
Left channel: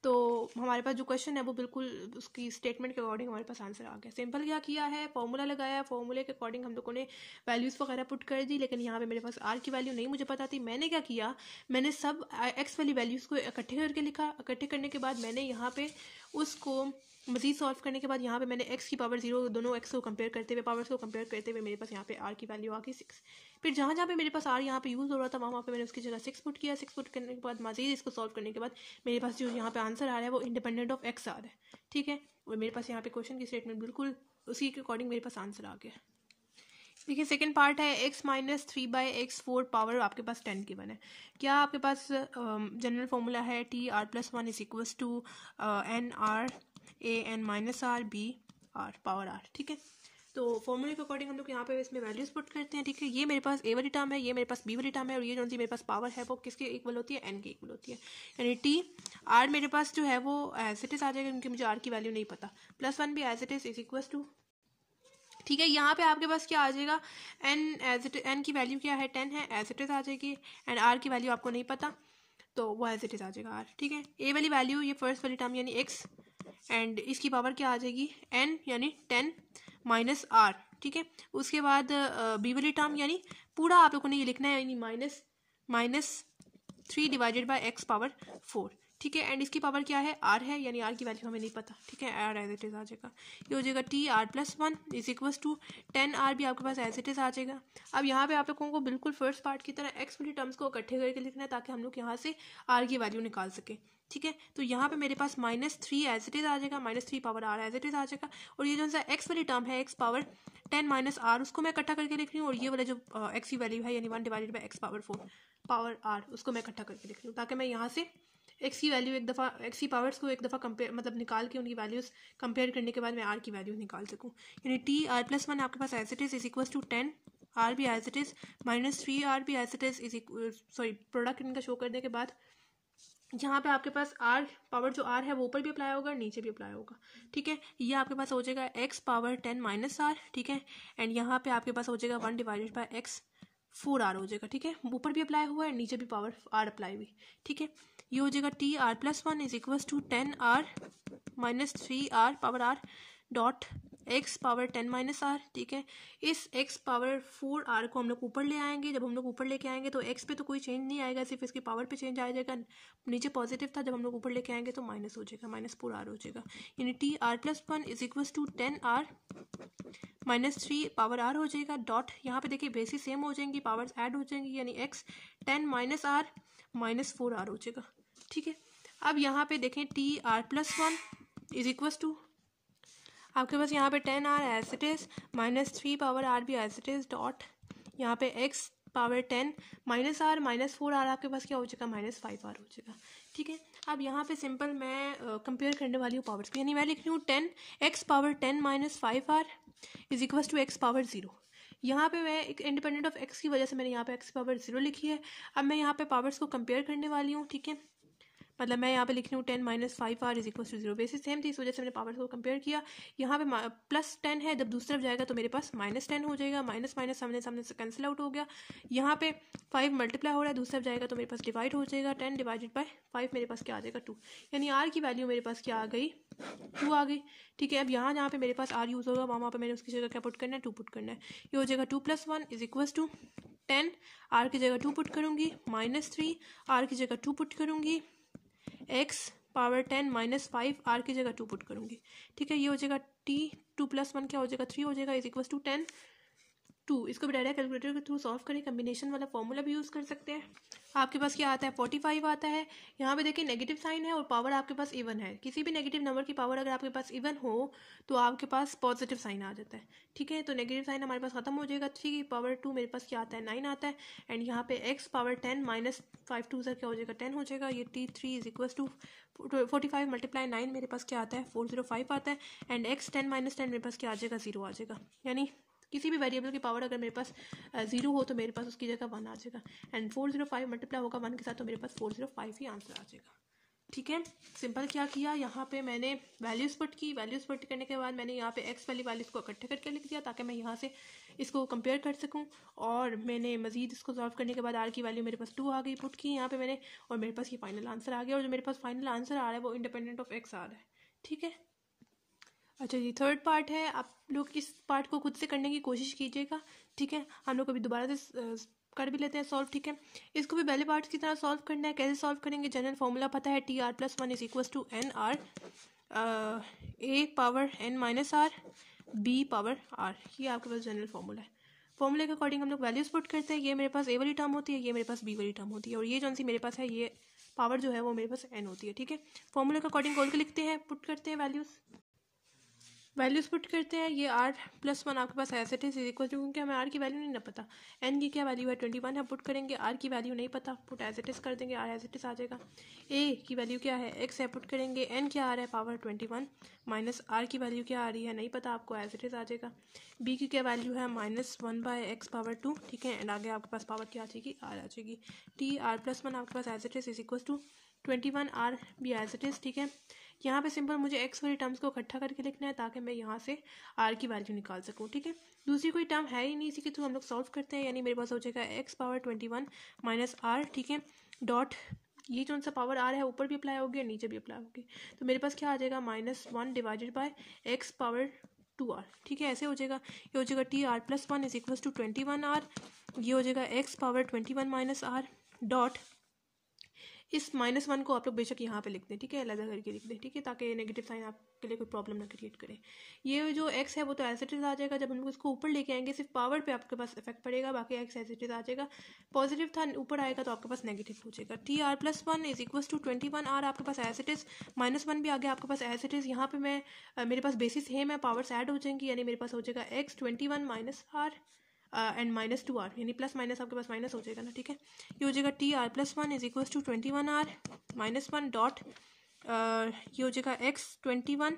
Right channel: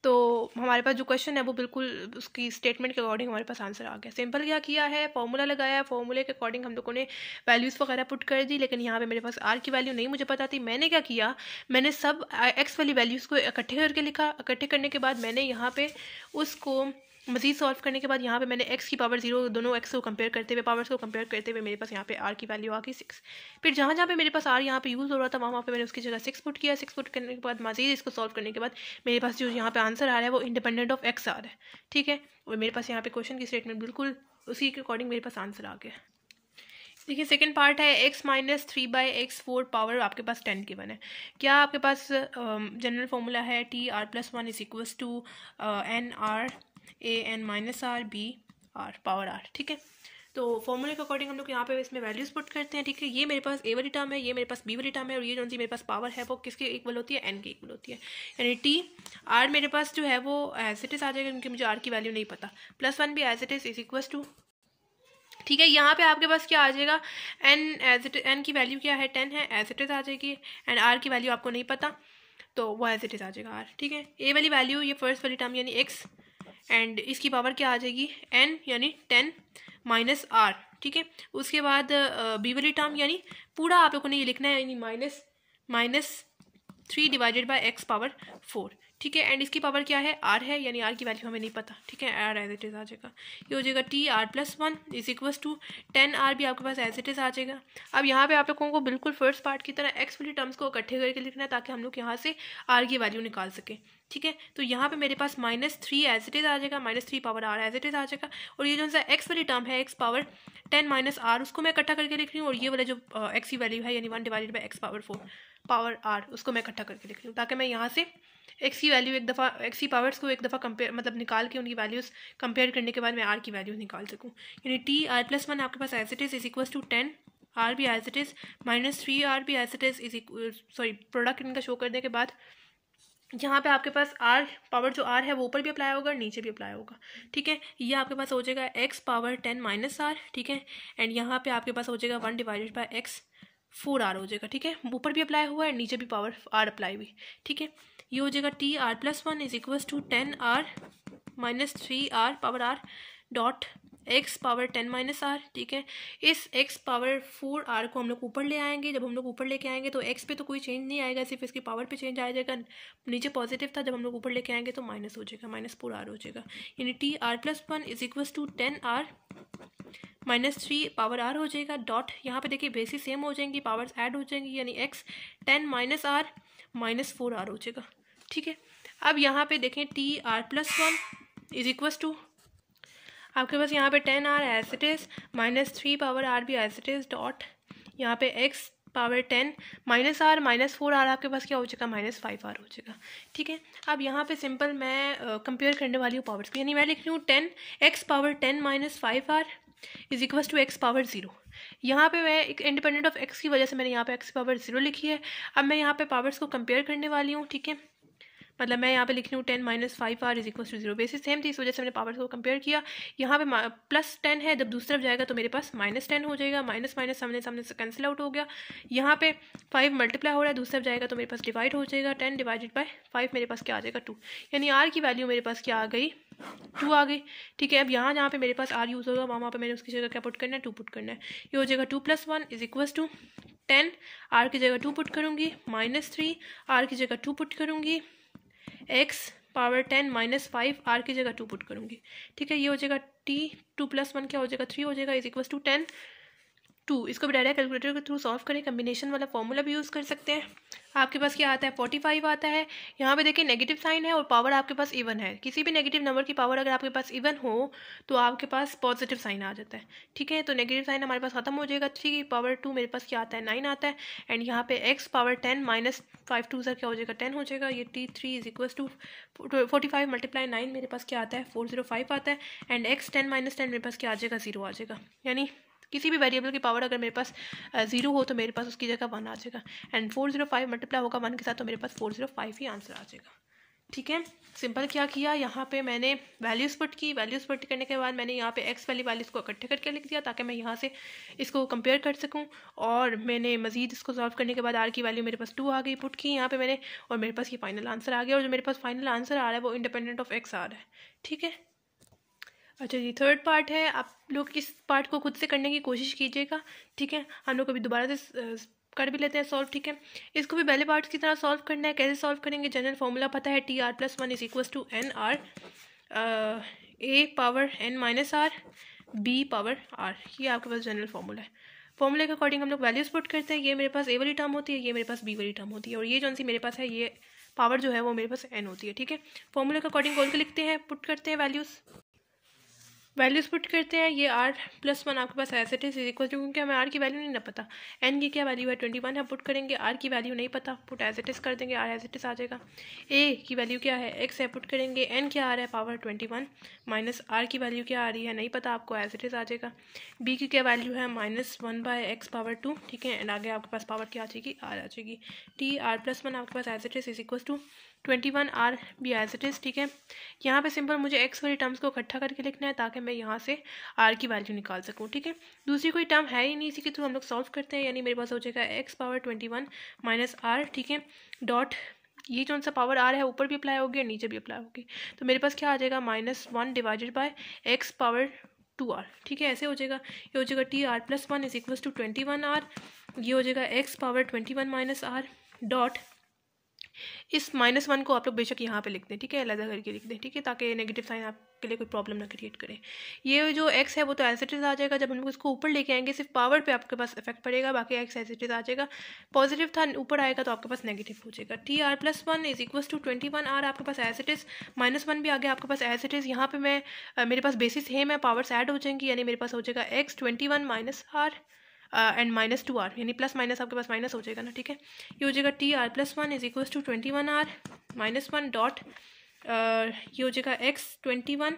तो हमारे पास जो क्वेश्चन है वो बिल्कुल उसकी स्टेटमेंट के अकॉर्डिंग हमारे पास आंसर आ गया। सिंपल क्या किया है, फॉर्मूला लगाया, फॉर्मूले के अकॉर्डिंग हम लोगों ने वैल्यूज़ वगैरह पुट कर दी, लेकिन यहाँ पे मेरे पास r की वैल्यू नहीं मुझे पता थी। मैंने क्या किया, मैंने सब x वाली वैल्यूज़ को इकट्ठे करके लिखा, इकट्ठे करने के बाद मैंने यहाँ पे उसको मजीद सॉल्व करने के बाद यहाँ पे मैंने x की पावर 0 दोनों x को कंपेयर करते हुए, पावर्स को कंपेयर करते हुए मेरे पास यहाँ पे r की वैल्यू आ गई 6। फिर जहाँ जहाँ पे मेरे पास r यहाँ पे यूज़ हो रहा था वहाँ पे मैंने उसकी जगह 6 पुट किया, 6 पुट करने के बाद मजीद इसको सॉल्व करने के बाद मेरे पास जो यहाँ पे आंसर आ रहा है वो इंडिपेंडेंट ऑफ x आ रहा है, ठीक है। और मेरे पास यहाँ पे क्वेश्चन की स्टेटमेंट बिल्कुल उसी के अकॉर्डिंग मेरे पास आंसर आ गया। देखिए सेकेंड पार्ट है x माइनस 3/x4 पावर आपके पास 10 की बने। क्या आपके पास जनरल फॉर्मूला है t r + 1 is equals to n r a n minus r b r power r, ठीक है। तो फॉर्मूले के अकॉर्डिंग हम लोग यहाँ पे इसमें वैल्यूज पुट करते हैं, ठीक है। ये मेरे पास a वाली टर्म है, ये मेरे पास b वाली टर्म है, और ये जो सी मेरे पास पावर है वो किसके इक्वल होती है, n की इक्वल होती है। यानी t r मेरे पास जो है वो एज इट इज आ जाएगा, क्योंकि मुझे r की वैल्यू नहीं पता, +1 भी as it is equal to, ठीक है। यहाँ पे आपके पास क्या आ जाएगा, n की वैल्यू क्या है 10 है, एज इट इज आ जाएगी, एंड r की वैल्यू आपको नहीं पता तो वो एज इट इज आ जाएगा r, ठीक है। a वाली वैल्यू ये फर्स्ट वाली टर्म यानी x, एंड इसकी पावर क्या आ जाएगी n यानी 10 माइनस r, ठीक है। उसके बाद b वाली टर्म यानी पूरा आप लोगों ने ये लिखना है, यानी -3 डिवाइडेड बाय x पावर 4, ठीक है। एंड इसकी पावर क्या है r है, यानी r की वैल्यू हमें नहीं पता, ठीक है, r एज इट इज आ जाएगा। ये हो जाएगा t r + 1 is equal to 10 r भी आपके पास एज इट इज आ जाएगा। अब यहाँ पे आप लोगों को बिल्कुल फर्स्ट पार्ट की तरह x वाली टर्म्स को इकट्ठे करके लिखना है, ताकि हम लोग यहाँ से r की वैल्यू निकाल सकें, ठीक है। तो यहाँ पे मेरे पास -3 एज इट इज आ जाएगा, -3 power r as it is आ जाएगा, और ये जो सा x वाली टर्म है x पावर 10 माइनस r उसको मैं इकट्ठा करके लिख रही हूँ, और ये वाला जो x की वैल्यू है यानी 1 divided by x power 4 power r उसको मैं इकट्ठा करके लिख रही हूँ, ताकि मैं यहाँ से x की वैल्यू एक दफ़ा x की पावर्स को एक दफ़ा कंपेयर मतलब निकाल के उनकी वैल्यूज़ कंपेयर करने के बाद मैं r की वैल्यू निकाल सकूँ। यानी t r + 1 आपके पास as it is equal to 10 r भी एज इट इज -3 r भी as it is sorry product इनका शो करने के बाद यहाँ पे आपके पास r पावर जो r है वो ऊपर भी अप्लाई होगा और नीचे भी अप्लाई होगा, ठीक है। ये आपके पास हो जाएगा x पावर 10 माइनस r, ठीक है, एंड यहाँ पे आपके पास हो जाएगा 1 डिवाइडेड बाई x 4r हो जाएगा, ठीक है। ऊपर भी अप्लाई हुआ है, नीचे भी पावर r अप्लाई हुई, ठीक है। ये हो जाएगा t r + 1 is equal to 10 r minus 3 r power r dot x power 10 minus r, ठीक है। इस एक्स पावर 4 आर को हम लोग ऊपर ले आएंगे। जब हम लोग ऊपर लेके आएंगे तो एक्स पे तो कोई चेंज नहीं आएगा, सिर्फ इसकी पावर पे चेंज आ जाएगा। नीचे पॉजिटिव था, जब हम लोग ऊपर लेके आएंगे तो माइनस हो जाएगा, -4 आर हो जाएगा। यानी T R plus 1 is equal to 10 r -3 power r हो जाएगा। डॉट यहाँ पे देखिए बेसिस सेम हो जाएंगी, पावर्स ऐड हो जाएंगी, यानी एक्स 10 माइनस आर -4 आर हो जाएगा, ठीक है। अब यहाँ पे देखें t are plus 1 is equal to आपके पास यहाँ पे 10 r as it is, -3 power r भी एज इट इज, डॉट यहाँ पे x power 10 minus r -4 r आपके पास क्या हो जाएगा, -5 आर हो जाएगा, ठीक है। अब यहाँ पे सिंपल मैं कंपेयर करने वाली हूँ पावर्स की, यानी मैं लिख रही हूँ 10 x power 10 -5 r is equal to x power 0। यहाँ पे मैं एक इंडिपेंडेंट ऑफ एक्स की वजह से मैंने यहाँ पे एक्स पावर 0 लिखी है। अब मैं यहाँ पे पावर्स को कंपेयर करने वाली हूँ, ठीक है। मतलब मैं यहाँ पे लिख रही हूँ 10 -5 r is equal to 0, basis same थी, इस वजह से मैंने पावर्स को कंपेयर किया। यहाँ पे +10 है, जब दूसरी तरफ जाएगा तो मेरे पास -10 हो जाएगा, माइनस माइनस सामने सामने से कैंसिल आउट हो गया। यहाँ पे 5 मल्टीप्लाई हो रहा है, दूसरी तरफ जाएगा तो मेरे पास डिवाइड हो जाएगा, 10 डिवाइडेड बाय 5 मेरे पास क्या आ जाएगा 2, यानी आर की वैल्यू मेरे पास क्या आ गई 2 आ गई, ठीक है। अब यहाँ पे मेरे पास आर यूज़ होगा, वहाँ पे मैंने उसकी जगह क्या पुट करना है 2 पुट करना है। ये हो जाएगा 2 + 1 इज इक्वल टू 10 आर की जगह 2 पुट करूँगी, -3 आर की जगह 2 पुट करूँगी, एक्स पावर 10 -5 आर की जगह 2 पुट करूँगी, ठीक है। ये हो जाएगा टी 2 + 1 क्या हो जाएगा 3 हो जाएगा, इज इक्वल टू 10 2। इसको भी डायरेक्ट कैलकुलेटर के थ्रू सॉल्व करें, कम्बिनेशन वाला फॉर्मूला भी यूज़ कर सकते हैं। आपके पास क्या आता है 45 आता है। यहाँ पे देखिए नेगेटिव साइन है और पावर आपके पास इवन है। किसी भी नेगेटिव नंबर की पावर अगर आपके पास इवन हो तो आपके पास पॉजिटिव साइन आ जाता है, ठीक है। तो नेगेटिव साइन हमारे पास खत्म हो जाएगा। 3 की पावर 2 मेरे पास क्या आता है 9 आता है। एंड यहाँ पे एक्स पावर 10 -5 2 क्या हो जाएगा 10 हो जाएगा। ये T3 इज इक्वल टू 45 × 9 मेरे पास क्या आता है 405 आता है। एंड एक्स 10 - 10 मेरे पास क्या आ जाएगा 0 आ जाएगा। यानी किसी भी वेरिएबल की पावर अगर मेरे पास 0 हो तो मेरे पास उसकी जगह 1 आ जाएगा। एंड 405 मल्टीप्लाई होगा 1 के साथ तो मेरे पास 405 ही आंसर आ जाएगा, ठीक है। सिंपल क्या किया, यहाँ पे मैंने वैल्यूज़ पुट की, वैल्यूज़ पुट करने के बाद मैंने यहाँ पे एक्स वाली वैल्यूज़ को इकट्ठे करके लिख दिया ताकि मैं यहाँ से इसको कंपेयर कर सकूँ। और मैंने मजीद इसको सॉल्व करने के बाद आर की वैल्यू मेरे पास 2 आ गई, पुट की यहाँ पे मैंने, और मेरे पास ये फाइनल आंसर आ गया। और जो मेरे पास फाइनल आंसर आ रहा है वो इंडिपेंडेंट ऑफ एक्स आ रहा है, ठीक है। अच्छा जी, थर्ड पार्ट है। आप लोग इस पार्ट को खुद से करने की कोशिश कीजिएगा, ठीक है। हम लोग अभी दोबारा से कर भी लेते हैं सॉल्व, ठीक है। इसको भी पहले पार्ट्स की तरह सॉल्व करना है। कैसे सॉल्व करेंगे, जनरल फॉर्मूला पता है t are plus 1 is equal to N R a power n minus are b power r, ये आपके पास जनरल फॉर्मूला है। फॉर्मूले के अकॉर्डिंग हम लोग वैल्यूज पुट करते हैं। ये मेरे पास ए वाली टर्म होती है, ये मेरे पास बी वाली टर्म होती है, और ये जो सी मेरे पास है ये पावर जो है वो मेरे पास n होती है, ठीक है। फॉर्मूले के अकॉर्डिंग बोल के लिखते हैं, पुट करते हैं वैल्यूज़ पुट करते हैं। ये आर प्लस 1 आपके पास as it is equal to, क्योंकि हमें आर की वैल्यू नहीं ना पता, एन की क्या वैल्यू है 21 है, पुट करेंगे। आर की वैल्यू नहीं पता, पुट एज इट इज कर देंगे, आर एज इट इज आ जाएगा। ए की वैल्यू क्या है एक्स है, पुट करेंगे। एन क्या आ रहा है पावर 21 माइनस आर की वैल्यू क्या आ रही है नहीं पता आपको, एज इट इज आ जाएगा। बी की क्या वैल्यू है -1/x पावर 2, ठीक है। एंड आगे आपके पास पावर क्या आ जाएगी आर आ जाएगी। टी आर प्लस 1 आपके पास as it is equal to 21 R B as it is, ठीक है। यहाँ पे सिंपल मुझे एक्स वाली टर्म्स को इकट्ठा करके लिखना है ताकि मैं यहाँ से आर की वैल्यू निकाल सकूँ, ठीक है। दूसरी कोई टर्म है ही नहीं, इसी के थ्रू हम लोग सॉल्व करते हैं। यानी मेरे पास हो जाएगा एक्स पावर 21 माइनस आर, ठीक है, डॉट ये जो सा पावर आर है ऊपर भी अप्लाई होगी और नीचे भी अप्लाई होगी, तो मेरे पास क्या आ जाएगा -1 divided by x power 2 r, ठीक है। ऐसे हो जाएगा। ये हो जाएगा t are plus 1 is equal to 21 r, ये हो जाएगा x power 21 minus r, dot इस -1 को आप लोग बेशक यहाँ पे लिख दें, ठीक है, अलग करके लिख दें, ठीक है, ताकि नेगेटिव साइन आपके लिए कोई प्रॉब्लम ना क्रिएट करे। ये जो x है वो तो एज इट इज आ जाएगा। जब हम लोग इसको ऊपर लेके आएंगे सिर्फ पावर पे आपके पास इफेक्ट पड़ेगा, बाकी x एज इट इज आ जाएगा। पॉजिटिव था ऊपर आएगा तो आपके पास नेगेटिव हो जाएगा। T are plus 1 is equal to 21 r आपके पास एज इट इज, -1 भी आ गया आपके पास एज इट इज। यहाँ पे मैं मेरे पास बेसिस सेम है, पावर्स ऐड हो जाएंगी, यानी मेरे पास हो जाएगा x 21 minus r and -2 r, यानी प्लस माइनस आपके पास माइनस हो जाएगा ना, ठीक है। ये हो जाएगा t are plus 1 is equal to 21 r -1 dot ये हो जाएगा x 21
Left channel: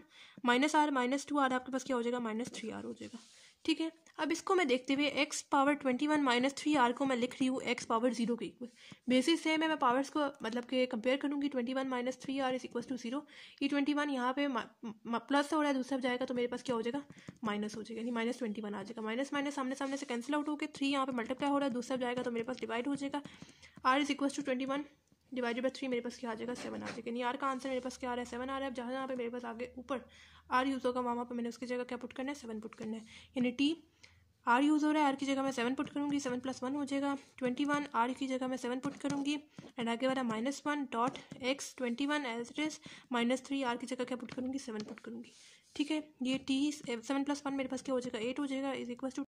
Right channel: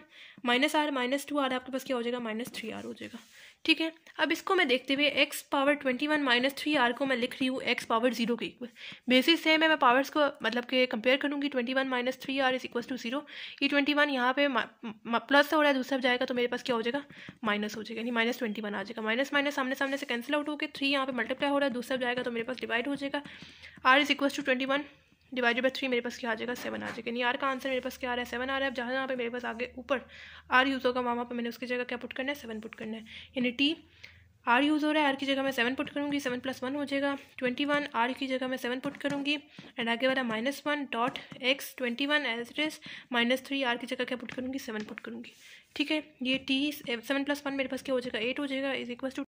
माइनस आर -2 आर आपके पास क्या हो जाएगा -3 आर हो जाएगा, ठीक है। अब इसको मैं देखते हुए x पावर 21 -3 आर को मैं लिख रही हूँ x पावर 0 के इक्वल। बेसिस सेम है, मैं पावर्स को मतलब कि कंपेयर करूँगी। 21 - 3 आर इज इक्वल टू 0। ये 21 यहाँ पे प्लस हो रहा है, दूसरा जाएगा तो मेरे पास क्या हो जाएगा माइनस हो जाएगा, यानी -21 आ जाएगा। माइनस माइनस सामने सामने से कैंसिल आउट होकर 3 यहाँ पे मल्टीप्लाई हो रहा है, दूसरा जाएगा तो मेरे पास डिवाइड हो जाएगा। R is equal to 21 divided by 3 मेरे पास क्या आ जाएगा 7 आ जाएगा। यानी आर का आंसर मेरे पास क्या आ रहा है 7 आ रहा है। अब जहाँ पे मेरे पास आगे ऊपर आर यूज़ होगा वहाँ पे मैंने उसकी जगह क्या पुट करना है 7 पुट करना है। यानी टी आर यूज़ हो रहा है, आर की जगह मैं 7 पुट करूँगी, 7 + 1 हो जाएगा 21, आर की जगह मैं 7 पुट करूँगी एंड आगे वाला -1 dot x 21 as it is -3 r की जगह क्या पुट करूँगी 7 पुट करूँगी। ठीक है, ये टी 7 + 1 मेरे पास क्या हो जाएगा 8 हो जाएगा इज इक्वल टू